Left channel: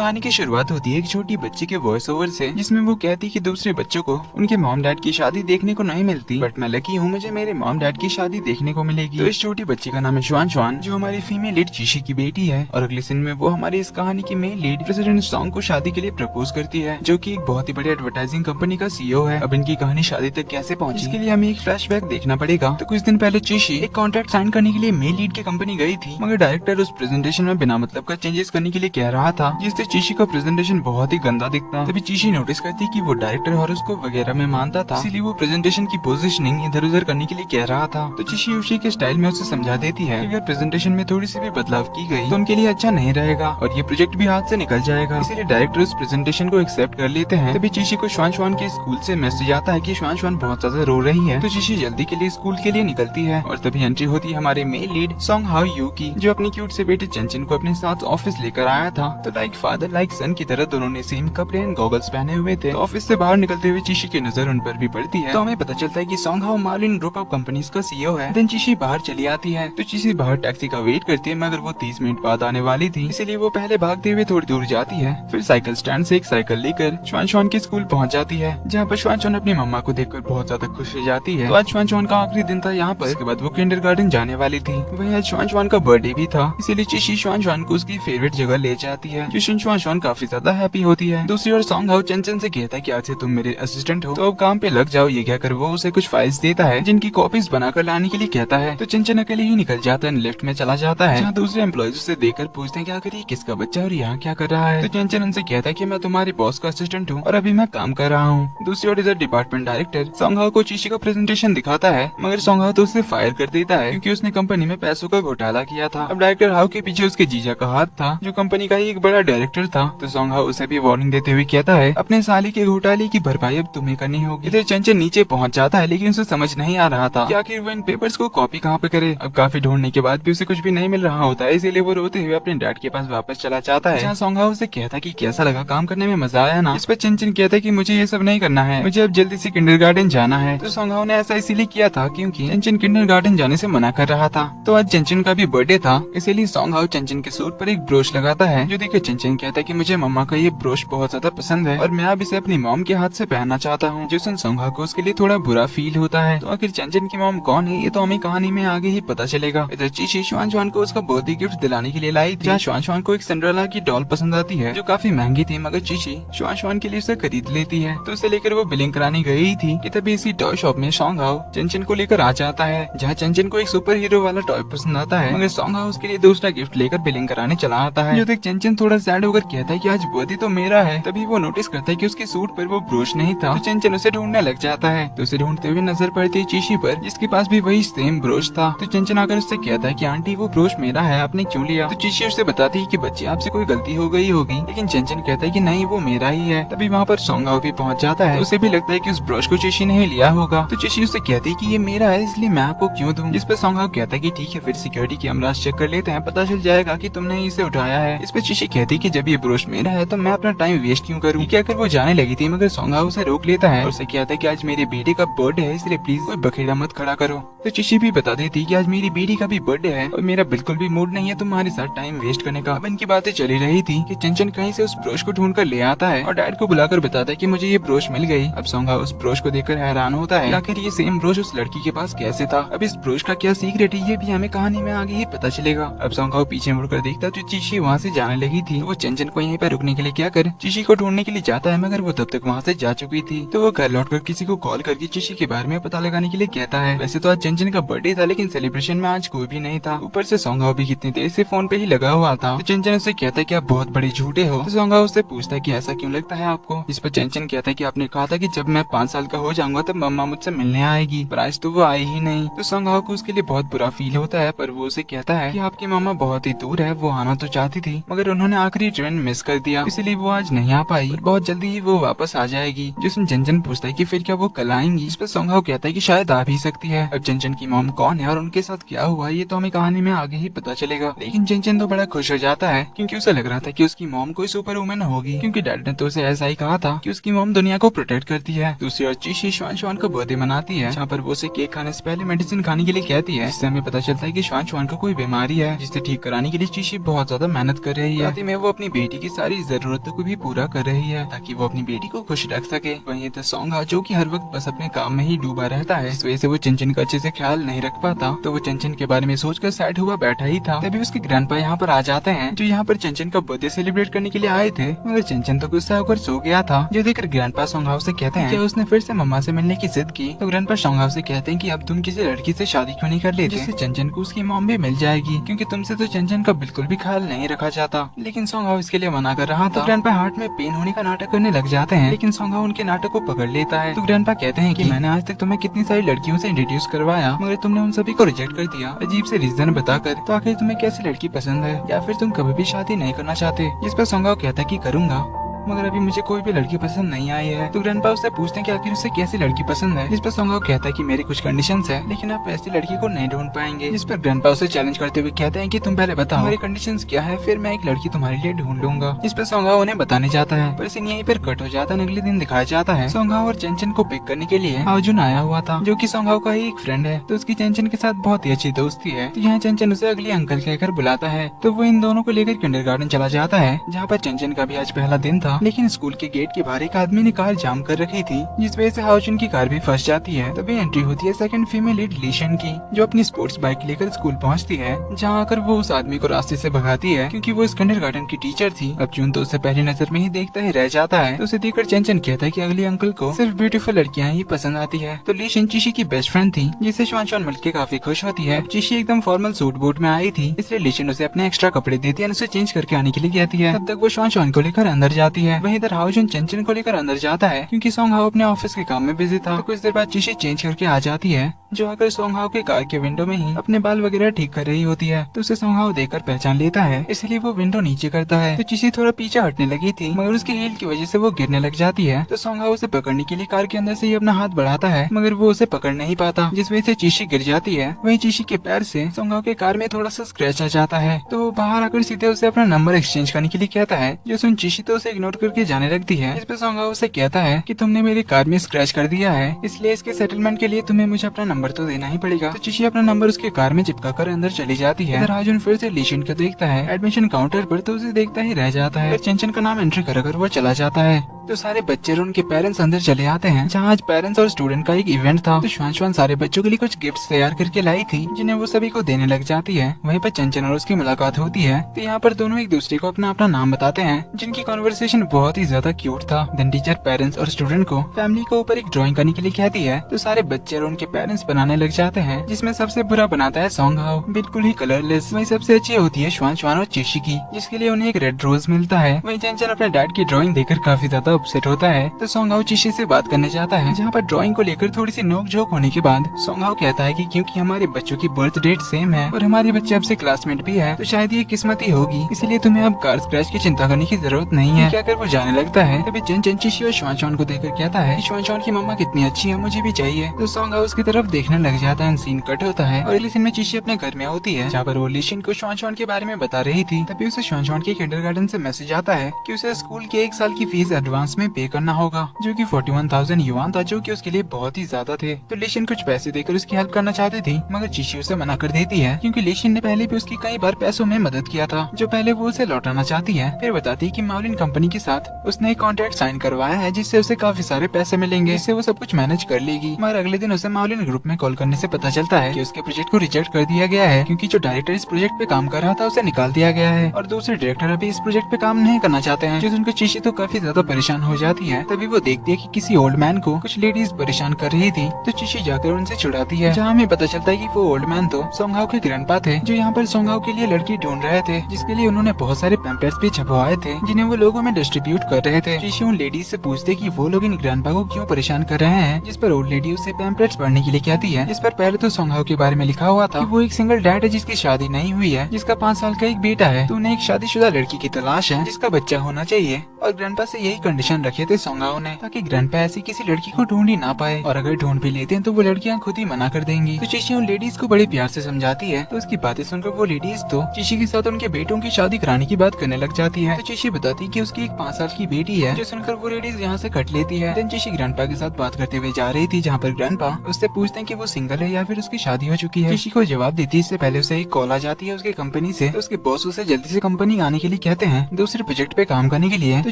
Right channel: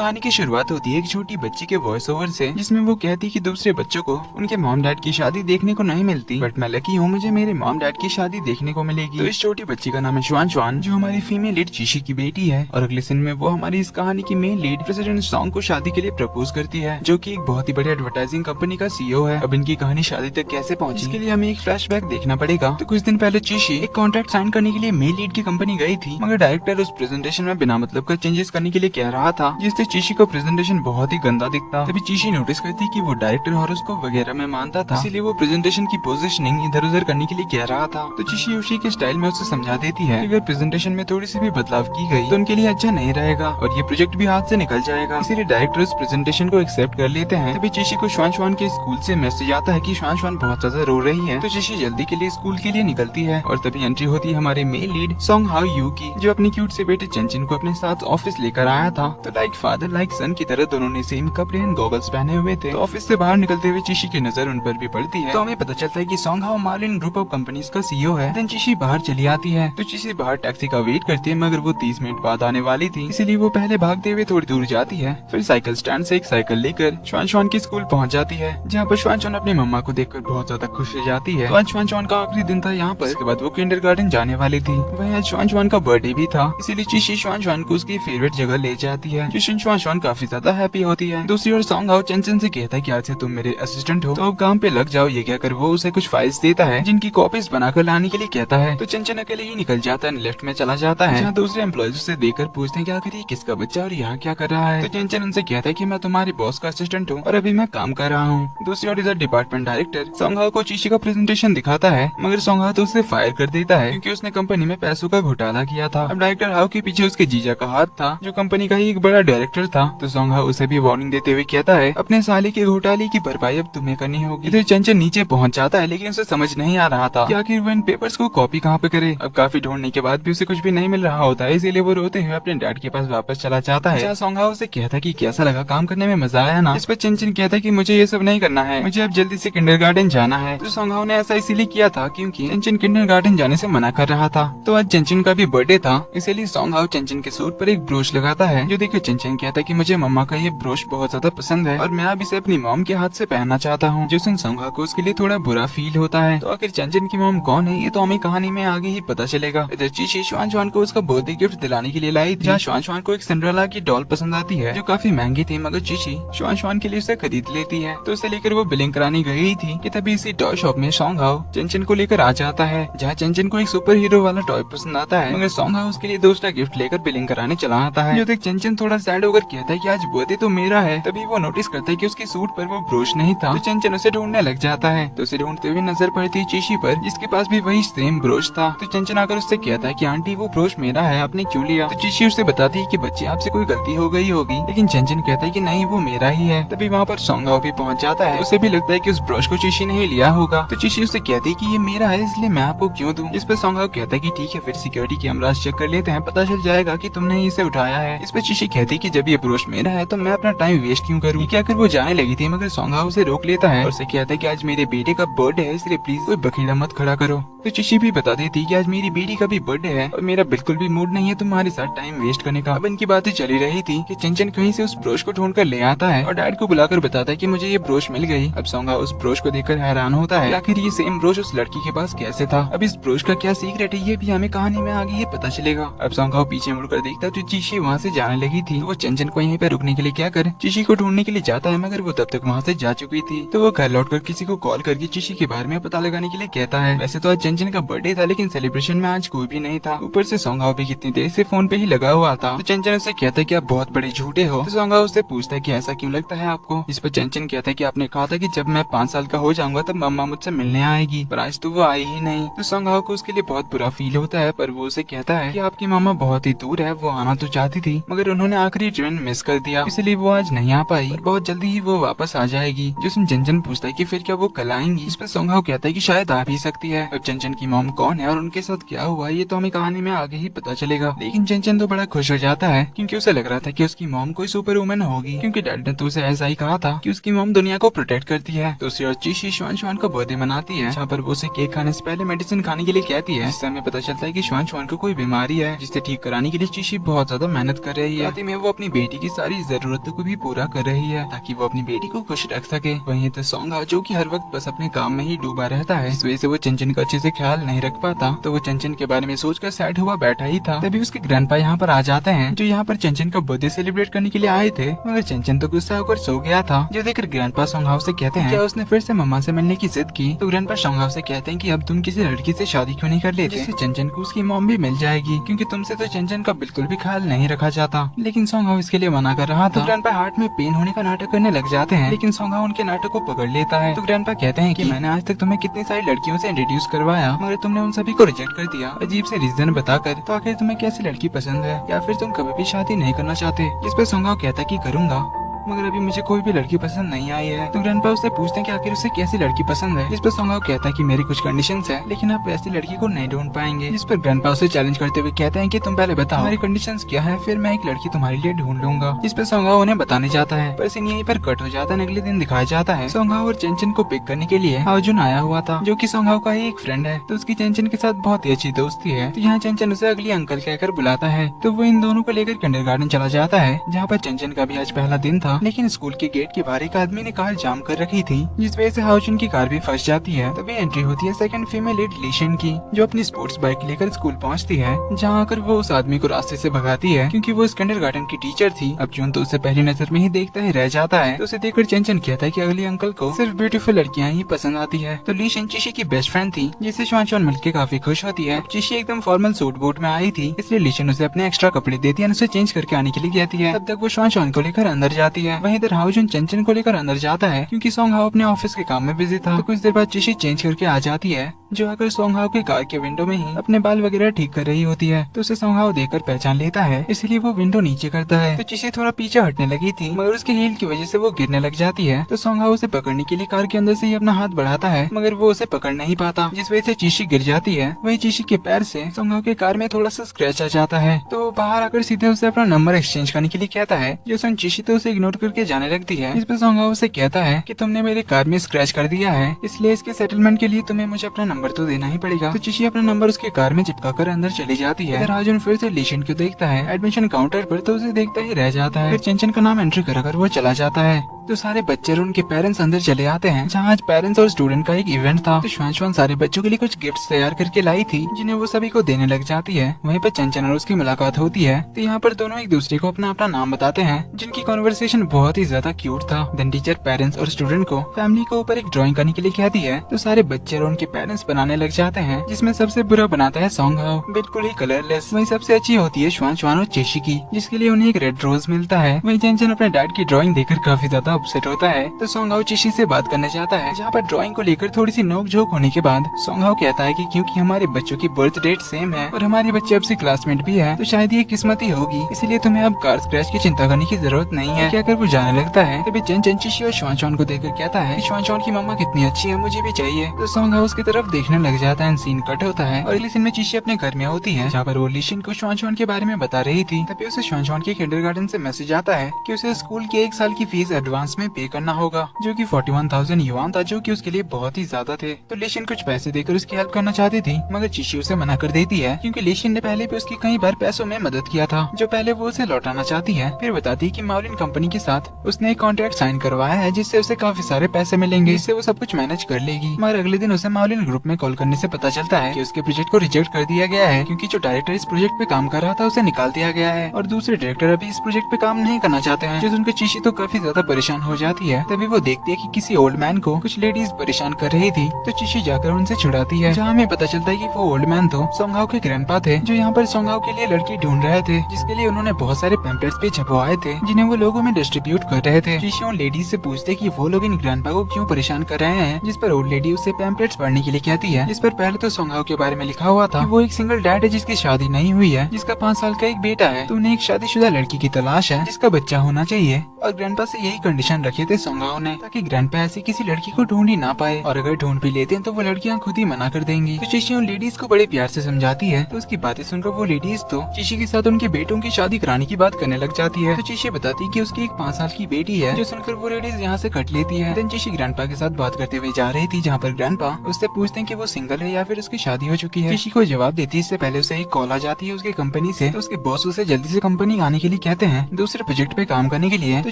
कहानी की शुरुआत होती है एक छोटी बच्ची के वॉइस ओवर से, जिसमें वो कहती है कि दूसरे बच्चों को उनके मॉम डैड की शादी देखने को नहीं मिलती, बट मैं लकी हूँ, मुझे मेरे मॉम डैड की शादी देखने को मिलेगी। तो इस छोटी बच्ची का नाम है श्वान श्वान, जो हमारी फीमेल लीड चीशी की बेटी है। और अगले सीन में वो हमारी इस कहानी की मेन लीड प्रेसिडेंट सॉन्ग को शादी के लिए प्रपोज करती है, जो की एक बहुत ही बड़ी एडवर्टाइजिंग कंपनी का सीईओ है। अब इनकी कहानी शादी तक कैसे पहुंची, इसके लिए हमें एक फ्लैशबैक देखना पड़ेगा। तो कुछ दिन पहले चीशी एक कॉन्ट्रैक्ट साइन करने के लिए मेल लीड की कंपनी गई थी, मगर डायरेक्टर उस प्रेजेंटेशन में बिना मतलब का चेंजेस करने के लिए कह रहा था, जिससे चीशी को प्रेजेंटेशन बहुत ही गंदा दिखता। तभी चीशी नोटिस करती कि वो डायरेक्टर हॉरोस्कोप वगैरह में मानता था, इसीलिए वो प्रेजेंटेशन की पोजीशनिंग इधर उधर करने के लिए कह रहा था। तो चीशी उसी के स्टाइल में उसे समझा देती है कि अगर प्रेजेंटेशन में थोड़ी सी भी बदलाव की गई तो उनके लिए अच्छा नहीं रहेगा और ये प्रोजेक्ट भी हाथ से निकल जाएगा। इसीलिए डायरेक्टर उस प्रेजेंटेशन को एक्सेप्ट कर लेते हैं। तभी चीशी को श्वान श्वान के स्कूल से मैसेज आता है कि श्वान श्वान बहुत ज्यादा रो रही है। तो चीशी जल्दी के लिए स्कूल के लिए निकलती है और तभी एंट्री होती है हमारे main lead song how you की, जो अपनी क्यूट से बेटे चंचन को अपने साथ ऑफिस लेकर आया था। तो लाइक फादर लाइक सन की तरह दोनों ने सेम कपड़े एंड गॉगल्स पहने हुए थे। ऑफिस से बाहर निकलते हुए चीशी की नजर उन पर भी पड़ती है, तो हमें पता चलता है कि सॉन्ग हाउ मार्लिन ग्रुप ऑफ कंपनीज का सीईओ है। देन चीशी बाहर चली आती है। तो चीशी बाहर टैक्सी का वेट करती है, मगर वो 30 मिनट बाद आने वाली थी, इसीलिए वो पहले भागते हुए थोड़ी दूर जाती है। फिर साइकिल स्टैंड से एक साइकिल लेकर श्वान श्वान के स्कूल पहुंच जाती है, जहाँ पर श्वान श्वान अपनी मम्मा को देखकर बहुत ज्यादा खुश हो जाती है। तो आज श्वान श्वान का आखिरी दिन था यहाँ पर, इसके बाद वो किंडरगार्टन जाने वाली थी। वही आज श्वान श्वान का बर्थडे भी था, इसीलिए चीशी श्वान श्वान को उसकी फेवरेट जगह ले जाती है, जिससे श्वान श्वान काफी ज्यादा हैप्पी होती है। दूसरी ओर सॉन्ग हाउ चंचन से कहता है कि आज से तुम मेरे असिस्टेंट हो, तो अब काम पे लग जाओ। ये कहकर वो उसे कुछ फाइल्स देता है, जिनकी कॉपीज बनाकर लाने के लिए कहता है। तो चंचन अकेले ही निकल जाता है, लेफ्ट में चला जाता है, जहाँ दूसरे एम्प्लॉइज उसे देखकर पूछते हैं कि आखिर ये किसका बच्चा और यहाँ क्या कर रहा है। तो चंचन उनसे कहता है कि मैं तुम्हारे बॉस का असिस्टेंट हूँ और अभी मैं काम कर रहा हूँ। दूसरी ओर इधर डिपार्टमेंट डायरेक्टर सॉन्ग हाउ को चीशी का प्रेजेंटेशन दिखाता है, मगर सॉन्ग हाउ तो उसे फायर कर देता है, क्योंकि उसने कंपनी में पैसों का घोटाला किया था। अब डायरेक्टर हाउ के पीछे उसके जीजा का हाथ था, जो कंपनी का ही एक बड़ा डायरेक्टर था। तो सॉन्ग हाउ उसे भी वार्निंग देते हुए कहता है अपने साले के घोटाले की भरपाई अब तुम्हें करनी होगी। इधर चंचन नीचे पहुंच जाता है, लेकिन उसे समझ नहीं आ रहा था कि आखिर वो इन पेपर्स को कॉपी कहाँ पे करे। अब काफी ढूंढने के बाद भी उसे कुछ भी नहीं मिल रहा होता है, इसीलिए वो रोते हुए अपने डैड के पास वापस चला जाता है, जहाँ सॉन्ग हाउ से कहता है कि कैसा लगा, काम करने में मजा आया ना। इस पर चंचन कहता है कि मुझे ये सब नहीं करना है, मुझे अब जल्दी से किंडरगार्टन जाना है। तो सॉन्ग हाउ ने ऐसा इसीलिए किया था क्योंकि चंचन किंडरगार्टन जाने से मना कर रहा था। तो आज चंचन का भी बर्थडे था, इसीलिए सॉन्ग हाउ चंचन के सूट पर एक ब्रोच लगाता है, जो देखे चंचन कहता है कि मुझे मम्मा का ये ब्रोच बहुत ज्यादा पसंद है और मैं अब इसे अपनी मॉम के हाथ से पहनना चाहता हूँ। जो सुन सॉन्ग हाउ को उसके लिए थोड़ा बुरा फील होता है। तो आखिर चंचन की मॉम कौन है ये तो हमें कहानी में आगे ही पता चलेगा। इधर चीशी श्वान श्वान को उसका बर्थडे गिफ्ट दिलाने के लिए लाई थी, जहाँ श्वान श्वान को एक सिंड्रेला की डॉल पसंद आती है, जो काफी महंगी थी, मगर चीशी श्वान श्वान के लिए उसे खरीद लेती है। तो उसे लेकर वो बिलिंग कराने गई थी कि तभी इसी टॉय शॉप में सॉन्ग हाउ चंचन को लेकर आ जाता है, जहाँ चंचन को एक सुपर हीरो वाला टॉय पसंद आता है, मगर सॉन्ग हाउ उसके लिए दूसरा गिफ्ट लेकर बिलिंग कराने चला आता है। जो देख चंचन थोड़ा सैड होकर कहता है कि आज बर्थडे तो मेरा है। तभी वो नोटिस करता है कि उसके सूट पर वो ब्रोच नहीं था, तो चंचन उसे ढूंढने लग जाता है। तो उसे ढूंढते हुए नजर पड़ती है चीशी पर, जिसके पास भी वही सेम ब्रोच था। तो चंचन आकर उससे कहता है कि आंटी वो ब्रोच मेरा है, आपने क्यों लिया। तो चीशी उससे बताती है कि बच्चे आपसे कोई गलती हो गई होगी, लेकिन चंचन कहता है कि नहीं वो मेरा ही है। तभी वहाँ पर सॉन्ग हाउ भी पहुँच जाता है, उसे भी लगता है कि उस ब्रोच को चीशी ने ही लिया होगा। तो चीशी उससे कहती है कि ये मेरा है, इसलिए मैं आपको क्यों दूं। जिस पर सॉन्ग हाउ कहता है कि ठीक है, फिर सिक्योरिटी कैमरास चेक कर लेते हैं, पता चल जाएगा कि तुमने इसे उठाया है। इस पर चीशी कहती है कि जब ये ब्रोच मेरा है तो मैं अपना टाइम वेस्ट क्यों करूँ। क्या कर वो जाने लगी थी, मगर सॉन्ग हाउ उसे रोक लेता है और उसे कहता है कि आज मेरे बेटे का बर्थडे है, इसलिए प्लीज कोई बखेड़ा मत खड़ा करो। तो चीशी भी बता देती कि आज मेरी बेटी का भी बर्थडे है और मेरा बिल्कुल भी मूड नहीं है तुम्हारे साथ टाइम वेस्ट करने का। अब इनकी बातें चली रही थी कि चंचन कहीं से उस ब्रोच को ढूंढ कर ले आता है और डैड को बुलाकर बताता है कि मुझे ये ब्रोच मिल गई। अब सॉन्ग हाउ उस ब्रोच को देखकर हैरान होता है, आखिर ये सेम ब्रोच उस लड़की के पास कैसे था। अब इस ब्रोच का क्या सीक्रेट है ये भी हमें कहानी में आगे ही पता चलेगा। अब सॉन्ग हाउ पीछे मुड़कर देखता है तो चीशी वहाँ से जाने लगी थी। वो चंचन को यहीं पे रुकने के लिए क्या कर चीशी को ढूंढने के लिए जाता है, मगर वो तब तक वहाँ से जा चुकी थी। तो वो घर लौटकर किसी को कॉल करके चीशी के बारे में पता लगाने के लिए कहता है। वैसे तो आज चंचन का बर्थडे था, लेकिन सेलिब्रेशन में आज कोई भी नहीं था। ऊपर से सॉन्ग हाउ भी कितनी देर से फोन पे ही लगा हुआ था। तो चंचन उससे कहता है कि आप बहुत बड़े झूठे हो। तो सॉन्ग हाउ उससे पूछता है कि ऐसा क्यों लगता है आपको। इस पर चंचन कहता है कि आपने कहा था कि जब मैं 5 साल का हो जाऊंगा तब मम्मा मुझसे मिलने आएगी, पर आज तो वो आई ही नहीं। तो सॉन्ग हाउ को उसके लिए बहुत बुरा फील होता है, पर वो उसे कहता है कि आपकी मामा बहुत ही दूर है, वो आना तो चाहती थी मगर उन्होंने आखिरी ट्रेन मिस कर दिया, इसलिए वो आज नहीं आ पाई, बहुत जल्दी ही वो वापस आ जाएगी। जिसमें चंचन पूछता है कि फिर क्या वो कल आएंगी। इस पर सॉन्ग हाउ कहता है कि शायद आ भी सकती है। अब चंचन की मॉम कौन है और उनके साथ क्या हुआ ये तो हमें कहानी में आगे ही पता चलेगा। लेकिन चंचन तो बड़ा खुश हो जाता है क्योंकि उसे लग रहा था कि उसकी मॉम कोई सुपर वुमन होगी, क्योंकि डैड ने तो उसे ऐसा ही कहा था कि उसकी मॉम दुनिया को प्रोटेक्ट करती है। दूसरी ओर चीशी श्वान श्वान का बर्थडे मनाती है, जहाँ पर वो उसे केक खाने से पहले मेडिसिन खाने के लिए कहती है, जिससे हमें पता चलता है कि श्वान श्वान को कोई बीमारी है, जिसे ठीक कराने के लिए चीशी बहुत ज्यादा मेहनत कर रही है। में वो अपनी बेटी की सारी जरूरतों को भी पूरा कर रही है ताकि वो अपनी बेटी को खुश रख सके। वहीं तो सोंगा जो कि हर वक्त बस अपने काम में ही डूबा रहता है, इस वजह से वो चंचन का अच्छे से ख्याल नहीं रख पाता। तो वो चंचन के बारे में सोचकर सैड हुआ बैठा ही था, तभी उसके ग्रैंडपा यहाँ पर आ जाते हैं, जो यहाँ पर चंचन का बर्थडे सेलिब्रेट करने के लिए आए थे। मगर चंचन तो गुस्सा होकर सो गया था, जो देखकर ग्रैंडपा सोंगाओ से कहते हैं क्या उसने फिर से मम्मा से मिलने की जिद की। तो ग्रैंडपा सोंगाओ से कहते हैं कि अब तुम किसी लड़की से शादी क्यों नहीं कर लेते, जिससे चंचन को उसकी मॉम भी मिल जाएगी, क्योंकि तुमसे तो चंचन का बिल्कुल भी ख्याल नहीं रखा जाता। लेकिन सोंगाओ इसके लिए मना कर रहा था। ग्रैंडपा हार्ट में पेन होने का नाटक करने लग जाते हैं, लेकिन सोंगाओ उनके नाटक को पकड़ लेता है। तो ग्रैंडपा कहते हैं कि मैंने आज तक तुम्हें कितनी सारी लड़कियों से इंट्रोड्यूस करवाया, मगर तुमने उन सभी को रिजेक्ट कर दिया अजीब से रीजन बताकर। तो आखिर तुम्हें कैसी लड़की पसंद है, या फिर तुम कभी भी शादी नहीं करना चाहते। जिस पर सोंगाओ कहता है कि करूंगा, मगर अभी मुझे कोई भी लड़की पसंद नहीं आई है। तो ग्रैंडपा उससे पूछते हैं कि आखिर उसे कैसी लड़की पसंद है। जिस पर सोंगाओ कहता है कि मेरी कुछ कंडीशंस है, लेकिन आप ऐसी लड़की को नहीं ढूंढ पाएंगे। जिस पर ग्रैंडपा उसे चैलेंज करते हुए कहते हैं कि तुम पहले बताओ हमारी कंडीशंस क्या है, फिर मैं एक लड़की तुम्हारे लिए ढूंढ लूंगा। जिस पर सोंगाओ उन्हें बताने जाता है, पर सीन यहीं पर कट हो जाता है। अगले दिन दिखाया जाता है सोंगाओ और चंचन को पिक करने के लिए अर्जुन आया हुआ था, जो की सोंगाओ का ही एक फ्रेंड है। तो उसकी चंचन के साथ बहुत ही अच्छी दोस्ती है। तो यहाँ चंचन उसे अगली अंकल कहकर बुलाता है। तो वो इन दोनों को लेकर किंडरगार्टन चला जाता है, जहाँ पर चंचन का भी आज पहला दिन था। लेकिन स्कूल के गेट के बाहर एक आदमी ने कार जाम कर रखी थी, जिस वजह से हाउजन की कार भी फंस जाती है। तभी एंट्री होती है सेकंड फीमेल लीड लीशन की, जो अपनी स्पोर्ट्स बाइक लेकर स्कूल पहुंचती है, जहां आकर वो उस आदमी को रास्ते से भगाती है, क्योंकि वो इस किंडरगार्टन की टीचर थी। अब जून तो उसे पहली नजर में ही देखता ही रह जाता है। तो उसे देखकर चंचन कहता है कि अगली अंकल को सिर्फ ब्यूटीफुल लड़कियां ही पसंद आती है। तो लीशन चिशी की बेस्ट फ्रेंड थी, जिसे श्वान मिलकर काफी खुश होती है। चिशी एकदम फॉर्मल सूट बूट में आई थी, इसलिए लीशन उसे अपने एक्स्ट्रा कपड़े देती है, उसे चेंज करके आने के लिए कहती है। तब तक वो श्वान को लेकर अंदर जाती है। वहीं इधर हाउजन चंचन को लेकर अंदर जाता है, क्योंकि सोंगहाओ अपने ऑफिस के काम में बिजी था। तो कुछ देर बाद चिशी चेंज करके आ जाती है, जो आकर सोंगहाओ की कार के विंडो में ही अपने बाल वगैरह ठीक कर रही होती है। तो उसे सोंगहाओ देखकर पहचान लेता है, इसलिए वो विंडो नीचे करता है। तो चिशी थोड़ा पीछे हटने लगी थी, मगर उसके हील की वजह से वो गिरने लग जाती है। तो सोंगहाओ उसे पकड़ने के लिए कार के अंदर से ही अपना हाथ बढ़ाता है, मगर वो उसे पकड़ नहीं पाता, जिस वजह से चिशी गिर जाती है। वहीं चिशी के पैर से सोंगहाओ की कार में थोड़ा सा स्क्रैच आ जाता है। तो बाहर आकर सीधे उसे अपना नंबर एक्सचेंज करने के लिए कहता है, जो सुन चिशी तो उसे इग्नोर करके जाने लगती है। इस पर सोंगहाओ उसे कहता है कि तुमने मेरे कार में स्क्रैच कर दिया है, इसलिए इसके सेटलमेंट के लिए तुम्हें मुझे अपना नंबर तो देना ही पड़ेगा। तो चिशी अपना नंबर उसकी कार में चिपका कर अंदर चली जाती है। इधर अर्जुन फिर से लीशन को देखता है एडमिशन काउंटर पर, तो उसे देखता ही रह जाता है। फिर चंचन का नाम एंट्री कर वो चला जाता है। तो सारे बच्चे और उनके पेरेंट्स अंदर चले आते हैं, जहाँ आज पेरेंट्स और स्टूडेंट का एक इवेंट था। तो श्वान सारे बच्चों के लिए कुछ गिफ्ट्स तैयार करके लाई थी, जिन्हें वो सभी को देने लग जाती है। वहीं पे चंचन और उसकी मुलाकात होती है। तो यहाँ पर दोनों एक दूसरे को अपना अपना नाम बताते हैं, जिनकी कॉन्वर्सेशन बहुत ही ज्यादा क्यूट था। देन टीचर पेरेंट्स और स्टूडेंट को फैमिली के ऊपर एक ड्राइंग करने के लिए कहती है। तो सारे बच्चे और उनके पेरेंट्स बनाने लग जाते हैं, जिसमें सबसे बुरा बनाता है सोंगहाओ, बिल्कुल ही कलरलेस। वहीं सबसे अच्छी होती है श्वान और चिशी की, जिसके लिए उन्हें एक रेड रोज मिलता है। वहीं चंचन अपने डैड की ड्राइंग देखकर काफी ज्यादा अपसेट होता है। तो सोंगहाओ चिशी से बात करने जाता है, जहाँ पर ड्राइंग को लेकर थोड़ी सी नोक झोंक होने के बाद सोंगहाओ कहता है कि क्योंकि हमारे बच्चों की बर्थ डेट सेम है और हमारे बच्चे अब से क्लासमेट भी है, तो शायद ये किस्मत ही होगी, इसलिए तुम्हें अब कार स्क्रैच की चिंता करने की जरूरत नहीं है। क्या कर वो जाने लगता है, तभी चंचन चिशी और श्वान को देखकर कहता है श्वान की मम्मा कितनी अच्छी है, मुझे भी चाहिए। तो सोंगहाओ उसकी तरफ देखने लग जाता है। सीन कट होता है और अगले सीन में चिशी अपने घर में होती है, जहाँ पर वो लीशन को श्वान के बारे में बता रही थी। तभी उसे श्वान के किंडरगार्टन से मैसेज आता है कि उसे स्कूल के 1 साल की फीस एडवांस में पे करना होगा, जो कि 41,000 युआन था, जो कि उसके लिए बहुत ही ज्यादा थे। तो लीशन कुछ पैसे देकर उसकी हेल्प करना चाहती थी, मगर चिशी उसे मना कर देती है, क्योंकि लीशन ने पहले भी उसकी कई बार पैसों में मदद किया था, जो पहले वो उसे लौटाना चाहती है। फिर बताती है कि माउलिन कंपनी के साथ उसने एक कॉन्ट्रैक्ट साइन करवाया है, जिससे उसे काफी सारे पैसे मिलेंगे, जिससे वो सब कुछ मैनेज कर लेगी। मगर अगले दिन उसे माउलिन ग्रुप में कॉल करने से पता चलता है कि उसके प्रोजेक्ट को रिजेक्ट कर दिया गया है, क्योंकि जो डायरेक्टर इस प्रोजेक्ट पे काम कर रहा था उसे निकाल दिया गया है, और दूसरे डायरेक्टर अभी इस प्रोजेक्ट पे काम नहीं करना चाहते हैं, जो सुनकर चिशी तो काफी ज्यादा परेशान हो जाती है। तभी वो देखती है कि किसी ओल्ड मैन को कुछ लेडीज परेशान कर रही थी। तो चिशी जाकर उनसे छुड़ाती है, जहाँ हमें पता चलता है कि वो ओल्ड मैन तो सोंगहाओ के ग्रैंडपा थे, जो यहाँ पर सोंगहाओ के लिए लड़की ढूंढ रहे थे, जिसके लिए उन्होंने बहुत सारे पैम्पलेट्स भी छपवाए थे, जिन्हें वो लोगों में डिस्ट्रीब्यूट कर रहे थे। चिशी उन लेडीज से पूछते कि वो लोग इन ग्रैंडपा को क्यों परेशान कर रहे हैं, जिस पर ओल्ड लेडी उससे पैम्पलेट्स पढ़ने के लिए कहती है, जिस पर पहले तो सोंगहाओ के बारे में लिखा हुआ था कि वो एक सिंगल डैड है, जिसकी शादी नहीं हुई है, जिसका 5 साल का एक बेटा है। तो उन्हें एक शादीशुदा लड़की की तलाश है, जिसका बच्चा होना चाहिए, और ग्रैंडपा से यही कंडीशन रखे थे सोंगाओ ने, ताकि ग्रैंडपा ऐसी किसी लड़की को ढूंढ ही ना पाए, और अगर ढूंढ भी लेते हैं तो वो लड़कियां खुद ही मना कर देंगी। तो चिशी उन लेडीज को बड़े प्यार से समझाती है, तो उसकी बातें सुनकर वो लेडीज तो चिशी के साथ उनके बेटों की शादी कराने की बात करने लग जाती है। तो चिशी बताती है कि उसकी एक 5 साल की बेटी है, जो सुनकर वो लेडीज यहाँ से कट लेती है। चिशी ग्रैंडपा के साथ बात करते हुए जा रही थी, जहाँ पर ग्रैंडपा उससे पूछते हैं कि वो सिंगल है या फिर उसकी शादी हो चुकी है। चिशी को जवाब देती है इससे पहले उसे एक कॉल आ जाती है उसकी कंपनी से। तो उसके बॉस उसे जल्दी से कंपनी आने के लिए कहते हैं दूसरे प्रोजेक्ट पे काम करने के लिए। तो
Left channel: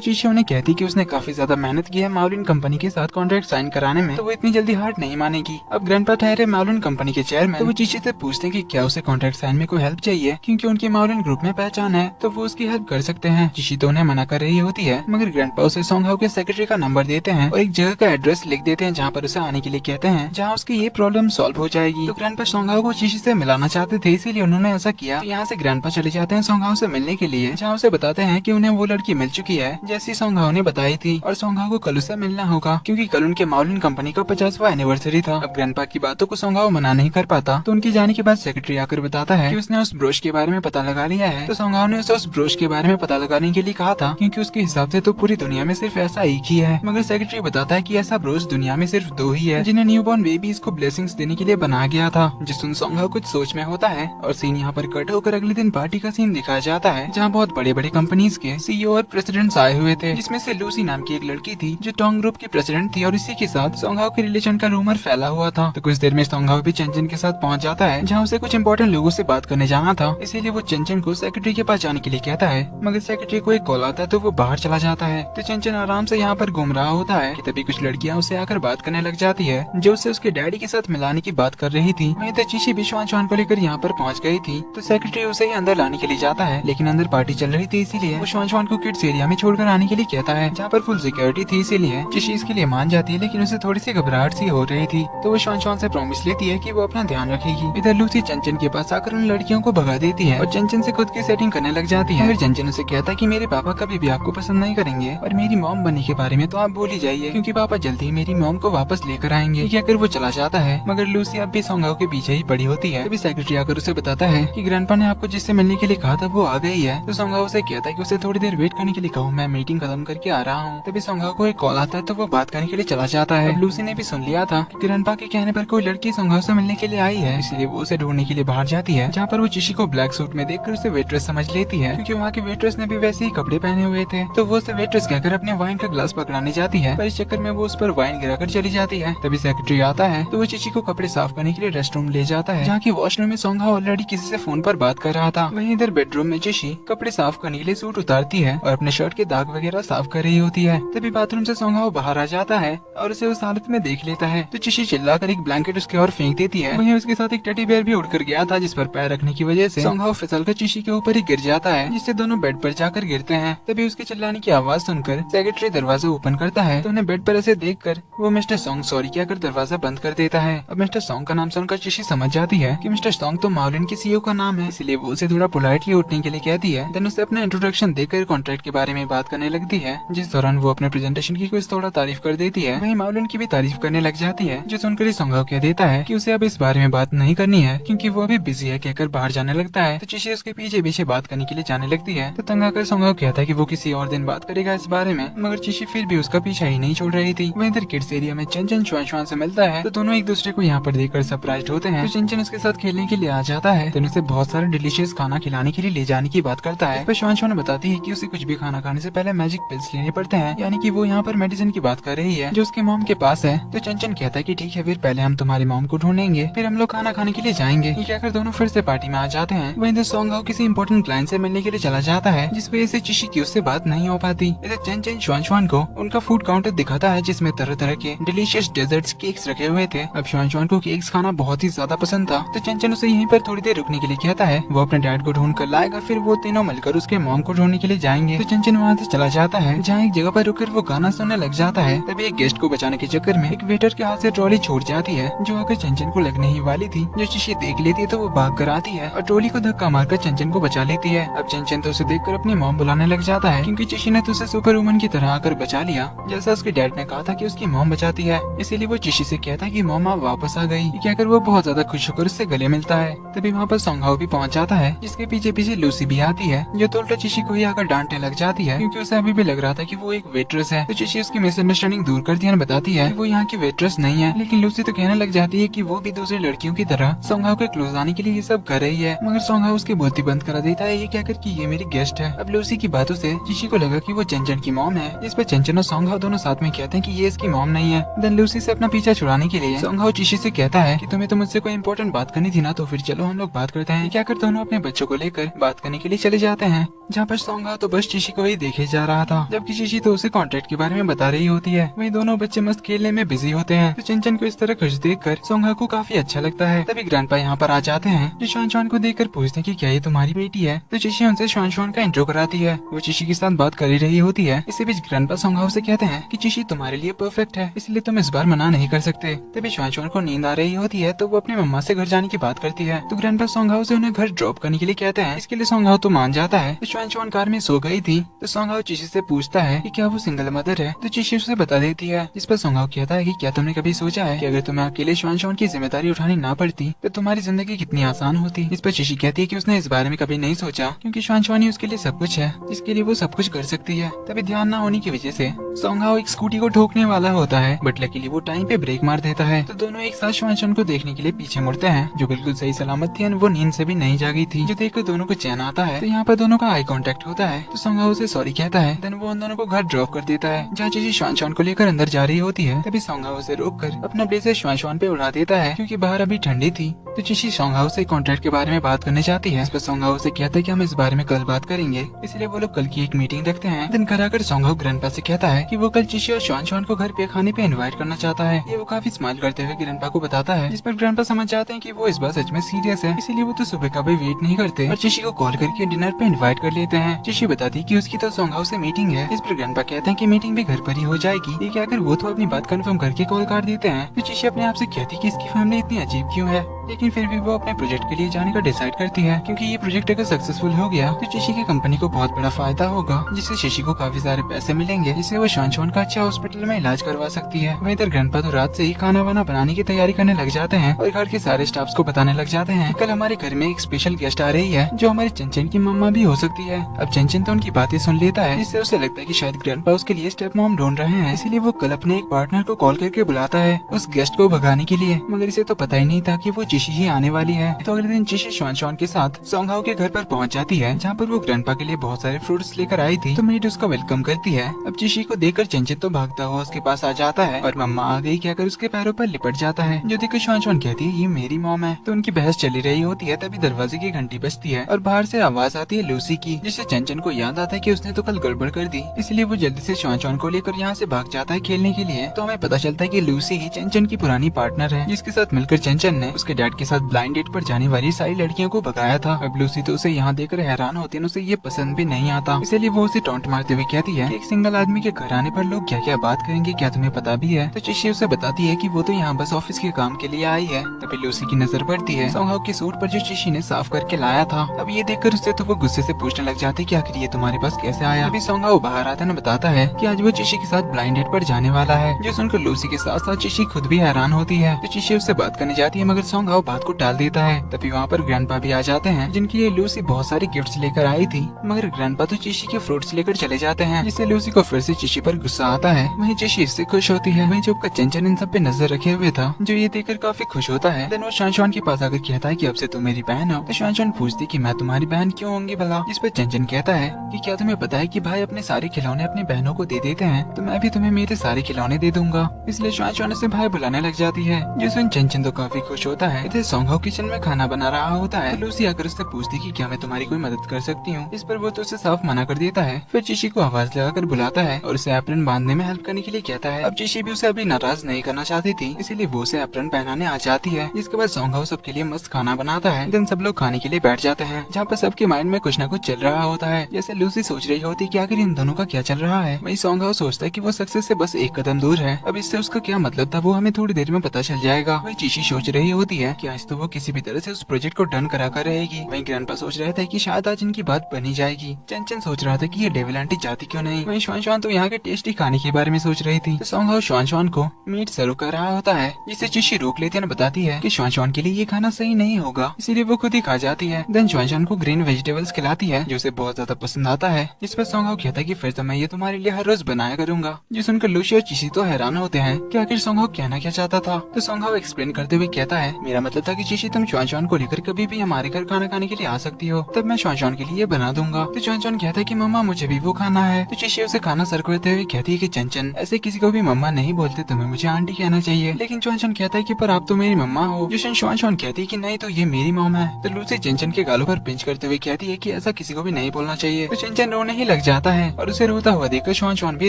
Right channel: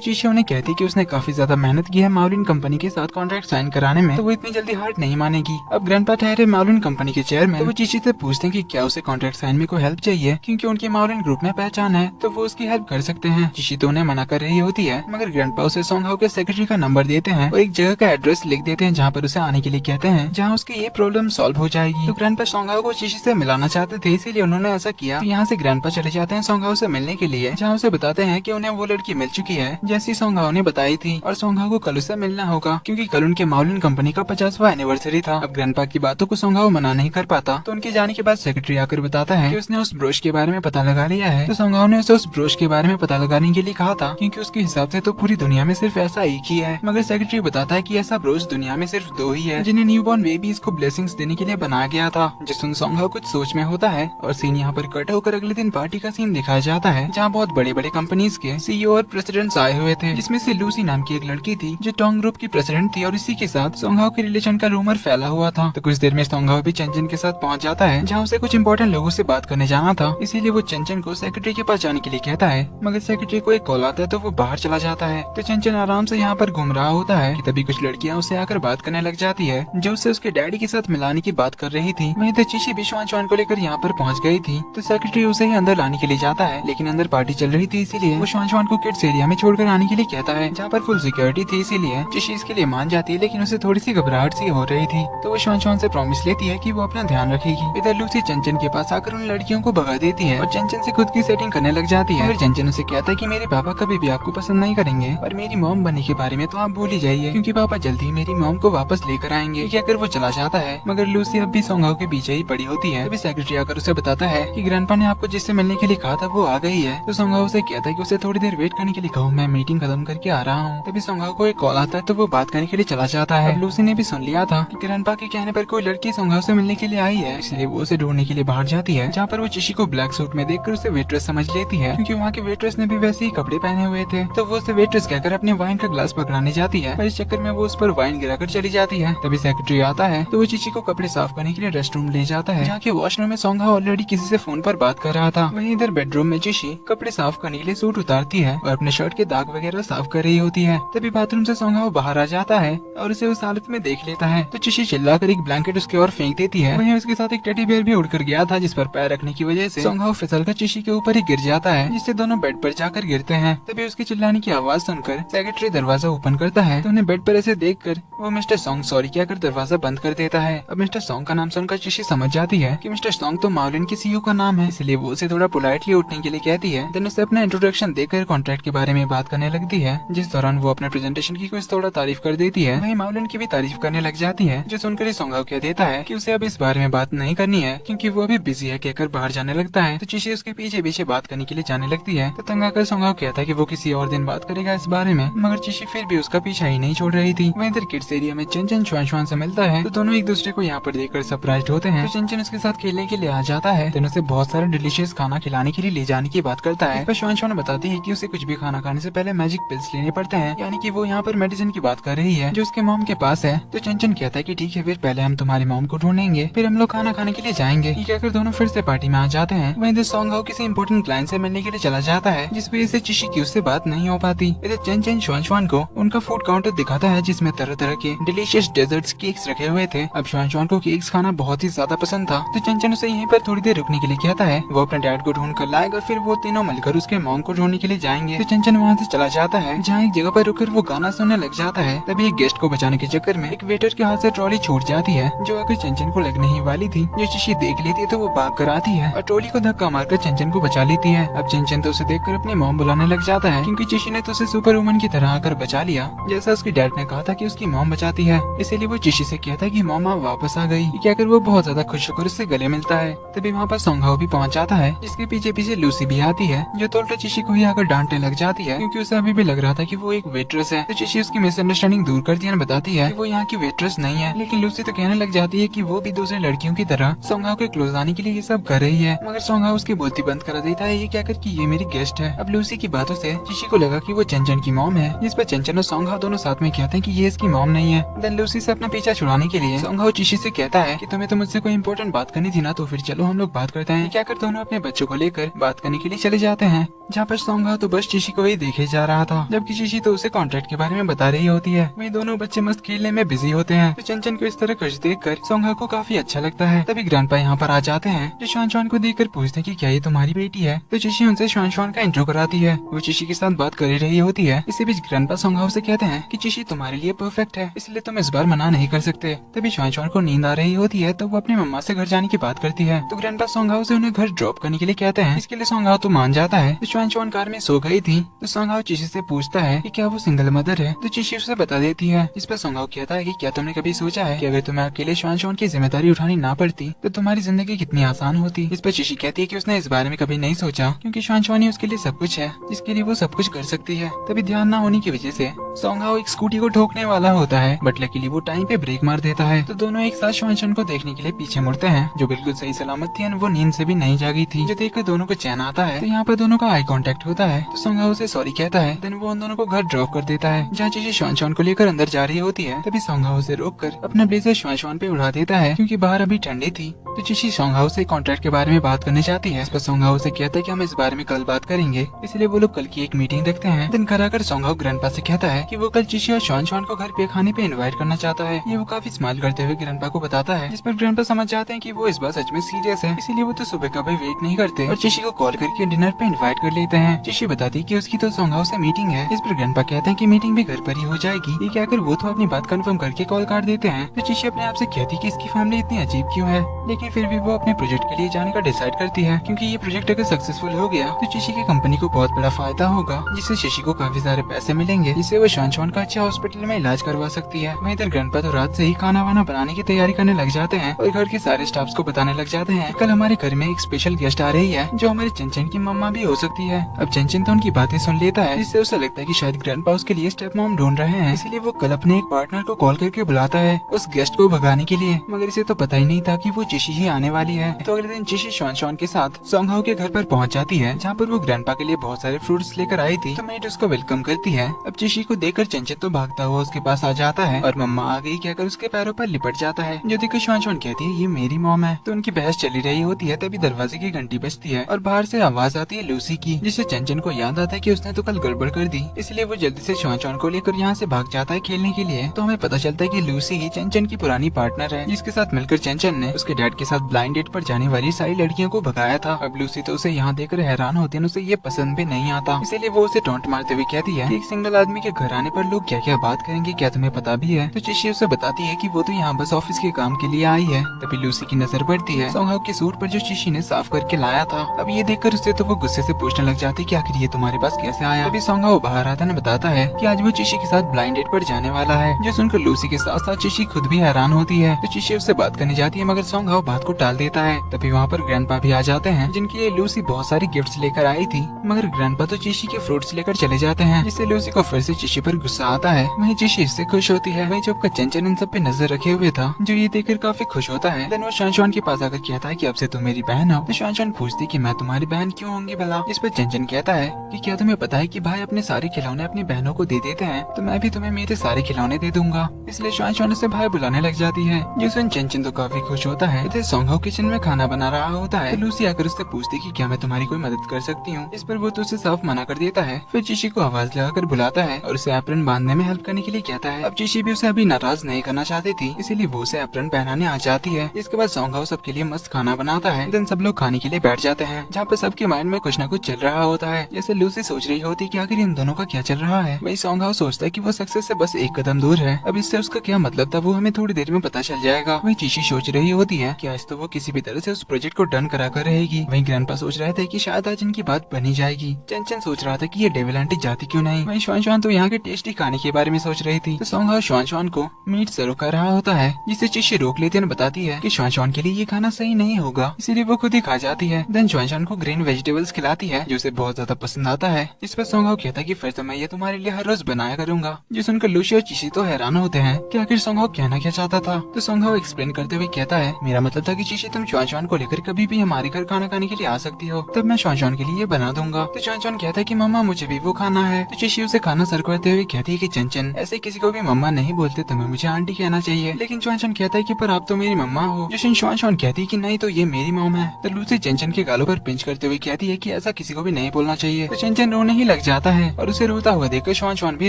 चिशी उन्हें कहती है कि उसने काफी ज्यादा मेहनत की है माउलिन कंपनी के साथ कॉन्ट्रैक्ट साइन कराने में, तो वो इतनी जल्दी हार नहीं मानेगी। अब ग्रैंडपा ठहरे माउलिन कंपनी के चेयरमैन, तो वो चिशी से पूछते हैं कि क्या उसे कॉन्ट्रैक्ट साइन में कोई हेल्प चाहिए, क्योंकि उनके माउलिन ग्रुप में पहचान है, तो वो उसकी हेल्प कर सकते हैं। चिशी तो उन्हें मना कर रही होती है, मगर ग्रैंडपा उसे सोंगहाओ के सेक्रेटरी का नंबर देते हैं और एक जगह का एड्रेस लिख देते हैं जहाँ पर उसे आने के लिए कहते हैं, जहाँ उसकी ये प्रॉब्लम सॉल्व हो जाएगी। तो ग्रैंडपा सोंगहाओ को चिशी से मिलाना चाहते थे, इसीलिए उन्होंने ऐसा किया। तो यहाँ से ग्रैंडपा चले जाते हैं सोंगहाओ से मिलने के लिए, जहाँ उसे बताते हैं कि उन्हें वो लड़की मिल चुकी है जैसी सोंगहाओ ने बताई थी, और सोंगहाओ को कल उसे मिलना होगा, क्योंकि कल उनके माउलिन कंपनी का 50वां एनिवर्सरी था। अब ग्रैंडपा की बातों को सोंगहाओ मना नहीं कर पाता, तो उनके जाने के बाद सेक्रेटरी आकर बताता है कि उसने उस ब्रोश के बारे में पता लगा लिया है। तो सोंगहाओ ने उसे उस ब्रोश के बारे में पता लगाने के लिए कहा था, क्योंकि उसके हिसाब से तो पूरी दुनिया में सिर्फ ऐसा एक ही है। मगर सेक्रेटरी बताता है कि ऐसा ब्रोश दुनिया में सिर्फ 2 ही है, जिन्हें न्यूबॉर्न बेबीज को ब्लेसिंग्स देने के लिए बनाया गया था। जिसमें सोंगहाओ कुछ सोच में होता है, और सीन यहाँ पर कट होकर अगले दिन पार्टी का सीन दिखाया जाता है, जहाँ बहुत बड़े बड़े कंपनीज के सीईओ और प्रेसिडेंट्स आए हुए थे, जिसमें से लूसी नाम की एक लड़की थी जो टोंग ग्रुप की प्रेसिडेंट थी, और इसी के साथ सोंगहाओ के रिलेशन का रूमर फैला हुआ था। तो कुछ देर में सोंगहाओ भी चेंचन के साथ पहुंच जाता है, जहाँ उसे कुछ इंपॉर्टेंट लोगों से बात करने जाना था, इसीलिए वो चेंचन को सेक्रेटरी के पास जाने के लिए कहता है। मगर सेक्रेटरी को एक कॉल आता है, तो वो बाहर चला जाता है। तो चेंचन आराम से यहाँ पर घूम रहा होता है कि तभी कुछ लड़कियाँ उसे आकर बात करने लग जाती है, जो उसे उसके डैडी के साथ मिलाने की बात कर रही थी। वहीं तो चिशी भी श्वान को लेकर यहाँ पर पहुँच गई थी। तो सेक्रेटरी उसे ही अंदर लाने के लिए जाता है, लेकिन अंदर पार्टी चल रही थी, इसीलिए वो श्वान को किड्स एरिया में छोड़कर आने के लिए कहता है, जहाँ पर फुल सिक्योरिटी थी, इसीलिए चिशी इसके लिए मान जाती है, लेकिन उसे थोड़ी सी घबराहट सी हो रही थी। तो वो श्वान से प्रॉमिस लेती है कि वो अपना ध्यान रखेगी। इधर लूसी चंचन के पास आकर उन लड़कियों को भगा देती है और चंचन से खुद की सेटिंग करने लग जाती है। चंचन उसे कहता है कि मेरे पापा कभी भी आपको पसंद नहीं करेंगे, और मेरी मॉम बनने के बारे में तो आप भूल ही जाइए, क्योंकि पापा जल्दी ही मेरी मॉम को वापस लेकर आएंगे। क्या कर वो चला जाता है, मगर लूसी अब भी सोंगहाओ के पीछे ही पड़ी होती है। तभी सेक्रेटरी आकर उसे बताता है कि ग्रैंडपा ने आपको जिससे मिलने के लिए कहा था वो आ गई है। तो सोंगहाओ उसे कहता है कि उसे थोड़ी देर वेट करने के लिए कहो, मैं मीटिंग खत्म करके आ रहा हूँ। तभी सोंगहाओ को एक कॉल आता है, तो वो बात करने के लिए चला जाता है। लूसी ने भी सुन लिया था कि ग्रैंडपा के कहने पर कोई लड़की सोंगहाओ से मिलने के लिए आई है, इसलिए वो उसे ढूंढने के लिए बाहर जाती है, जहाँ पर वो चिशी को ब्लैक सूट में देखकर उसे वेट्रेस समझ लेती है, क्योंकि वहाँ के वेट्रेस ने भी वैसे ही कपड़े पहने हुए थे। तो वो उसे वेट्रेस कहकर अपने वाइन का ग्लास पकड़ाने जाती है, पर इस चक्कर में वो उस पर वाइन गिराकर चली जाती है। तभी सेक्रेटरी आता है, तो वो चिशी को कपड़े साफ करने के लिए रेस्टरूम ले जाता है, जहाँ के वॉशरूम में सोंगहाओ ऑलरेडी किसी से फोन पर बात कर रहा था। वहीं इधर बेडरूम में चिशी कपड़े साफ करने के लिए सूट उतारती है और अपने शर्ट के दाग वगैरह साफ कर रही होती है। तभी बाथरूम से सोंगहाओ बाहर आ जाता है और उसे उस हालत में देख लेता है। तो चिशी चिल्लाकर एक ब्लैंकेट उसके ओर फेंक देती है। वहीं उसके साथ एक टेडी बियर भी उड़कर गया था, जिस पर पैर रखने की वजह से सोंगहाओ फिसलकर चिशी के ऊपर ही गिर जाता है, जिससे दोनों बेड पर जाकर गिरते हैं। तभी उसके चिल्लाने की आवाज सुनकर सेक्रेटरी दरवाजा ओपन करता है, तो उन्हें बेड पर ऐसे देखकर वो मिस्टर सॉन्ग सॉरी कहकर दरवाजा बंद कर देता है। अब मिस्टर सॉन्ग का नाम सुनकर चिशी समझ जाती है कि मिस्टर सॉन्ग तो माउलिन के सीईओ का नाम है, इसलिए वो उसे थोड़ा पोलाइटली उठने के लिए कहती है। देन उसे अपना इंट्रोडक्शन देकर कॉन्ट्रैक्ट के बारे में बात करने लगती है, जिस दौरान वो अपने प्रेजेंटेशन की कुछ थोड़ा तारीफ कर देती है। वहीं माउलिन की भी तारीफ करने लग जाती है, जो सुनकर ही सोंगहाओ कह देता है कि उसे अब इस बारे में बात नहीं करनी है, क्योंकि वो अभी बिजी है कहकर बाहर जाने लगता है। तो चिशी उसके पीछे पीछे बात करने के लिए जाने लगती है। तो तंग आकर सोंगहाओ कहता है कि वो किसी और दिन बात करेगा इस बारे में, मगर चिशी फिर भी उसका पीछा ही नहीं छोड़ रही थी। वहीं इधर किड्स एरिया में चंचन श्वान से मिलता है, तो दोनों एक दूसरे को यहाँ पर देखकर सरप्राइज होते हैं। तो चंचन उसके साथ खेलने के लिए आ जाता है, तो उसे बहुत सारे डिलीशियस खाना खिलाने के लिए ले जाने की बात करता है। श्वान बताती है कि उसे कुछ भी खाना खाने से पहले मैजिक पिल्स लेने पड़ते हैं, यानी कि वो यहाँ पर मेडिसिन की बात कर रही है जो उसके मॉम के पास है। तो चंचन कहता है कि ठीक है, फिर पहले हम तुम्हारी मॉम को ढूंढेंगे, फिर हम लोग खाना खाने के लिए जाएंगे। ये कहकर दोनों फिर से पार्टी में आ जाते हैं। वहीं इधर सोंगहाओ किसी इंपोर्टेंट क्लाइंट से मिलने के लिए चला जाता है, जिस वजह से चिशी की उससे बात नहीं हो पाती। इधर चंचन श्वान को उनका फूड काउंटर दिखाता है, जिसमें तरह तरह के डिलीशियस डेजर्ट्स केक्स रखे हुए थे। अब श्वान को केक्स खाना बहुत ही ज्यादा पसंद था, तो चंचन उसे यहीं पर थोड़ी देर रुकने के लिए कहता है। वो अपने डैड को ढूंढ कर लाएगा, फिर वो तीनों मिलकर उसके मॉम को ढूंढने के लिए जाएंगे। तो चंचन वहाँ से चला जाता है, जहाँ एक जगह पर रुककर वो गाना सुनने लग जाता है। तभी एक गेस्ट को बचाने के चक्कर में एक वेटर के हाथ से ट्रॉली छूट जाती है, जो आकर चंचन को लगने ही वाली थी। जो चिशी देख लेती है तो वो भाग कर आती है और ट्रॉली को धक्का मारकर चंचन को बचा लेती है। अब चंचन तो उसे देखकर अपनी मॉम बुलाने लग जाता है, क्योंकि चिशी ने तो उसे सुपर वुमन की तरह आकर बचा लिया, जैसे उसकी डैड ने कहा था कि उसकी मॉम बचाती है। इसीलिए वो चिशी से कहता है कि मॉम आप वापस आ गई। क्या कर वो बहुत ज्यादा खुश होकर उससे गले मिलता है। तभी वहाँ पर सोंगहाओ भी पहुँच जाता है, जिसके पीछे पीछे लूसी भी आती है, जो तो उल्टा चिशी को ही आकर डांटने लग जाती है, क्योंकि उसे अभी भी लग रहा था कि वो एक वेट्रेस है। तो चिशी उसकी मिसअंडरस्टैंडिंग दूर करती है और बताती है कि वो यहाँ की वेट्रेस नहीं है। लेकिन लूसी तो कहने लग जाती है कि वो भी दूसरी लड़कियों की तरह सोंगहाओ के क्लोज आने के लिए ये सब कर रही है, मगर सोंगहाओ उसकी बोलती बंद करा देता है ये कहकर कि ये मेरी गेस्ट है। अब लूसी की बातों से चिशी को लगा कि वो चंचन की मॉम है, जिस पर चंचन और सोंगहाओ दोनों साथ में कहते हैं कि ये इसकी मॉम नहीं है। देन लूसी से अपना पीछा छुड़ाने के लिए सोंगहाओ चिशी से कहता है कि तुम्हें तो मुझसे कोई इंपॉर्टेंट बात करनी थी ना, तो फिर चलो हम लोग बात करते हैं। क्या कर दोनों अपने बच्चों को लेकर बात करने के लिए चले जाते हैं, जहाँ पर सोंगहाओ तो बस चिशी को ही देखे जा रहा था, जबकि चिशी तो उसे कॉन्ट्रैक्ट के बारे में बता रही होती है। वही दोनों बच्चे मस्त खेलने में बिजी होते हैं। तो चंचन को इस तरह खुश देखकर सोंगहाओ को काफी अच्छा लगता है। तभी ग्रैंडपा यहाँ पर आ जाते हैं, जो श्वान श्वान को देखकर पूछते हैं कि क्या ये तुम्हारी बेटी है। तो चिशी उनसे श्वान श्वान का इंट्रो कराती है। वो चिशी के साथ बात कर ही रही होती है। इसी बीच ग्रैंडपा सोंगहाओ से कहते हैं कि चिशी तुम्हारे लिए परफेक्ट है, इसलिए तुम इस बार मना नहीं कर सकते। तभी श्वान श्वान को नींद आ रही होती है, तो वो अपनी मम्मा से घर जाने की बात करती है। तो ग्रैंडपा सोंगहाओ से उन्हें घर ड्रॉप करने के लिए कहते हैं। इसके लिए सोंगहाओ तो मान जाता है। तो श्वान श्वान कार में सो गई थी। तो सोंगहाओ चिशी से पूछता है कि क्या वो सिंगल मदर है। तो चिशी उसे बता देती है। इस पर सोंगहाओ कहता है कि क्या तुमने कभी सोचा है कि अगर तुम्हें अकेले श्वान श्वान की जिम्मेदारी उठानी ना पड़ती तो तुम्हारी जिंदगी कितनी आसान होती। इस पर चिशी कहती है कि उसने इस बारे में कभी नहीं सोचा, क्योंकि श्वान श्वान ही उसके लिए सब कुछ है, जिसके लिए वो सब कुछ कर सकती है। तभी ध्यान न होने की वजह से सोंगहाओ एक स्कूटी को ठोकने वाला होता है, बट लकीली वो टाइम पे ब्रेक मार देता है। तो दोनों एक साथ श्वान श्वान को देखने के लिए पीछे मुड़ते हैं, जो बिल्कुल सही सलामत थी। वो नींद से भी नहीं जागी थी, जो देखकर दोनों को चैन आता है। तो यहाँ पर दोनों का आई कांटेक्ट होता है। तो सोंगहाओ से सॉरी कहता है। देन वो उन दोनों को घर ड्रॉप कर देता है, जहाँ चिशी श्वान श्वान को लेकर अंदर जा रही होती है। तभी सोंगहाओ उसे रोककर अपने ब्लेजर श्वान श्वान पे उड़ा देता है, क्योंकि बाहर अभी ठंडी थी। तो चिशी सोंगहाओ से कॉन्ट्रैक्ट के बारे में बात करनी चाहती है। इस पर सोंगहाओ से कहता है कि हम इस बारे में कल बात करेंगे, इसलिए वो लोग कल की एक मीटिंग रखते हैं। दिन घर आकर सोंगहाओ ग्रैंडपा से कहता है कि वो कल चिशी और श्वान श्वान को घर पे खाने पे इनवाइट करना चाहता है। ये वो काफी स्माइल करते हुए ग्रैंडपा को बताता है, जिस पर ग्रैंडपा समझ जाते हैं कि वो इस बार सच में सीरियस है, इसीलिए वो तो सुबह का भी वेट नहीं करते और चिशी को कॉल करके डिनर पे इनवाइट कर लेते हैं। चिशी बताती है कि उसकी तो सोंगहाओ से मीटिंग है। इस पर ग्रैंडपा कहते हैं कि मीटिंग भी घर पर ही हो जाएगी। ये कहकर वो तो अपनी बात कंफर्म करके कॉल काट देते हैं। तो चिशी अपने आप से कहती है कि इसकी फैमिली इतनी अजीब क्यों है, लेकिन फिर भी वो अपने प्रोजेक्ट के लिए जाने का डिसाइड करती है, क्योंकि ये प्रोजेक्ट अगर सक्सेसफुल हो गया तो चिशी की कंपनी को बहुत बड़ा फायदा होगा, जिससे चिशी को काफी सारे पैसे मिलेंगे, जिससे वो श्वान श्वान का अच्छा हॉस्पिटल में इलाज करवा सकती है। वहीं इधर ग्रैंडपा तो रात से ही खाना वाना बनाने की तैयारी करने लग जाते हैं और घर के सारे स्टाफ्स को बताने लग जाते हैं कल हमारे घर में एक स्पेशल गेस्ट आ रही है, जो हमारी चंचन की मम्मा भी हो सकती है। अब चंचन तो उनकी बातें सुन लेता है, जिससे उसे लगता है कि शायद ग्रैंडपा उसके लिए स्टेप मॉम ढूंढ रहे हैं, इसीलिए वो कल अपने एक पार्टनर को कॉल करके बुलाता है उस गेस्ट को भगाने के लिए, मगर इसे तो पता ही नहीं था कि वो चिशी ही आने वाली है। तो अगले दिन चिशी श्वान श्वान के साथ सोंगहाओ के घर पर पहुंच जाती है, जहाँ पर वो ग्रैंडपा के लिए बहुत सारे फ्रूट्स लेकर आई थी। तो मेड उसको वेलकम करती है। अब चिशी को देखकर चंचन तो भागता हुआ उसके पास आ जाता है और मम्मा आ गई कहकर उसके पैरों पर लिपट जाता है, जो देखकर श्वान श्वान कहती है ये मेरी मॉम है। तो उनकी बहस चली रही होती है, तभी दरवाजे की घंटी बजती है और बाहर से आवाज आती है लूसी की, जिससे चंचन को याद आता है कि उसने तो कल गड़बड़ कर दी, इसलिए वो जल्दी से श्वान श्वान को लेकर यहाँ से भाग जाता है खेलने के लिए। तो हमें पता चलता है कि लूसी ही चंचन की पुरानी पार्टनर है, जिसके साथ मिलकर चंचन ने उसके डैड के साथ ब्लाइंड डेट पर जाने वाली सारी लड़कियों को भगाया था। अब लूसी तो उसे यहाँ देखकर हैरान होती है, उसे ये पसंद भी नहीं आता, इसीलिए वो उसे टॉन्ट मारते हुए कहती है कि एक सिंगल आदमी के घर आने पर लोग क्या क्या बात करेंगे, क्या तुम्हें पता भी है। तो चिशी उसे बताती है कि वो तो यहाँ बस ऑफिस के काम के लिए आई है। तभी लूसी की नजर पड़ती है सोंगहाओ के सूट पर जो चिशी ने साफ करके लाया था। अब ये देखकर उससे तो वो गुस्से से पूछने लग जाते कि आखिर ये तुम्हारे पास कैसे आया। तभी सोंगहाओ बाहर आता है बताता है कि आज वो चिशी के साथ ब्लाइंड डेट पर जाने वाला है, जो सुनकर लूसी के साथ साथ चिशी खुद भी हैरान होती है। तो चिशी उससे बात करने जाती है, मगर सोंगहाओ बात को टाल देता है। तभी वहाँ पर ग्रैंडपा भी आ जाते हैं, जिनके लिए लूसी बहुत सारी गिफ्ट्स लेकर आई थी, मगर ग्रैंडपा तो चिशी के फ्रूट्स लेकर चले जाते हैं, जिससे लूसी को फिर से चिशी पर गुस्सा आता है। वहीं चिशी इससे खुश होती है। वहीं जब का चंचन इन सब पे नजर रखे हुए था, जो ये देखकर काफी खुश होता है। देन वो श्वान श्वान के पास आकर कहता है कि अब से तुम मेरी बहन हो। तो श्वान श्वान पूछती कि मैं तुम्हारी बहन क्यों होंगी भला। इस पर चंचन कहता है कि क्या तुम्हें पता है कि भाई अपने सारे खिलौने अपनी बहनों को दे देते हैं, तो मैं भी तुम्हें मेरे सारे खिलौने दे दूंगा। इसलिए श्वान श्वान से भाई बुलाने लग जाती है, जो सुन चंचन तो काफी खुश होता है। इधर सोंगहाओ किचन में खाना बना रहा होता है। लूसी आकर उससे पूछती कि क्या मैं तुम्हारी कोई मदद कर सकती हूँ। इस पर वो तो उसे साफ मना कर देता है। फिर चिशी को आवाज लगाकर बुलाता है और उसे एप्रन बांधने में हेल्प करने के लिए कहता है। अब चिशी भी उसे अभी नाराज नहीं करना चाहती थी, इसीलिए वो उसे एप्रन पहनाने आ जाती है। इसके बाद सोंगहाओ सबके लिए मस्त खाना बनाता है। देन सब लोग खाने के लिए बैठ जाते हैं, जहाँ पे सबके माइंड में कुछ न कुछ चल रहा होता है। जैसे लूसी सोच रही होती कि आखिर इन दोनों का क्या चल रहा है। वही सोंगहाओ सोचता है कि वो सक्सेस से बस एक कदम दूर है। अब इससे उसका क्या मतलब था वो हमें थोड़ी देर में पता चल जाएगा। वही चिशी सोच रही होती है कि आज तो वो किसी भी तरह से उस प्रोजेक्ट को डन करा कर रहेगी। वहीं ग्रैंडपा सोच रहे थे कि शायद आज इनकी बात बनी जाएगी। चंचन सोच रहा था कि ये डेविल आंटी जाती क्यों नहीं। वहीं श्वान श्वान तो यहाँ के के टेस्टी खाने के बारे में सोच रही थी तो सॉन्ग हाउ श्वान श्वान को मीट सर्व कर रहा होता है, जिसे चिशी रोक लेती है और बताती है कि श्वान श्वान के लिए ये खाना सही नहीं होगा, इसीलिए वो खुद ही खा जाती है। देन श्वान श्वान को ग्रीन वेजिटेबल्स खिलाती है जो उसे बहुत ज्यादा पसंद आता है। इस पर सॉन्ग हाउ कहता है कि फिर तो मैं ये तुम्हारे लिए हर रोज बनाया करूंगा। जिस सुनकर लूसी और चिशी तो हैरान होते हैं कि आखिर सॉन्ग हाउ कहना क्या चाहता था। तो सॉन्ग हाउ एक्सप्लेन करते हुए कहता है, मेरा मतलब था कि चिशी तुम श्वान श्वान को लेकर कभी भी हमारे घर खाना खाने के लिए आ सकती हो, तब मैं श्वान श्वान के लिए बना दूंगा। तो श्वान श्वान कहता है कि मम्मा मुझे भी वो खाना है। तो चिशी उसे खाना सर्व करते हुए कहती है कि चंचन ऐसे किसी को भी मम्मा नहीं बोलते, तुम्हें मुझे आंटी कहना चाहिए। लेकिन श्वान श्वान कहता है कि पर आप तो मेरी मम्मा हो। जिशन श्वान श्वान कहती है कि नहीं तो ये मेरी मॉम है। तो लूसी चंचन के गालों पर पिंच करते हुए कहती है कि ऐसा किसी को भी नहीं बोलना चाहिए। तो चंचन रोने ही लग जाता है और उसे रोता हुआ देखकर श्वान श्वान भी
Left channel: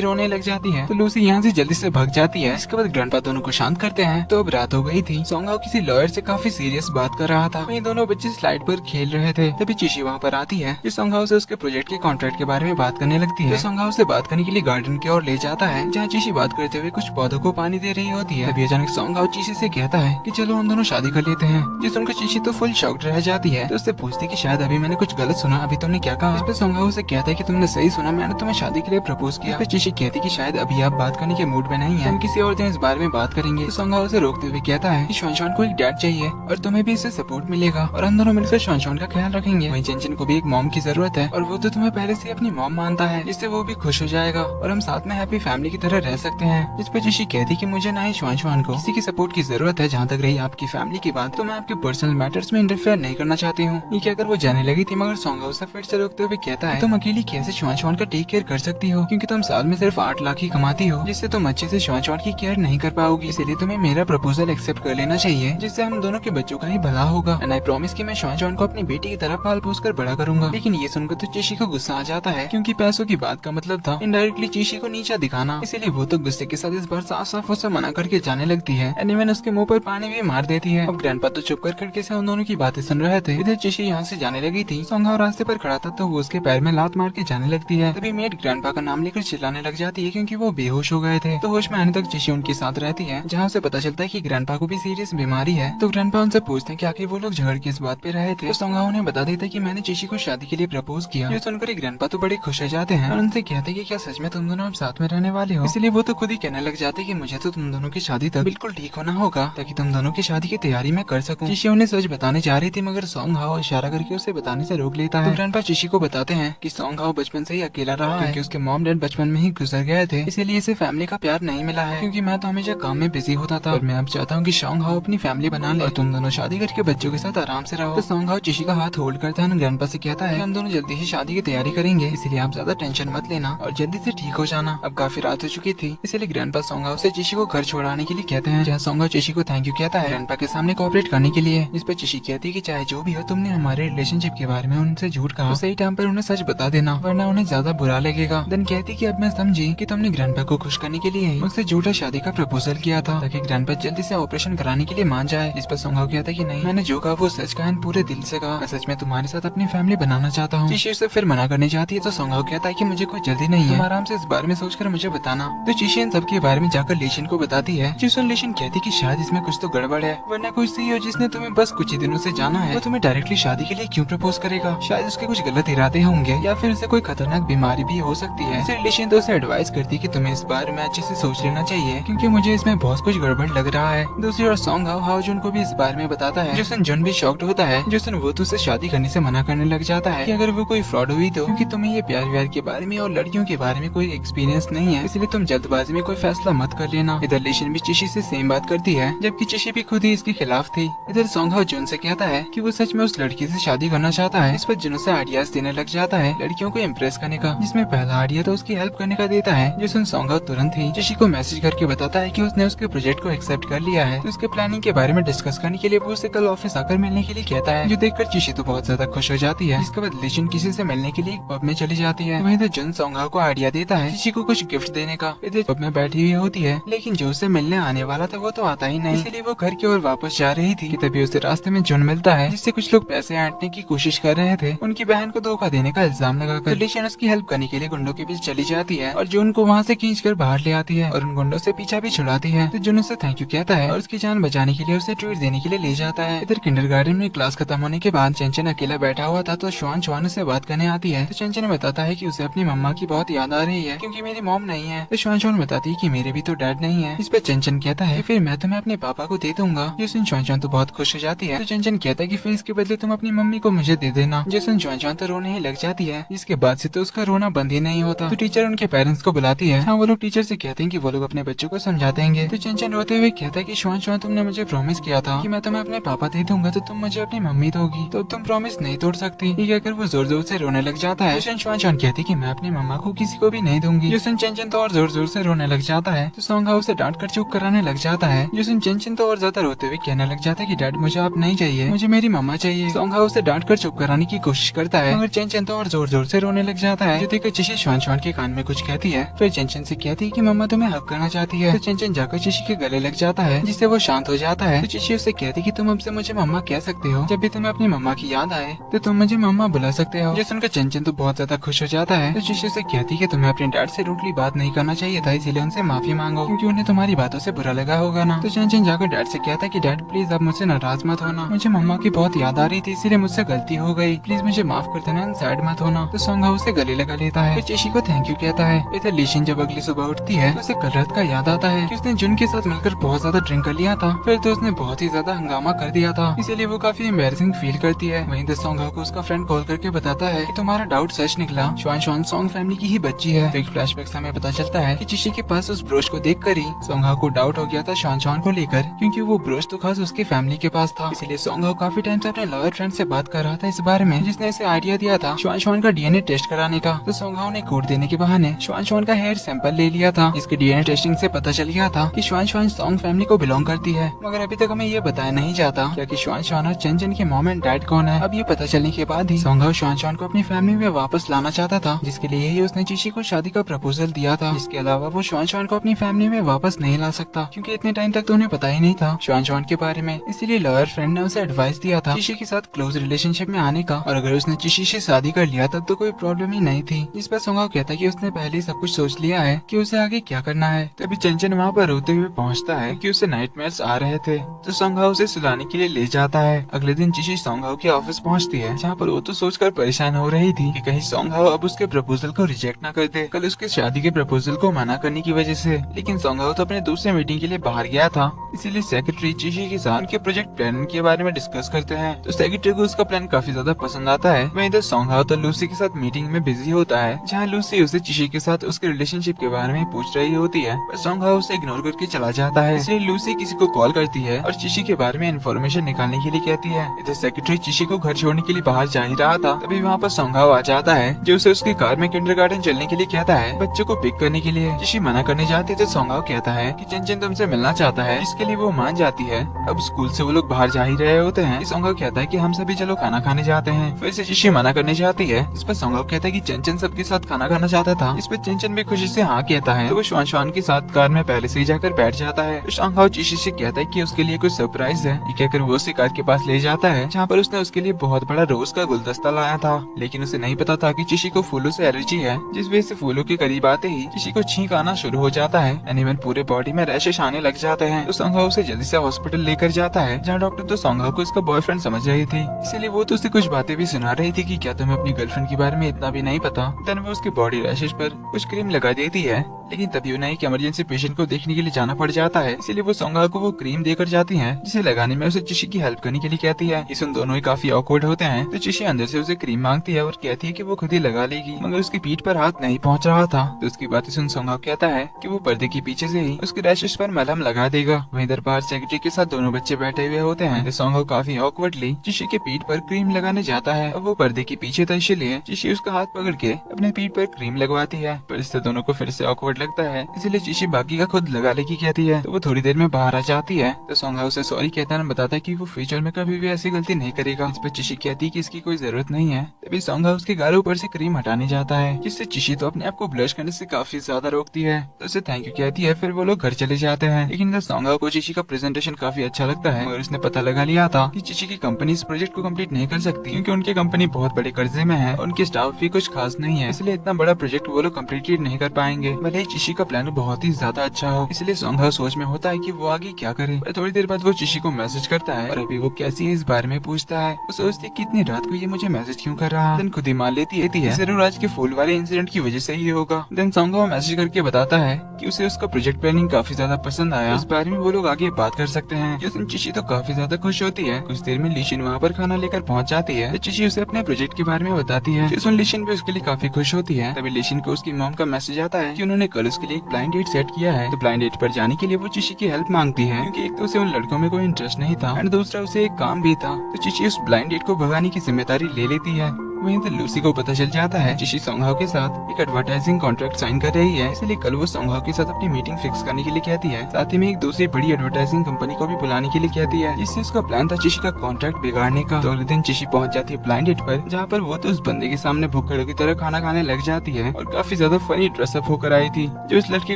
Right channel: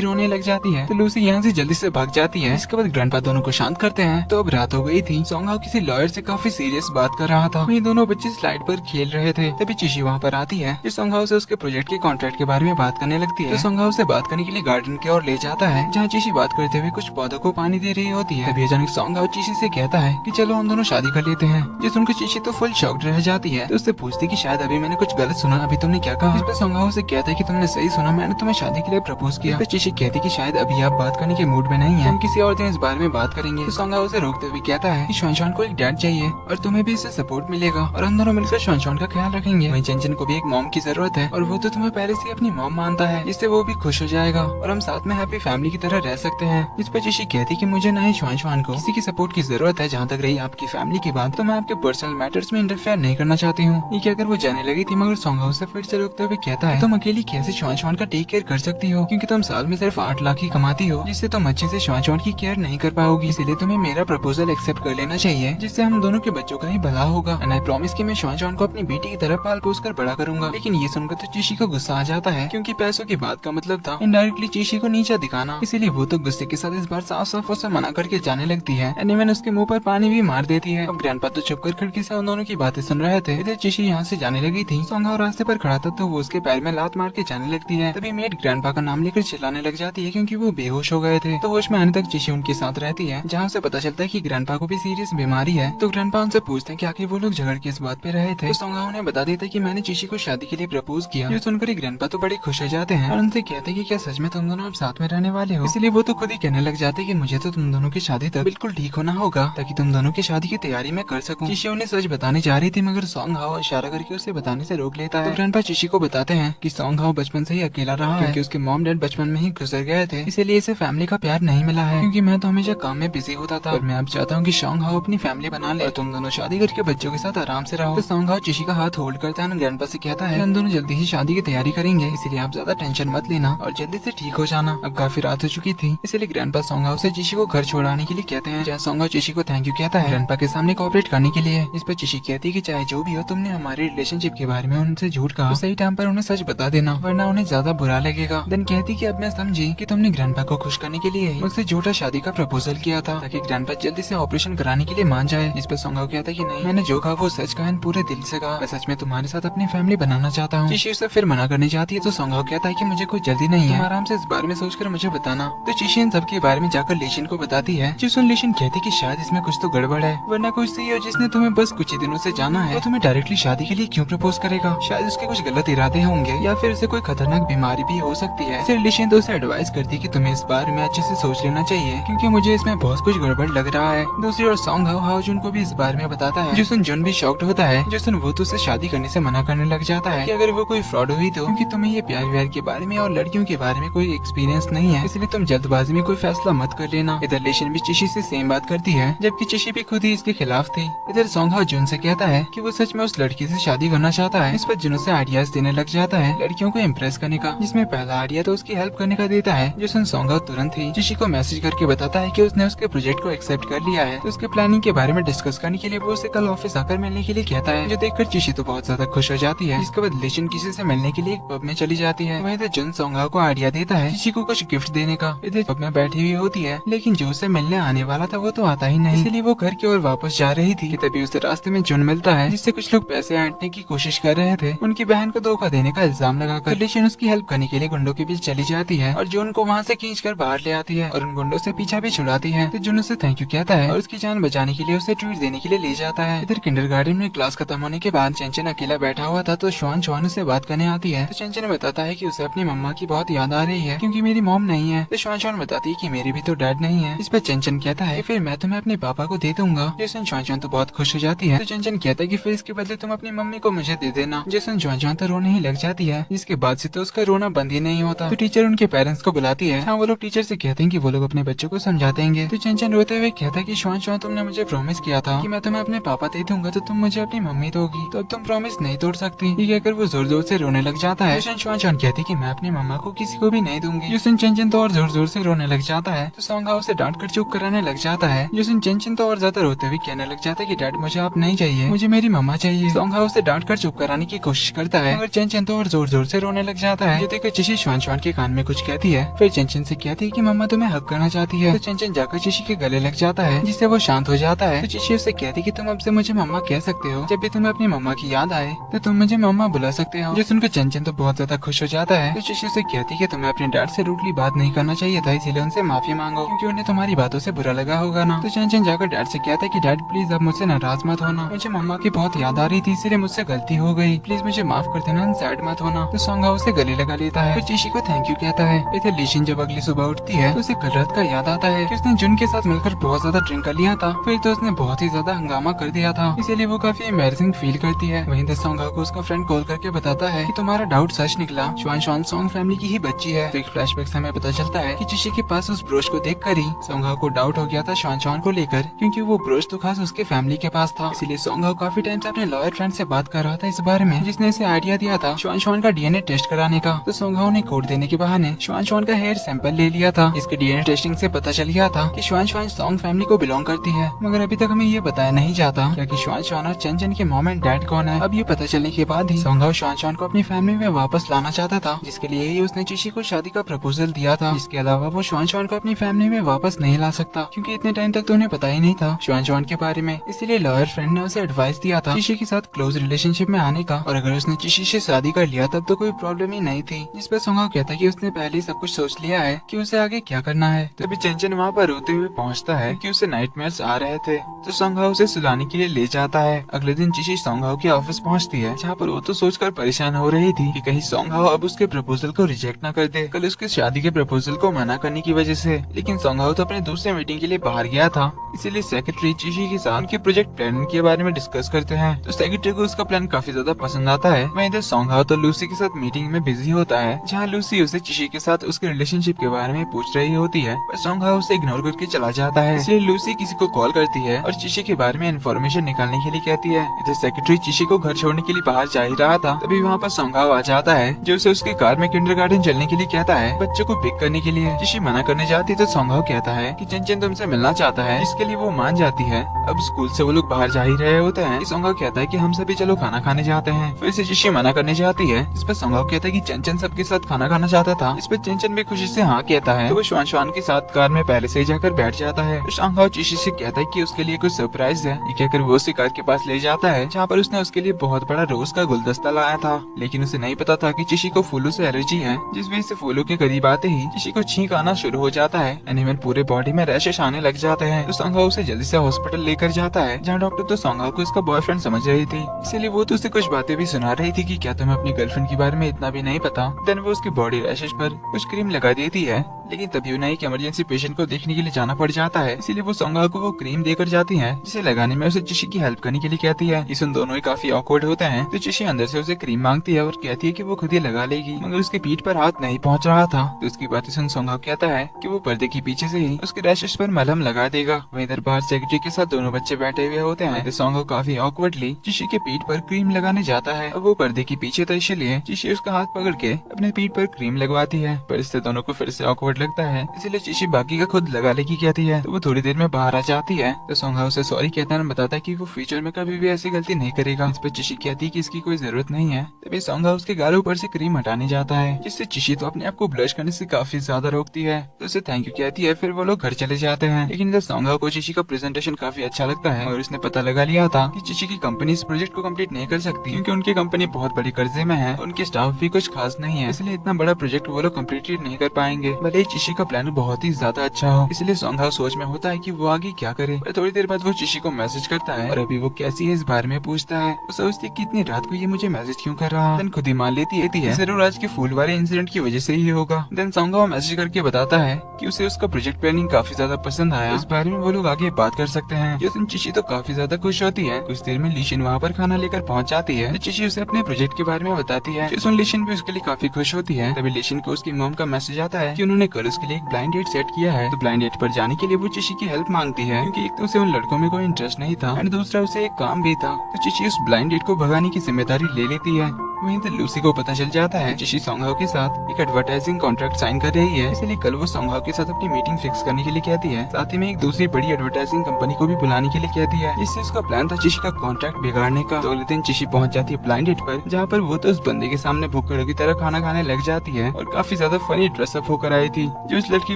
रोने लग जाती है। तो लूसी यहाँ से जल्दी से भाग जाती है। इसके बाद ग्रैंडपा दोनों को शांत करते हैं। तो अब रात हो गई थी। सॉन्ग हाउ किसी लॉयर से काफी सीरियस बात कर रहा था। वहीं दोनों बच्चे स्लाइड पर खेल रहे थे। तभी चिशी वहाँ पर आती है जो सॉन्ग हाउ से उसके प्रोजेक्ट के कॉन्ट्रैक्ट के बारे में बात करने लगती है। तो सॉन्ग हाउ से बात करने के लिए गार्डन की ओर ले जाता है जहाँ चिशी बात करते हुए कुछ पौधों को पानी दे रही होती है। तभी अचानक सॉन्ग हाउ चिशी से कहता है कि चलो हम दोनों शादी कर लेते हैं। जो सुनकर चिशी तो फुल शॉक्ड रह जाती है। तो उससे पूछती कि शायद अभी मैंने कुछ गलत सुना, अभी तुमने क्या कहा। इस पर सॉन्ग हाउ से कहता है कि तुमने सही सुना, मैंने तुम्हें शादी के लिए प्रपोज किया। तो चिशी कहती कि शायद अभी आप बात करने के मूड में नहीं है, हम किसी और दिन इस बारे में बात करेंगे। तो सॉन्ग हाउ से रोकते हुए कहता है कि श्वान श्वान को एक डैड चाहिए और तुम्हें भी इससे सपोर्ट मिलेगा और हम दोनों मिलकर श्वान श्वान का ख्याल रखेंगे। वहीं चंचन को भी एक मॉम की जरूरत है और वो तो तुम्हें पहले से अपनी मॉम मानता है, इससे वो भी खुश हो जाएगा और हम साथ में हैप्पी फैमिली की तरह रह सकते हैं। इस पर चिशी कहती कि मुझे नहीं श्वान श्वान को किसी की सपोर्ट की जरूरत है। जहाँ तक रही आपकी फैमिली की बात, तो मैं आपके पर्सनल मैटर्स में इंटरफेयर नहीं करना चाहती हूँ। ये कहकर वो जाने लगी थी मगर सॉन्ग हाउ से फिर से रोकते हुए कहता है तुम अकेली कैसे श्वान श्वान का टेक केयर कर सकती हो, क्योंकि तुम साल में सिर्फ 8 लाख ही कमाती हो, जिससे तुम अच्छे से श्वान श्वान की केयर नहीं कर पाओगी। इसीलिए तुम्हें मेरा प्रपोजल एक्सेप्ट कर लेना चाहिए, जिससे हम दोनों के बच्चों का ही भला होगा। एंड आई प्रॉमिस कि मैं श्वान श्वान को अपनी बेटी की तरह पाल पोस कर बड़ा करूंगा। लेकिन ये सुनकर तो चिशी को गुस्सा आ जाता है, क्योंकि पैसों की बात का मतलब था इनडायरेक्टली चिशी को नीचा दिखाना। इसीलिए वो तो गुस्से के साथ इस बार साफ साफ उसे मना करके जाने लगती है। एंड इवन उसके मुंह पर पानी भी मार देती है। अब ग्रैंडपा तो चुप कर खिड़की से उन दोनों की बातें सुन रहे थे। इधर चिशी यहाँ से जाने लगी थी। सॉन्ग हाउ रास्ते पर खड़ा था तो वो उसके पैर में लात मार के जाने लगती है। तभी मेड ग्रैंडपा का नाम लेकर चिल्लाने लग जाती है, क्योंकि वो बेहोश हो गए थे। तो होश में आने तक चिशी उनके साथ रहती है, जहाँ उसे पता चलता है कि ग्रैंडपा को भी सीरियस बीमारी है। तो ग्रैंडपा उनसे पूछते हैं कि आखिर वो लोग झगड़ के इस बात पे रहे थे। तो सॉन्ग हाउ उन्हें बता देता है कि मैंने चिशी को शादी के लिए प्रपोज किया। ये सुनकर ग्रैंडपा तो बड़े खुश हो जाते हैं और उनसे कहते हैं कि क्या सच में तुम दोनों अब साथ में रहने वाले हो। इसलिए वो तो खुद ही कहने लग जाते हैं कि मुझे तो तुम दोनों की शादी तक बिल्कुल ठीक होना होगा, ताकि तुम दोनों की शादी की तैयारी मैं कर सकूं। चिशी उन्हें सच बताने जा रही थी मगर सॉन्ग हाउ इशारा करके उसे बताने से रोक लेता है। तो ग्रैंडपा चिशी को बताते हैं कि सॉन्ग हाउ बचपन से ही अकेला रहा है, क्योंकि उसके मॉम डैड बचपन में ही गुजर गए थे, इसीलिए इसे फैमिली का प्यार नहीं मिला है। क्योंकि मैं तो हमेशा काम में बिजी होता था और मैं अब चाहता हूँ कि सॉन्ग हाउ अपनी फैमिली बना ले और तुम दोनों शादी करके बच्चों के साथ आराम से रहो। तो सॉन्ग हाउ चिशी का हाथ होल्ड करता है, ग्रैंडपा से कहता है हम दोनों जल्दी ही शादी की तैयारी करेंगे, इसलिए आप ज्यादा टेंशन मत लेना और जल्दी से ठीक हो जाना। अब काफी रात हो चुकी थी, इसलिए ग्रैंडपा सॉन्ग हाउ से चिशी को घर छोड़ाने के लिए कहते हैं, जहाँ सॉन्ग हाउ चिशी को थैंक यू कहता है ग्रैंडपा के सामने कोऑपरेट करने के लिए। जिस पे चिशी कहती है कि चाहे जो भी हो तुमने हमारे रिलेशनशिप के बारे में उनसे झूठ कहा, तो सही टाइम पर उन्हें सच बता देना वरना उन्हें ज्यादा बुरा लगेगा। देन कहती कि अब मैं समझी कि तुमने ग्रैंडपा को खुश करने के लिए मुझसे झूठा शादी का प्रपोजल किया था, ताकि ग्रैंडपा जल्दी से ऑपरेशन कराने के लिए मान जाए। इस पर सॉन्ग हाउ कहता है कि नहीं, मैंने जो कहा वो सच कहा, पूरे दिल से कहा, मैं सच में तुम्हारे साथ अपनी फैमिली बनाना चाहता हूँ। चिशी उसे फिर मना करने जाती है तो सॉन्ग हाउ कहता है कि मुझे कोई जल्दी नहीं है, तुम आराम से इस बारे में सोचकर मुझे बताना। तो चिशी इन सब के बारे में जाकर लेशिन को बताती है। लेशिन कहती कि शायद इसमें कुछ तो गड़बड़ है, वरना कोई सही हो जिसने तुम्हें बस कुछ ही दिनों से जाना है, तो तुम्हें डायरेक्टली शादी के लिए क्यों प्रपोज करेगा। शायद उसके कुछ गलत इरादे होंगे या फिर उसे कोई खतरनाक बीमारी भी हो सकती है। फिर लेशिन तो उसे एडवाइस करती है कि तुम्हें इस बारे में अच्छे से सोच लेना चाहिए, क्योंकि मुझे इसमें बहुत कुछ गड़बड़ लग रहा है। दूसरी ओर सॉन्ग हाउ जुन को भी इस बारे में बताता है। जिसन जुन भी शॉक्ड होता है। जिसन वो तो उसे शादी करने से मना करने लग जाता है कि अगर वो कोई फ्रॉड हुई तो, क्योंकि तुम्हें ये प्यार व्यार के बारे में और लड़कियों के बारे में कोई एक्सपीरियंस नहीं है, इसलिए तुम जल्दबाजी में कोई फैसला मत कर लेना। इधर लेशिन भी चिशी से सेम बात करती है, जबकि चिशी भी खुद ही इसके खिलाफ थी। इधर सॉन्ग हाउ जुन से कहता है कि वो सच में उस लड़की से शादी करना चाहता है। इस पर जुन से आइडियाज देने लग जाता है लड़कियों को इम्प्रेस करने का, जिसमें पहला आइडिया तो उसकी हेल्प करने का देता है। जिसन सॉन्ग हाउ तुरंत ही चिशी को मैसेज करके बताता है कि उसने उसके प्रोजेक्ट को एक्सेप्ट कर लिया है। तो उसके प्लानिंग के बारे में डिस्कस करने के लिए वो उसे कल ऑफिस आकर मिलने के लिए कहता है, जो देखकर चिशी तो बहुत ज्यादा खुश हो जाती है। इसके बाद लेशिन किसी से मिलने के लिए एक पब में चली जाती है। वहीं जुन सॉन्ग हाउ को आइडिया देता है चिशी को कुछ गिफ्ट देने का। इधर पब में बैठी हुई होती है, लेकिन जो उससे मिलने आने वाला था वो तो आता ही नहीं, इसलिए वो घर की ओर वापस जा रही थी कि तभी उसे रास्ते में जुन मिलता है, जिससे कुछ लोग पैसे ऐंठने की कोशिश कर रहे थे। उनकी बहन को धोखा देने का इल्जाम लगाकर लेशिन उसकी हेल्प करने के लिए गुंडों के बीच चली जाती है और जुन को वहाँ से खींच कर बाहर ले आती है और उन गुंडों से पीछा भी छुड़ाती है। तो जुन उसे थैंक यू कहता है और उसकी जान बचाने के लिए उसे ट्रीट देने के लिए ले जाता है। इधर किंडरगार्टन में क्लास खत्म होने के बाद चंचन अकेला बैठा हुआ था तो श्वान से बात करने आती है। तो चंचन बताता है कि उसे अपनी मम्मा की बहुत याद आ रही है क्योंकि मेरी मॉम नहीं है। तो शुआन बताती है कि मेरी भी तो डैड नहीं है। इस पर चंचन कहता है फिर मैं तुम्हें अपने पापा को दे दूंगा। जैसन शुआन तो बहुत खुश हो जाती है। तो चंचन कहता है कि फिर इसके बदले तुम अपनी मम्मी को मुझे दे देना। जैसन शुआन तो रोने ही लग जाती है। इसके बाद से तो उसका रोना बंद ही नहीं होता। तो टीचर उनके पेरेंट्स को बुलाती है। वो लोग टीचर से कहते हैं कि वो लोग अपने बच्चों को समझा देंगे। तो चंचन रोते हुए कहता है कि शुआन तुमने मुझे प्रॉमिस किया था कि मैं तुम्हें अपने पापा दे दूंगा तो तुम मुझे अपनी मम्मी दोगी, तो अब तुम प्रॉमिस नहीं तोड़ सकती। ये कहकर वो जोर जोर से रोने लग जाता है। शुआन कहती कि मैं अपनी मम्मा को किसी को भी नहीं दूंगी। चंचन तो और जोर जोर से रोने लग जाता है। तो सोंग उसे डांट कर चुप कराने लग जाता है। चंचन तो और ज्यादा रोते हुए कहने लग जाता है कि डैड मुझे आप नहीं चाहिए, मुझे मेरी मम्मा चाहिए। सोंग उसे डांट कर चुप कराने की कोशिश करता है, मगर चंचन तो और जोर जोर से रोने लग जाता है। देखकर चिशी शुआन के कान में कुछ कहती है। फिर चंचन से कहती है कि मम्मा तुम्हें हक करना चाहती है। तो चंचन जाकर चिशी के गले लग जाता है, जिससे वो शांत हो जाता है। तो चिशी उसे कहती कि तुम अब से मुझे मम्मा कह सकते हो, जब भी तुम्हें अपनी मम्मा की याद आए तो तुम मुझे मम्मा बुला सकते हो। ये सुनकर चंचन तो बहुत ज्यादा खुश हो जाता है। तो चिशी उसे कहती कि तुम्हें अपने डैड से रूडली बात नहीं करना चाहिए था, इसीलिए उनसे माफी मांगो, क्योंकि उन्हें तुम्हारी बातों से बुरा लगा होगा ना। तो चंचन जाकर डैड से कहता है कि डैड प्लीज आप मुझसे नाराज मत होना, मुझे मम्मा की बहुत याद आ रही थी, इसलिए मुझसे गलती हो गई, प्लीज मुझे माफ कर देना, सैड मत होना। तो सोंग उसे गले लगा लेता है। चिशी को थैंक यू कहता है। इधर लीशिन जब अगली सुबह उठती है तो उसे कल रात का याद आता है कि उसने जुन के साथ मिलकर बहुत ज्यादा ड्रिंक कर लिया था। फिर तो उसने बहुत ही ज्यादा हंगामा कर दिया था, इसीलिए वो काफी एम्बैरेसिंग फील करती है। वहीं सोंग को उसका फ्रेंड कॉल करके बताता है कि तुम्हारा डाउट सच निकला, शुआन सोंग फैमिली की ही बच्ची है। एक फ्लैशबैक से हमें पता चलता है कि चिशी के पास उस ब्रोच को देखकर ही सोंग को डाउट हो गया था शुआन को लेकर, क्योंकि वो ब्रोच तो खास उसकी फैमिली के पास था। इसीलिए सोंग काफी टाइम से अपने लॉयर फ्रेंड से बात कर रहा था इस बारे में, जिसने इसे आइडिया दिया था शुआन का डीएनए टेस्ट कराने का। तो सोंग ने कोड देने के बहाने शुआन का हेयर सैंपल ले लिया था। इसके डीएनए टेस्टिंग से पता चल गया था कि शुआन सोंग फैमिली को बिलोंग करती है, मगर अभी तक हमें ये बताया नहीं जाता कि शुआन और चंचन के मॉम एंड डैड कौन है। अब ये पता चलने के बाद ही सोंग शुआन को अपनी फैमिली में वापस लाना चाहता था, जिसके लिए ही उसने चिशी को शादी का प्रपोजल दिया था। इसके अलावा वो शुआन को अपनी फैमिली में वापस नहीं ला सकता, क्योंकि इतने टाइम तक तो उन्हें पता ही नहीं था शुआन के बारे में। इसलिए लॉयर फ्रेंड ने उसे एडवाइस दिया था चिशी के साथ क्लोज रिलेशनशिप में आने का, और अगर उसने चिशी से शादी कर लिया तब तो कोई प्रॉब्लम ही नहीं थी। इस पर सोंग कहता है कि उसने पहले ही सब कुछ सोच लिया है कि उसे आगे क्या करना है। तभी चंचन वहाँ पर रोते हुए पहुँचता है कि उसे नाइटमेयर्स आ रहे थे, तो सोंग उसे सुलाने के लिए ले जाता है। अगले दिन चिशी सोंग के ऑफिस पहुँचती है, जहाँ पर वो तो सोचकर परेशान हो रही थी कि कहीं सोंग अब उसके प्रपोजल को रिजेक्ट न कर दे, कल उसके शादी के प्रपोजल को मना करने की वजह से। लेकिन सोंग तो अपने दूसरी मीटिंग के लिए बाहर गया था, इसीलिए सेक्रेटरी चिशी के साथ उनके प्रोजेक्ट प्लान के बारे में डिस्कस करते हैं। तो सेक्रेटरी को उसका प्लान काफी ज्यादा पसंद आता है। वहीं इधर सोंग तो लूसी के साथ मीटिंग में बिजी होता है, जहाँ लूसी उसे चिशी के साथ उसके रिलेशनशिप के बारे में पूछ रही होती है, पर सोंग उसे इग्नोर करके चला जाता है। इसलिए लूसी किसी को कॉल करती है और चिशी के बारे में इन्फॉर्मेशन निकालने के लिए कहती है। इधर सेक्रेटरी चिशी को घर छोड़ने के लिए बाहर जा ही रहा था, तभी वहाँ पर सोंग आ जाता है, जो उसे उसकी कार में किंडरगार्टन चलने के लिए कहता है, बच्चों को पिक करने के लिए। चिशी मना करने जाती तो सोंग कहता है कि चंचन तुमसे मिलना चाहता है, इसके लिए वो मान जाती है। अब स्कूल से वो लोग बाहर जा ही रहे होते हैं। सोंग कहता है कि हम सभी चलो खाना खाने जाते हैं। फिर से चिशी मना करने जाती है। इस पर सोंग कहता है कि चंचन सबके साथ खाना खाना चाहता था। इस पर चंचन भी खुशी से हाँ कहता है, तो वो शुआन के साथ कार में पहले से ही जाकर बैठ जाता है। सोंग चिशी से कहता है कि उसके लिए कुछ सरप्राइज है। ये कहकर वो उसे कार के पास ले जाता है, जहाँ पर उसने उसके लिए बहुत बड़ा रोज का गुलदस्ता लाया था। लेकिन उसे नहीं पता था कि चिशी को फूलों से एलर्जी है, जिस वजह से फूलों के करीब आते ही चिशी को छींक आना शुरू हो जाता है। एनीवेल पूरे बॉडी में रैशेस आने लग जाते हैं। तो सोंग उसे जल्दी से हॉस्पिटल लेकर जाता है, जहाँ डॉक्टर तो सोंग को इसका बॉयफ्रेंड समझ रही थी, इसलिए वो तो उसे कुछ बातें भी सुना रही थी कि क्या तुम्हें अपनी गर्लफ्रेंड के बारे में इतना भी नहीं पता। देन वो उसकी बॉडी रैशेस पर कुछ क्रीम लगा देती है, लेकिन तभी उन्हें एक इमरजेंसी पेशेंट को देखने के लिए जाना पड़ जाता है, इसीलिए वो सोंग को वो क्रीम देकर जाती है, जिसे लगाने में उसे चिशी की हेल्प करने के लिए कहती है। इस उन दोनों ही काफी ऑकवर्ड होते हैं। तो चिशी अंदर से उसे क्रीम मांगती है और कहती है कि वो खुद ही लगा लेगी, मगर उसकी पीठ पर हाथ नहीं पहुंच रहा था। तो उसकी बात सुन सोंग कहता है कि वो पर्दे के पीछे से ही उसके रैशेस पर मलहम लगा देगा। वहीं इधर बाहर सेक्रेटरी के साथ दोनों बच्चे बैठे हुए होते हैं। तो सोंग काफी ऑकवर्डली चिशी के पीठ पर क्रीम लगाने जाता है। अब वो पर्दे के पीछे था, इसलिए चिशी उसका हाथ पकड़ के अपने पीठ पर क्रीम लगवाती है, पर इससे दोनों को फिर से ऑकवर्ड लगता है, इसलिए चिशी बाकी का खुद लगाने की कहती है। तो वो थोड़ी देर में बाहर आ जाती है। तो सोंग उसे सॉरी कहता है, बताता है कि वो फ्यूचर में कभी भी ऐसी गलती नहीं करेगा। इस पर चिशी कहती है कि इसकी कोई जरूरत नहीं है। तभी सोंग उसके गालों पर से क्रीम हटाने जाता है, जिससे चिशी तो अपने आप को ब्लश करने से काफी ज्यादा रोकती है। तो उसे थैंक यू कहती है। फिर वो लोग घर चले जाते हैं। लेकिन सोंग को चिशी का प्रेजेंटेशन काफी अच्छा लगता है, और उसने पता लगा लिया था कि चिशी की कंपनी इस प्रोजेक्ट को कंप्लीट नहीं कर सकती, क्योंकि उनकी कंपनी बहुत बड़े कर्जे में है, उनके स्टाफ भी कुछ खास नहीं है, इसलिए इतना बड़ा प्रोजेक्ट वो लोग कंप्लीट नहीं कर पाएंगे। भले चिशी का प्लान बहुत ही ज्यादा अच्छा हो। इसलिए सोंग सोच में होता है कि वो आगे क्या करे। पर थोड़ी देर बाद वो चिशी को मैसेज करता है, और अभी वो कैसी है इस बारे में पूछता है। वो सोचती कि इतनी रात को ये मुझे मैसेज क्यों कर रहा है। खुद ही मान लेती है जरूर आज के फूल वाले इंसिडेंट की वजह से ही होगा। देन सोंगहाओ मैसेज करके बताता है कि उसे उसका प्रोजेक्ट प्लानिंग काफी ज्यादा पसंद आया, इस बारे में वो लोग आगे बात कर सकते हैं। जिस चिशी तो काफी ज्यादा खुश होती है। कुछ देर में लीशिन वहाँ पर खाना लेकर पहुँच जाती है। चिशी उसे अपने प्रोजेक्ट के बारे में बताती है। लीशिन भी उसके लिए काफी खुश होती है। तभी लीशिन को उसकी मॉम का मैसेज आता है कि उन्होंने कल उसके लिए एक ब्लाइंड डेट सेट किया है। तो ब्लाइंड डेट पर जाने के लिए वो चिशी की हेल्प मांगती है, क्योंकि एक तो उसे उन लड़कों में कोई इंटरेस्ट नहीं था एंड दूसरा उसे एक काम भी था। तो चिशी उस ब्लाइंड डेट को भगाने की जिम्मेदारी ले लेती है। वहीं तो लूसी को पता चल जाता है चिशी सोंगहाओ के साथ एक एडवर्टाइजिंग कॉन्ट्रैक्ट साइन कर रही है, इसलिए कल वो सोंगहाओ के साथ अपनी मीटिंग फिक्स करने के लिए कहती है। साथ ही में एक दूसरी बड़ी एडवर्टाइजिंग कंपनी को भी बुलाने के लिए कहती है। इससे उसका प्लान था चिशी का कॉन्ट्रैक्ट बिगाड़ने का। तो अगले दिन चिशी पहुंच जाती है ब्लाइंड डेट पर, जहाँ पर वो तो उस बंदे के सामने भुक्कड़ की तरह खाना खाने लग जाती है और काफी ज्यादा फनी ड्रेसअप होकर आई थी, जो इस लड़के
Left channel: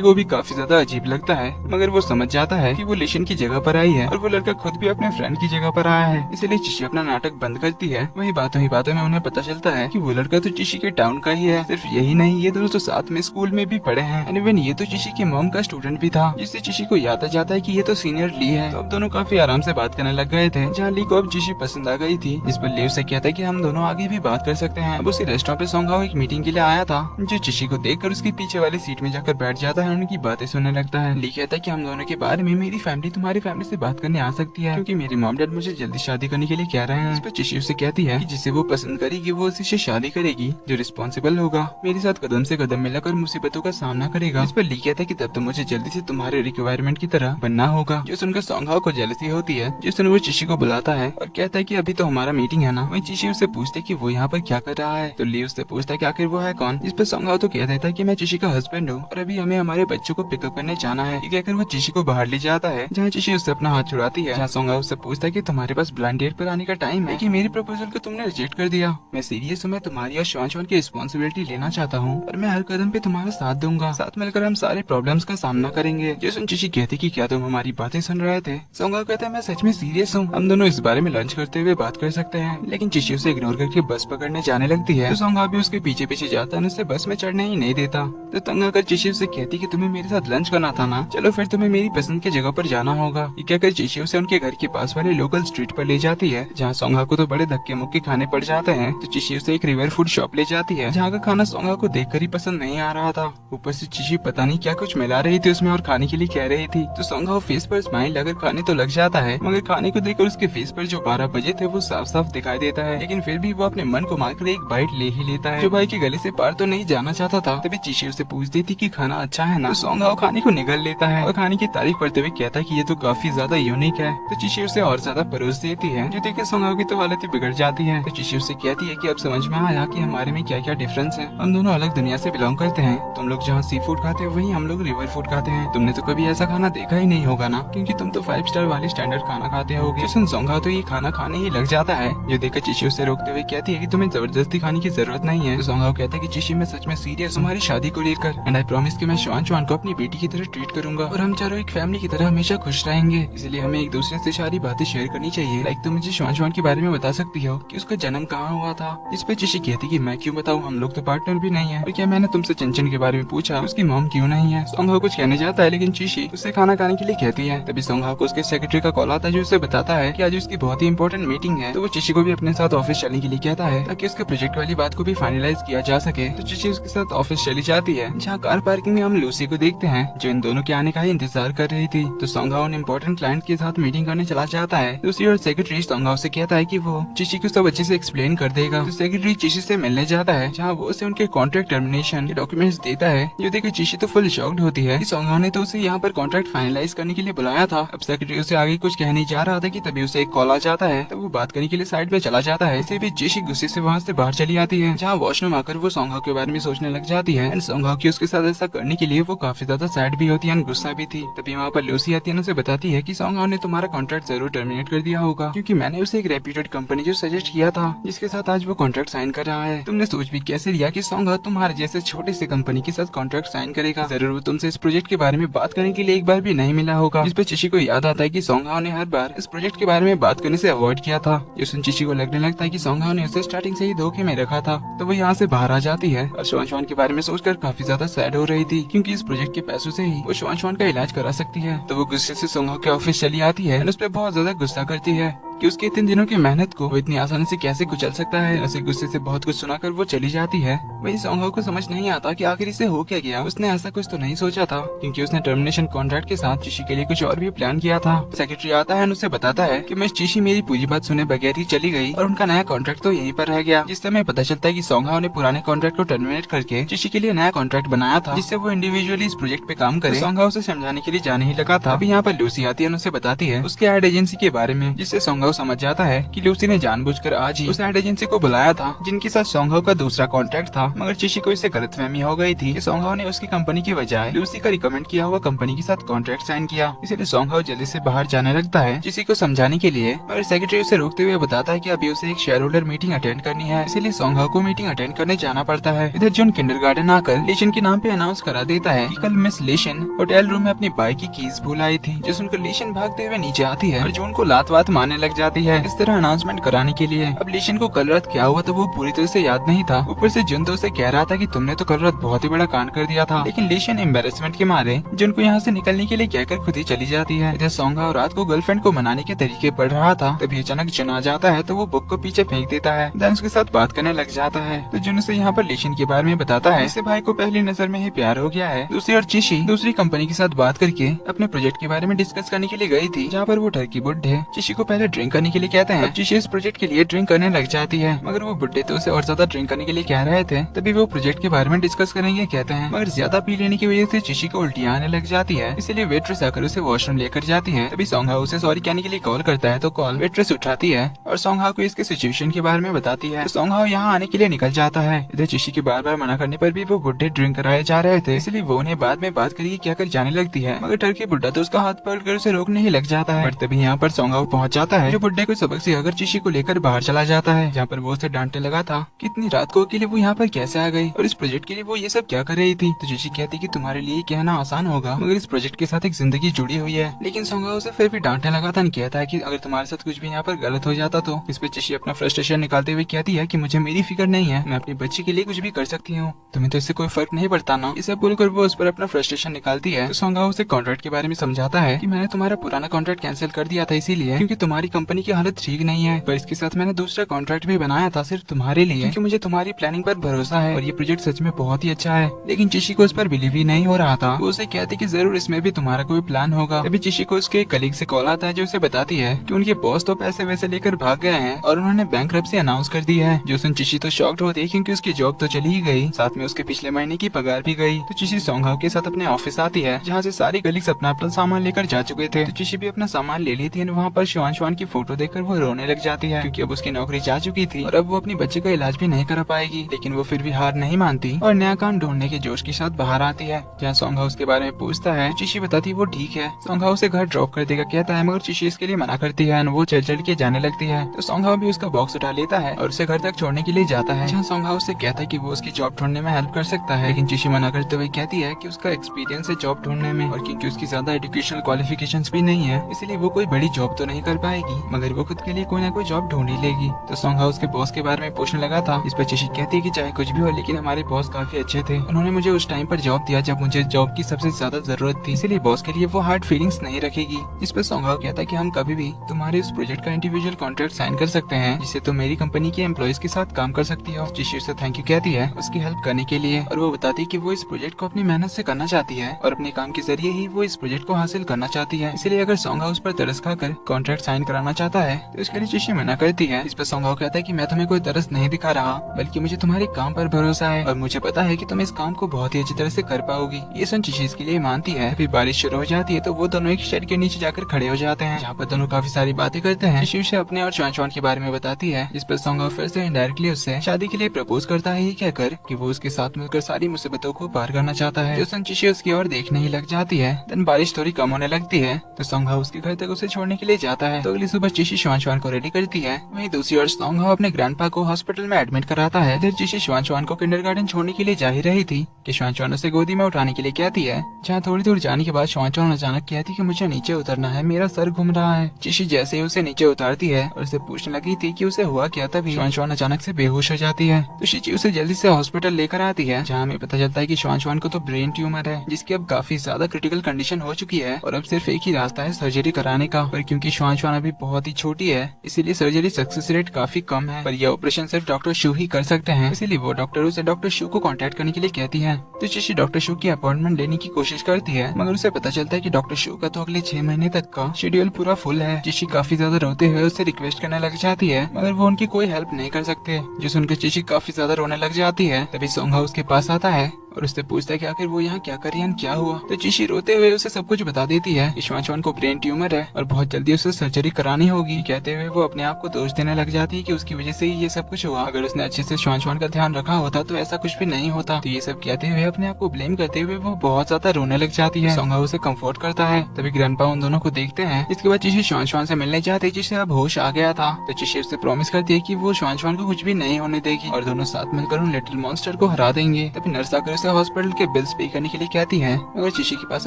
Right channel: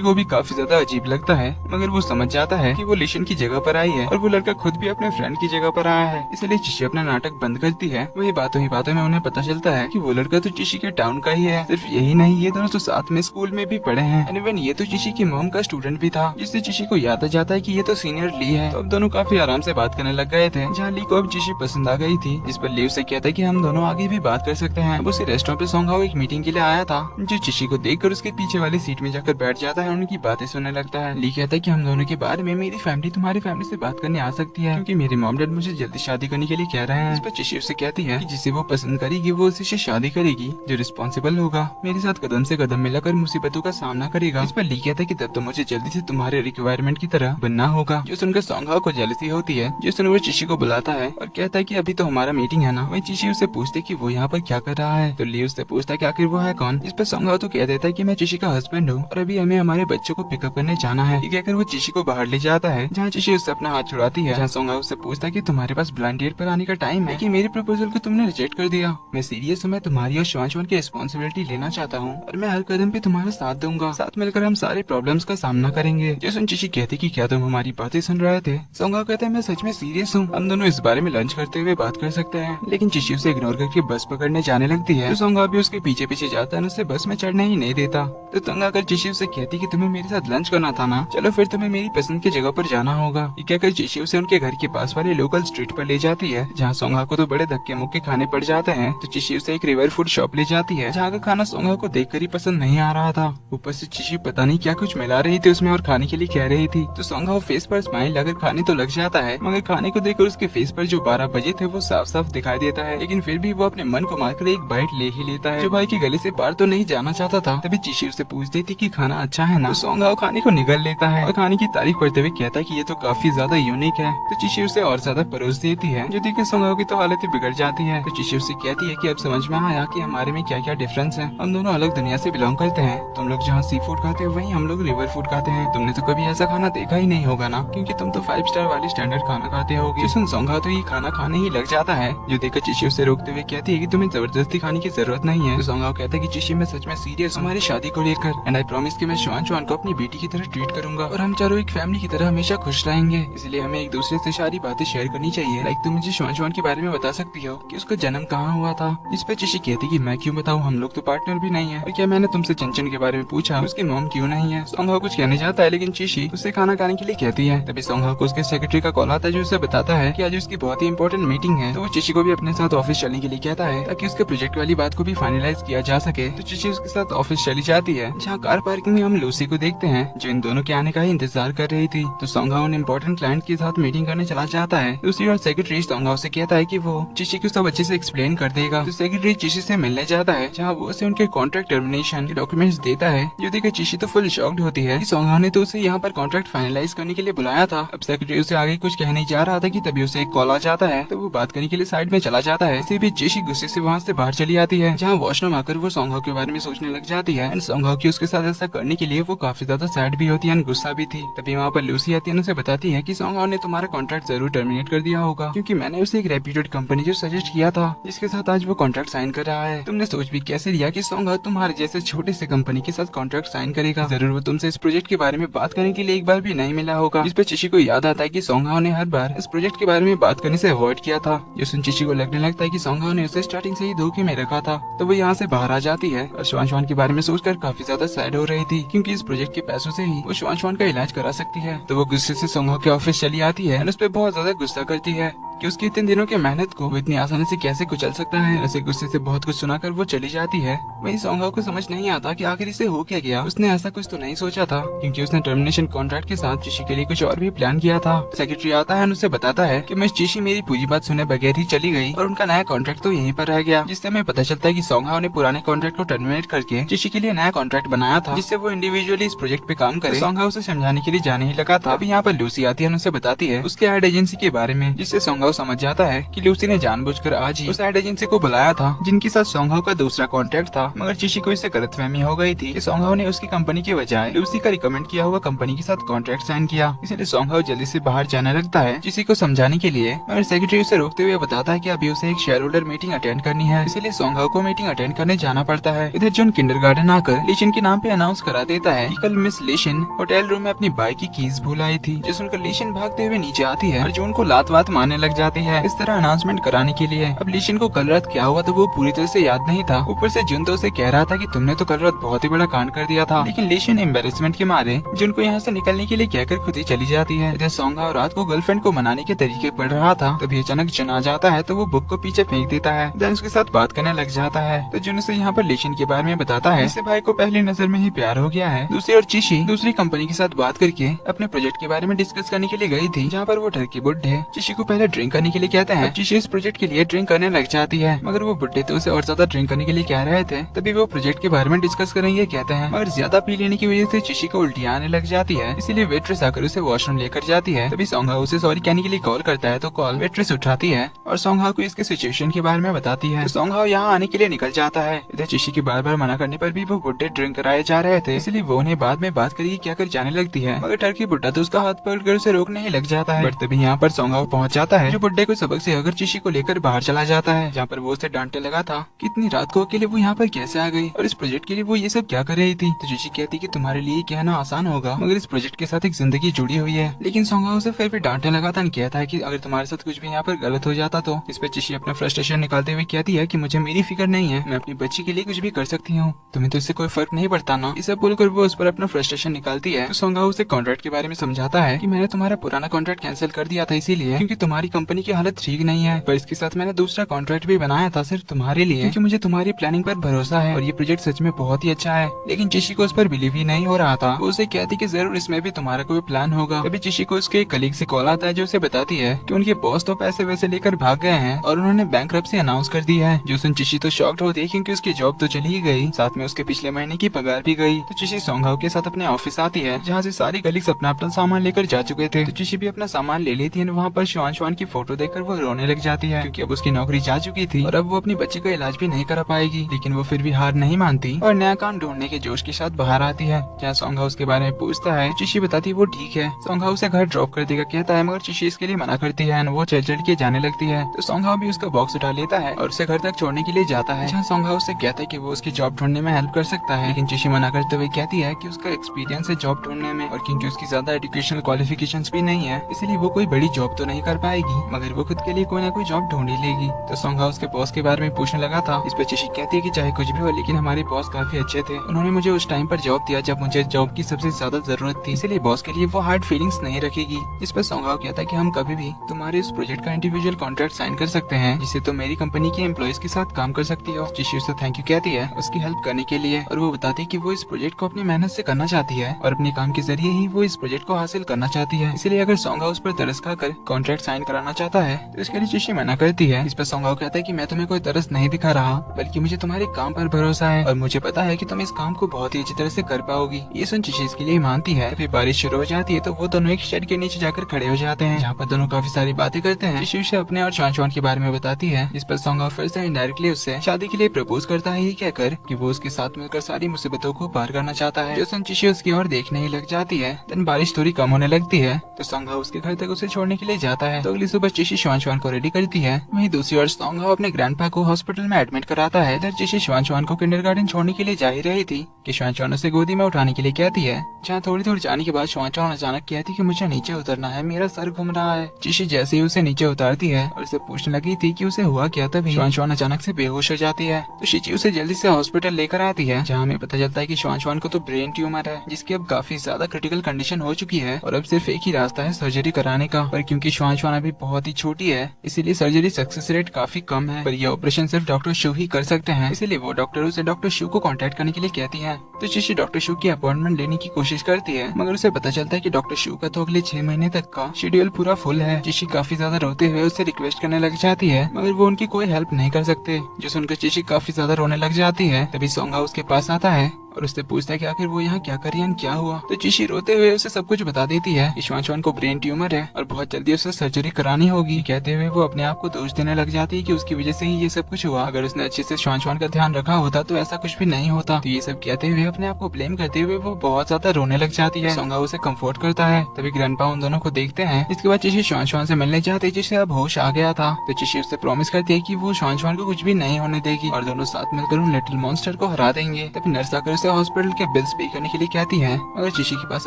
को भी काफी ज्यादा अजीब लगता है। मगर वो समझ जाता है कि वो लीशिन की जगह पर आई है और वो लड़का खुद भी अपने फ्रेंड की जगह पर आया है, इसलिए चिशी अपना नाटक बंद करती है। वही बातों ही बातों में उन्हें पता चलता है कि वो लड़का तो चिशी के टाउन का ही है। सिर्फ यही नहीं, ये दोनों तो साथ में स्कूल में भी पढ़े हैं। एनीवेन ये तो चिशी की मॉम का स्टूडेंट भी था, जिससे चिशी को याद आ जाता है कि ये तो सीनियर ली है। तो अब दोनों काफी आराम से बात करने लग गए थे। जहाँ ली को अब चिशी पसंद आ गई थी, जिस पर ली उसे कहता है कि हम दोनों आगे भी बात कर सकते हैं। अब उसी रेस्टोरेंट पे सोंगहाओ एक मीटिंग के लिए आया था, जो चिशी को देखकर उसके पीछे वाली सीट में जाकर बैठ जाता है और उनकी बातें सुनने लगता है। ली कहता है कि हम दोनों के बारे में मेरी फैमिली तुम्हारी फैमिली से बात करने आ सकती है, क्योंकि मेरे मॉम डैड मुझे जल्दी शादी करने के लिए कह रहे हैं। इस पर चिशी उसे कहती है कि जिसे वो पसंद करेगी वो उसी से शादी करेगी, जो रिस्पॉन्सिबल होगा, मेरे साथ कदम से कदम मिलाकर मुसीबतों का सामना करेगा। इस पर ली कहता है कि तब तो मुझे जल्दी से तुम्हारे रिक्वायरमेंट की तरह बनना होगा। जो सुनकर सोंगहाओ को जेलसी होती है, जो सुन वो चिशी को बुलाता है और कहता है कि अभी तो हमारा मीटिंग है ना। वही चिशी उससे पूछती है कि वो यहाँ पर क्या कर रहा है। तो ली उससे पूछता है कि आखिर वो है कौन। इस पर सोंगहाओ तो कह देता है कि मैं चिशी का हस्बैंड हूँ और अभी हमें हमारे बच्चों को पिकअप करने जाना है। ये कहकर वो चिशी को बाहर ले जाता है, जहाँ चिशी उससे अपना हाथ छुड़ाती है। जहाँ सोंगहाओ उससे पूछता है कि तुम्हारे पास ब्लाइंड डेट पर आने का टाइम है कि मेरे प्रपोजल को तुमने रिजेक्ट कर दिया। मैं सीरियस हूँ, मैं तुम्हारी और शिवांशवान की रिस्पॉन्सिबिलिटी लेना चाहता हूँ और मैं हर कदम पे तुम्हारा साथ दूंगा। साथ मिलकर हम सारे प्रॉब्लम्स का सामना करेंगे। जैसे चिशी कहती कि क्या तुम हमारी बातें सुन रहे थे। सोंगहाओ कहते हैं मैं सच में सीरियस हूँ, हम दोनों इस बारे में लंच करते हुए बात कर सकते हैं। लेकिन चिशी उसे इग्नोर करके बस पकड़ने जाने लगती है। तो सोंगहाओ भी उसके पीछे पीछे जाता है, उसे बस में चढ़ने ही नहीं देता। तो तंग आकर चिशी उसे कहती कि तुम्हें मेरे साथ लंच करना था ना, चलो फिर तुम्हें मेरी पसंद की जगह पर जाना होगा। ये कहकर चिशी उसे उनके घर के पास वाले लोकल स्ट्रीट पर ले जाती है, जहाँ सोंगहाओ को तो बड़े धक्के मुक्के खाने पड़ जाते हैं। तो चिशी उसे एक रिवर फूड शॉप ले जाती है, जहाँ का खाना सोंगहाओ को देखकर ही पसंद नहीं आ रहा था। ऊपर से चिशी पता नहीं क्या कुछ मिला रही थी उसमें और खाने के लिए कह रही थी। तो सोंगहाओ फेस पर स्माइल लगाकर खाने तो लग जाता है, मगर खाने को देखकर उसके फेस पर जो 12 बजे थे वो साफ साफ दिखाई देता है। लेकिन फिर भी वो अपने मन को मारकर एक बाइट ले ही लेता है, जो भाई के गले से पार तो नहीं जाना चाहता था। तभी चिशी उसे पूछती थी कि खाना अच्छा है ना। तो सोंगहाओ खाने को निगल लेता है और खाने की तारीफ करते हुए कहता है कि ये तो काफी ज्यादा यूनिक है। तो चिशी उसे और ज्यादा परोस देती है, जो देखकर सोंगहाओ की तो हालत ही बिगड़ जाती है। तो चिशी उसे कहती है कि अब समझ में आया कि हमारे में क्या क्या डिफरेंस है, हम दोनों अलग दुनिया से बिलोंग करते हैं। तुम लोग जहाँ सी फूड खाते हो वहीं हम लोग रिवर फूड खाते हैं। तुमने तो कभी ऐसा खाना देखा ही नहीं होगा ना, क्योंकि तुम तो 5 स्टार वाले स्टैंडर्ड खाना खाते होगे। सोंगहाओ तो ये खाना खाने ही लग जाता है, जो देखकर चिशी उसे रोकते हुए कहती है कि तुम्हें जबरदस्ती खाने की जरूरत नहीं है। तो सोंगहाओ कहता है कि चिशी मैं सच में सीरियस हूँ हमारी शादी को लेकर, एंड आई प्रॉमिस कि मैं शिवांशवान को अपनी बेटी की तरह ट्रीट करूंगा और हम चारों एक फैमिली की तरह हमेशा खुश रहेंगे। इसलिए हमें एक दूसरे से सारी बातें शेयर करनी चाहिए। लाइक तुम मुझे शिवांशवान के बारे में बता सकती हो कि उसका जन्म कहाँ हुआ था। इस पे चिशी कहती कि मैं क्यों बताऊँ, हम लोग तो पार्टनर भी नहीं है। और क्या मैंने तुमसे चिंचन के बारे में पूछा, उसकी मॉम क्यों नहीं है। सोंगहाओ कुछ कहने जाता है, लेकिन चिशी उससे खाना खाने के लिए कहती है। तभी सोंगहाओ को उसके सेक्रेटरी का कॉल आता है, जो उसे बताता है कि आज उसकी बहुत ही इंपॉर्टेंट मीटिंग है। तो वो चिशी को भी अपने साथ ऑफिस चलने के लिए कहता है, ताकि उसके प्रोजेक्ट वाली बात को भी फाइनलाइज किया जा सके। तो चिशी उसके साथ ऑफिस चली जाती है, जहाँ कार पार्किंग में हम लूसी को देखते हैं, जो इन दोनों के आने का ही इंतजार कर रही थी। तो सोंगहाओ उन इंपॉर्टेंट क्लाइंट के साथ मीटिंग करने चला जाता है। दूसरी ओर सेक्रेटरी सोंगहाओ से कहता है कि वो चिशी को सब अच्छे से एक्सप्लेन कर देगा। तो सेक्रेटरी चिशी से मिलने जाता है, जहाँ वो उसे उनके कॉन्ट्रैक्ट टर्मिनेशन के डॉक्यूमेंट्स देता है, जो देखकर चिशी तो फुल शॉक्ड होती है कि सोंगहाओ ने तो उसे यहाँ पर कॉन्ट्रैक्ट फाइनलाइज करने के लिए बुलाया था। अब सेक्रेटरी उसे आगे कुछ कहने जा रहा था कि तभी उसे एक कॉल आ जाता है। तो वो बात करने के लिए साइड में चला जाता है। इसी बीच चिशी गुस्से से वहाँ से बाहर चली आती है, जहाँ वॉशरूम आकर वो सोंगहाओ के बारे में सोचने लग जाती है। एंड सोंगहाओ की उसके साथ ऐसा करने के लिए वो काफी ज्यादा सैड भी होती है एंड गुस्सा भी थी। तभी वहाँ पर लूसी आती है, उसे बताती है कि सोंगहाओ ने तुम्हारा कॉन्ट्रैक्ट जरूर टर्मिनेट कर दिया होगा, क्योंकि मैंने उसे एक रेप्यूटेड कंपनी जो सजेस्ट किया था, जिसके साथ आज वो कॉन्ट्रैक्ट साइन कर रहा है। तुमने सोच भी कैसे लिया कि सोंगहाओ तुम्हारे जैसे छोटे से कंपनी के साथ कॉन्ट्रैक्ट साइन करेगा। जरूर वो तुमसे इस प्रोजेक्ट के बारे में बात करने के लिए एक बार भी नहीं मिला होगा। इस पर चिशी को याद आता है कि सोंगहाओ ने हर बार इस प्रोजेक्ट के बारे में बात करने से अवॉइड किया था। जिससे चिशी को लगने लगता है कि सोंगहाओ ने उसे स्टार्टिंग से ही धोखे में रखा था। तो वो यहाँ से बाहर आ जाती है और शिवांशवान के बारे में सोचकर काफी ज्यादा सैड हो रही थी, क्योंकि इस प्रोजेक्ट के पैसों से ही वो शिवांशवान का इलाज करा सकती है। तो वो गुस्से से सोंगहाओ के ऑफिस चली आती है और उस पर बहुत ज्यादा गुस्सा करती है। कि उसके इतने दिनों की मेहनत को वो इतनी आसानी से कैसे कुचल सकता है। ऐसे गुस्से से बहुत कुछ सुनाकर वो चली जाती है। वहीं सोंगहाओ को समझ नहीं आता कि आखिर इसे हो क्या गया। उसने ऐसा कुछ तो नहीं सोचा था, क्योंकि उसने टर्मिनेशन कॉन्ट्रैक्ट के साथ चिशी के लिए कुछ और भी प्लान किया था। सेक्रेटरी आता है और उसे बताता है कि मिस चिशी मेरी पूरी बात सुने बगैर ही चली गई और उनका नया कॉन्ट्रैक्ट तो यहीं पर रह गया। जिससे हमें पता चलता है कि सोंगहाओ ने पुराने कॉन्ट्रैक्ट को टर्मिनेट करके चिशी के लिए नया कॉन्ट्रैक्ट बनाया था, जिससे वो इंडिविजुअली इस प्रोजेक्ट पे काम करे। सोंगहाओ से समझाने के लिए जाने ही लगा था। अभी यहाँ पर लूसी आती है और उसे बताती है उसकी एड एजेंसी के बारे में, जिससे सोंगहाओ समझ जाता है कि लूसी ने जानबूझकर आज ही उस एड एजेंसी को बुलाया था जिनके साथ सोंगहाओ का दूसरा कॉन्ट्रैक्ट था। मगर चिशी को इससे गलतफहमी हो गई थी कि सोंगहाओ ने उसकी कंपनी की बजाय लूसी का रिकमेंड किया हुआ कंपनी के साथ कॉन्ट्रैक्ट साइन किया। इसलिए सोंगहाओ जल्दी से बाहर जाने लगता है चिशी को समझाने के लिए। मगर सेक्रेटरी उसे रोकते हुए बताता है कि अभी उसे एक शेयर होल्डर मीटिंग अटेंड करनी है, इसलिए सोंगहाओ को मीटिंग अटेंड करने जाना पड़ता है। इधर जॉन किंडरगार्टन आकर लेशन के नाम पे अनाउंस करा देता है कि कल मिस लेशन होटल रूम में अपनी बाइक की कीज भूल आई थी, जिस सुनकर लेशन भागते हुए नीचे आती है और जॉन को लात वात मारने लग जाती है। इस तरह अनाउंसमेंट कराने के लिए अब लेशन को कल रात क्या हुआ तो वो पूरी तरह से याद नहीं था। ऊपर से जॉन तो उसे कह रहा था कि तुमने तो कल रात बहुत ही बड़ा कांड कर दिया था, लेकिन लेशन एम्बेरसमेंट के मारे जॉन को यहाँ से निकलने के लिए कहकर खुद ही चली जाती है। इधर सोंगहाओ रात को गर्लफ्रेंड को मनाने के तरीके पढ़ रहा था, तभी अचानक जॉन आ जाता है तो वो बुक को पीछे फेंक देता है। देन उसके साथ बात करने लग जाता है तो जॉन उसे यहाँ पर लेशन के बारे में बताता है। इससे भाई को पहली नजर में ही प्यार हो गया है। दूसरी ओर चिशी दूसरी कंपनी के साथ बात करके अपने प्रोजेक्ट के बारे में डिस्कस करने के लिए गई थी, जहाँ पर वो टर्की बुड्ढे चिशी को पहले ड्रिंक करने के लिए कहते हैं। चिशी इस प्रोजेक्ट के लिए ड्रिंक करने लग जाती है, मगर वो बुड्ढे तो उसे और ज्यादा ड्रिंक करने के लिए कह रहे थे। तभी वो प्रोजेक्ट के बारे में डिस्कस करेंगे कहते हैं, मगर ज्यादा पी लेने की वजह से चिशी को उल्टी आने लग जाती है। इसीलिए वेट्रेस आकर उसे वॉशरूम लेकर जाती है। तभी सोंगहाओ उसे सॉरी कहने के लिए कॉल करता है तो कॉल वेट्रेस उठाती है और सोंगहाओ को इसके सिचुएशन के बारे में बताती है। तो सोंगहाओ यहाँ आने के लिए निकल जाता है। इधर चिशी के बार बार मना करने पर भी वो बुड्ढे ड्रिंक कराए जा रहे थे, इसलिए वो उन्हें बाद में बात करके क्या कर जाने लगती है। मगर टर्की बुड्ढा तो उसका हाथ पकड़कर उसे रोकने ही लग जाता है। बट तभी यहाँ पर सोंगहाओ पहुँच जाता है, जो बुड्ढे को सबक सिखाकर चिशी को लेकर बाहर चला जाता है, जहाँ पर वो उसे डांटने लगा था कि इतनी रात को अकेले वो यहाँ पर कैसे आ गई और इस प्रोजेक्ट के लिए वो ये सब क्या कर रही थी। तो चिशी कहती कि तुम्हारे लिए कहना आसान होगा, मगर इस प्रोजेक्ट के साथ एक जिंदगी जुड़ी हुई है। लेकिन सोंगहाओ उसे फिर भी डांटने लगा था, कहता है कि अगर तुम्हारे साथ कुछ भी यहाँ पर गलत हो जाता तो। इस पे चिशी अपना फ्रस्ट्रेशन निकालते हुए कहती है कि मुझे मेरी फिक्र नहीं है, मैं अपनी बच्ची के लिए कुछ भी कर सकती हूँ, तुम्हें तो इससे कोई फर्क नहीं पड़ता ना। इसे बोलकर वो उस पर अपना फ्रस्ट्रेशन निकालती है। तो सोंगहाओ उसे कॉन्ट्रैक्ट के बारे में समझाता है कि मैंने तुम्हारा पुराना कॉन्ट्रैक्ट कैंसिल कर दिया था इसीलिए क्योंकि तुम्हारी कंपनी की हालत ठीक नहीं है, पर इसके साथ मैंने दूसरा कॉन्ट्रैक्ट भी बनाया था सिर्फ तुम्हारे लिए, क्योंकि मुझे तुम्हारी प्लानिंग पर भरोसा है और ये प्रोजेक्ट सच में बहुत ही अच्छा है। लेकिन चिशी को उस पर बिलीव ही नहीं हो रहा था। वो उसे कहती कि जरूर इसमें भी तुम्हारा कोई प्लान होगा। तभी चिशी को उसके कलीग से कॉल आता है, जो उसे बताती है कि उनके बॉस तो पैसे वैसे लेकर भाग गए हैं और उन्होंने बैंकरप्सी अनाउंस कर दी है। जो सुन चिशी तो शॉक्ड होती है क्योंकि उसकी जॉब तो चली ही गई, साथ में उसके पिछले महीने की पगार भी गई। तो चिशी सोंगहाओ के साथ अपने ऑफिस आती है, जहाँ से सारी कलीग्स अपना अपना सामान लेकर जा चुके थे। तो चिशी भी अपना सामान ले लेती है। वहाँ पर शुआन की फोटो देखकर वो रोने लग जाती है, क्योंकि अब उसकी नौकरी जा चुकी थी और अब वो अपनी बच्चे का इलाज भी नहीं करा पाएगी। लेकिन वो फिर भी हार नहीं मानती और नया काम ढूंढने के जोश के साथ बाहर आती है, जहाँ सोंगहाओ उसके बारे में पूछता है। चिशी बताती है वो ठीक है, सोंगहाओ उसे घर ड्रॉप कर देगा कहता है, मगर चिशी इसके लिए मना करती है। वो चढ़ चढ़ के जाने लगती है। तो सोंगहाओ भी उसका बॉक्स उठा लेता है और उसे घर तक छोड़ने के लिए जाता है, जहाँ सोंगहाओ उससे कहता है कि वो उसकी जॉब ढूंढने में हेल्प कर सकता है। लेकिन चिशी मना करते हुए कहती है कि उसका एक्सपीरियंस है जॉब ढूंढने में और क्योंकि उसकी ज्यादा एजुकेशनल क्वालिफिकेशंस भी नहीं है, इसलिए वो कोई बड़ी जॉब तो नहीं कर पाएगी, मगर वो खुद के लिए कोई ना कोई जॉब ढूंढ ही लेगी। तो सोंगहाओ उसके बॉस के बारे में पूछने लगा था। इस पर चिशी कहती है कि चाहे कुछ भी हो, लेकिन हमारे बॉस काफी अच्छे थे, उन्होंने मुझे उस टाइम पर जॉब दिया जब मुझे जॉब की सबसे ज्यादा जरूरत थी, इसीलिए बॉस के लिए वो हार्ड फीलिंग्स नहीं रखेगी। इस पर सोंगहाओ कहता है कि हम कभी भी तुम्हारे इस प्रोजेक्ट का इंडिविजुअल कॉन्ट्रैक्ट साइन कर सकते हैं, जिससे तुम मेरी कंपनी के एम्प्लॉइज के साथ काम कर सकती हो। चिशी उसे थैंक यू कहती है उसकी हेल्प करने के लिए और वो बताती है कि वो इस प्रोजेक्ट को अपनी मेहनत से करना चाहती है और अपने काम के जरिए ही वो इस प्रोजेक्ट को हासिल करना चाहती है। इसलिए अगर सोंगहाओ उस पर तरस खाकर कॉन्ट्रैक्ट साइन कराना चाहता है तो इसके लिए चिशी मना करती है। इस पर सोंगहाओ कहता है कि मैं तुम्हें कोई तरस नहीं दिखा रहा, बल्कि मुझे तुम्हारे काम पर भरोसा है और मुझे पता है कि तुम इस काम को बहुत ही अच्छी तरह से कर पाओगी। ये सुन चिशी इसके लिए मानती है। अभी बारिश शुरू हो जाती है तो वो दोनों एक शेड के नीचे जाकर खड़े हो जाते हैं, जहाँ पर दोनों काफी सारी बातें करते हैं। चिशी उसे अपने और शुआन के बारे में बताती है। इस पर सोंगहाओ फिर से इनडायरेक्टली उससे शादी के लिए प्रपोज करता है, ये कहकर कि वो उसके साथ मिलकर सारी मुसीबतों को पार करना चाहता है। जो सुन चिशी उसकी ओर देखने ही लग जाती है। दिन बारिश थोड़ी कम होने लगती है तो सोंगहाओ उसके घर तक उसे छोड़ने के लिए जाता है। तो अगली सुबह चिशी शुआन को रेडी करती है। वहीं दूसरी ओर सोंगहाओ अपने ग्रैंडपा को हॉस्पिटल में एडमिट कराता है। इधर चिशी शुआन को किंडरगार्टन छोड़ने के लिए जा ही रही थी कि शुआन उसे गोदी में उठाने के लिए कहती है, जहाँ थोड़ी दूर जाने के बाद शुआन अचानक कहती है कि मुझे नीचे उतरना है, मेरा सर घूम रहा है। चिशी जैसे ही उसे नीचे उतारती है और उसे पूछने लगी थी कि उसे हुआ क्या, तभी शुआन अचानक से बेहोश हो जाती है। तो चिशी उसे जल्दी से हॉस्पिटल लेकर आती है, जहाँ हमें पता चलता है कि शुआन को तो ब्रेन ट्यूमर है, जिसकी अब काफी ज्यादा क्रिटिकल कंडीशन हो चुकी है और अब सिर्फ एक ही रास्ता है सर्जरी कराने का। पर क्योंकि शुआन अभी बहुत ही छोटी है, इसीलिए सर्जरी सक्सेस रेट काफी कम है, पर यह ऑपरेशन सिर्फ डॉक्टर शू ही कर सकते हैं। इसीलिए वो डॉक्टर उसे डॉक्टर शू को कांटेक्ट करने के लिए कहती है। तो चिशी डॉक्टर शू की अपॉइंटमेंट लेने की कोशिश करती है, मगर उसे पता चलता है कि डॉक्टर शू का तो अगले 6 महीने तक का शेड्यूल पूरा फुल है। चिशी काफी ज्यादा रोते हुए उससे रिक्वेस्ट करने लग जाती है, मगर वो उनकी कोई हेल्प नहीं कर सकते। जो सुनकर चिशी काफी ज्यादा रोने लग जाती है। तभी सोंग हाउ उसके पास आता है और उससे पूछता है कि आखिर वो यहाँ क्या कर रही है, क्या हुआ। तो चिशी रोते हुए उसे सब कुछ बता देती है कि श्वान श्वान को ब्रेन ट्यूमर है और बहुत जल्दी उसे सर्जरी करानी होगी। कहते हुए वो अपने आप को दोष देने लग जाती है कि उसकी वजह से ही ये सब कुछ हुआ। अगर उसने अच्छे से श्वान श्वान का ध्यान रखा होता तो ऐसा कुछ भी नहीं होता। तो ये सब कहते हुए अपने आप को ब्लेम करते हुए वो बहुत ज्यादा रोने लग जाती है। सोंग हाउ उसे कंफर्ट करता है। तभी ग्रैंडपा उन दोनों को देखते हैं। इसके बाद चिशी श्वान श्वान से मिलने जाते हैं, जिससे अब होश आ गया था। तो चिशी उससे प्रॉमिस करती है कि वो श्वान श्वान को कुछ भी नहीं होने देगी और दोनों साथ मिलकर उन लिटिल मॉन्स्टर को हरा देंगे। तभी नर्स आकर उसे हॉस्पिटल के बिल्स पे करने के लिए कहती है, मगर चिशी के पास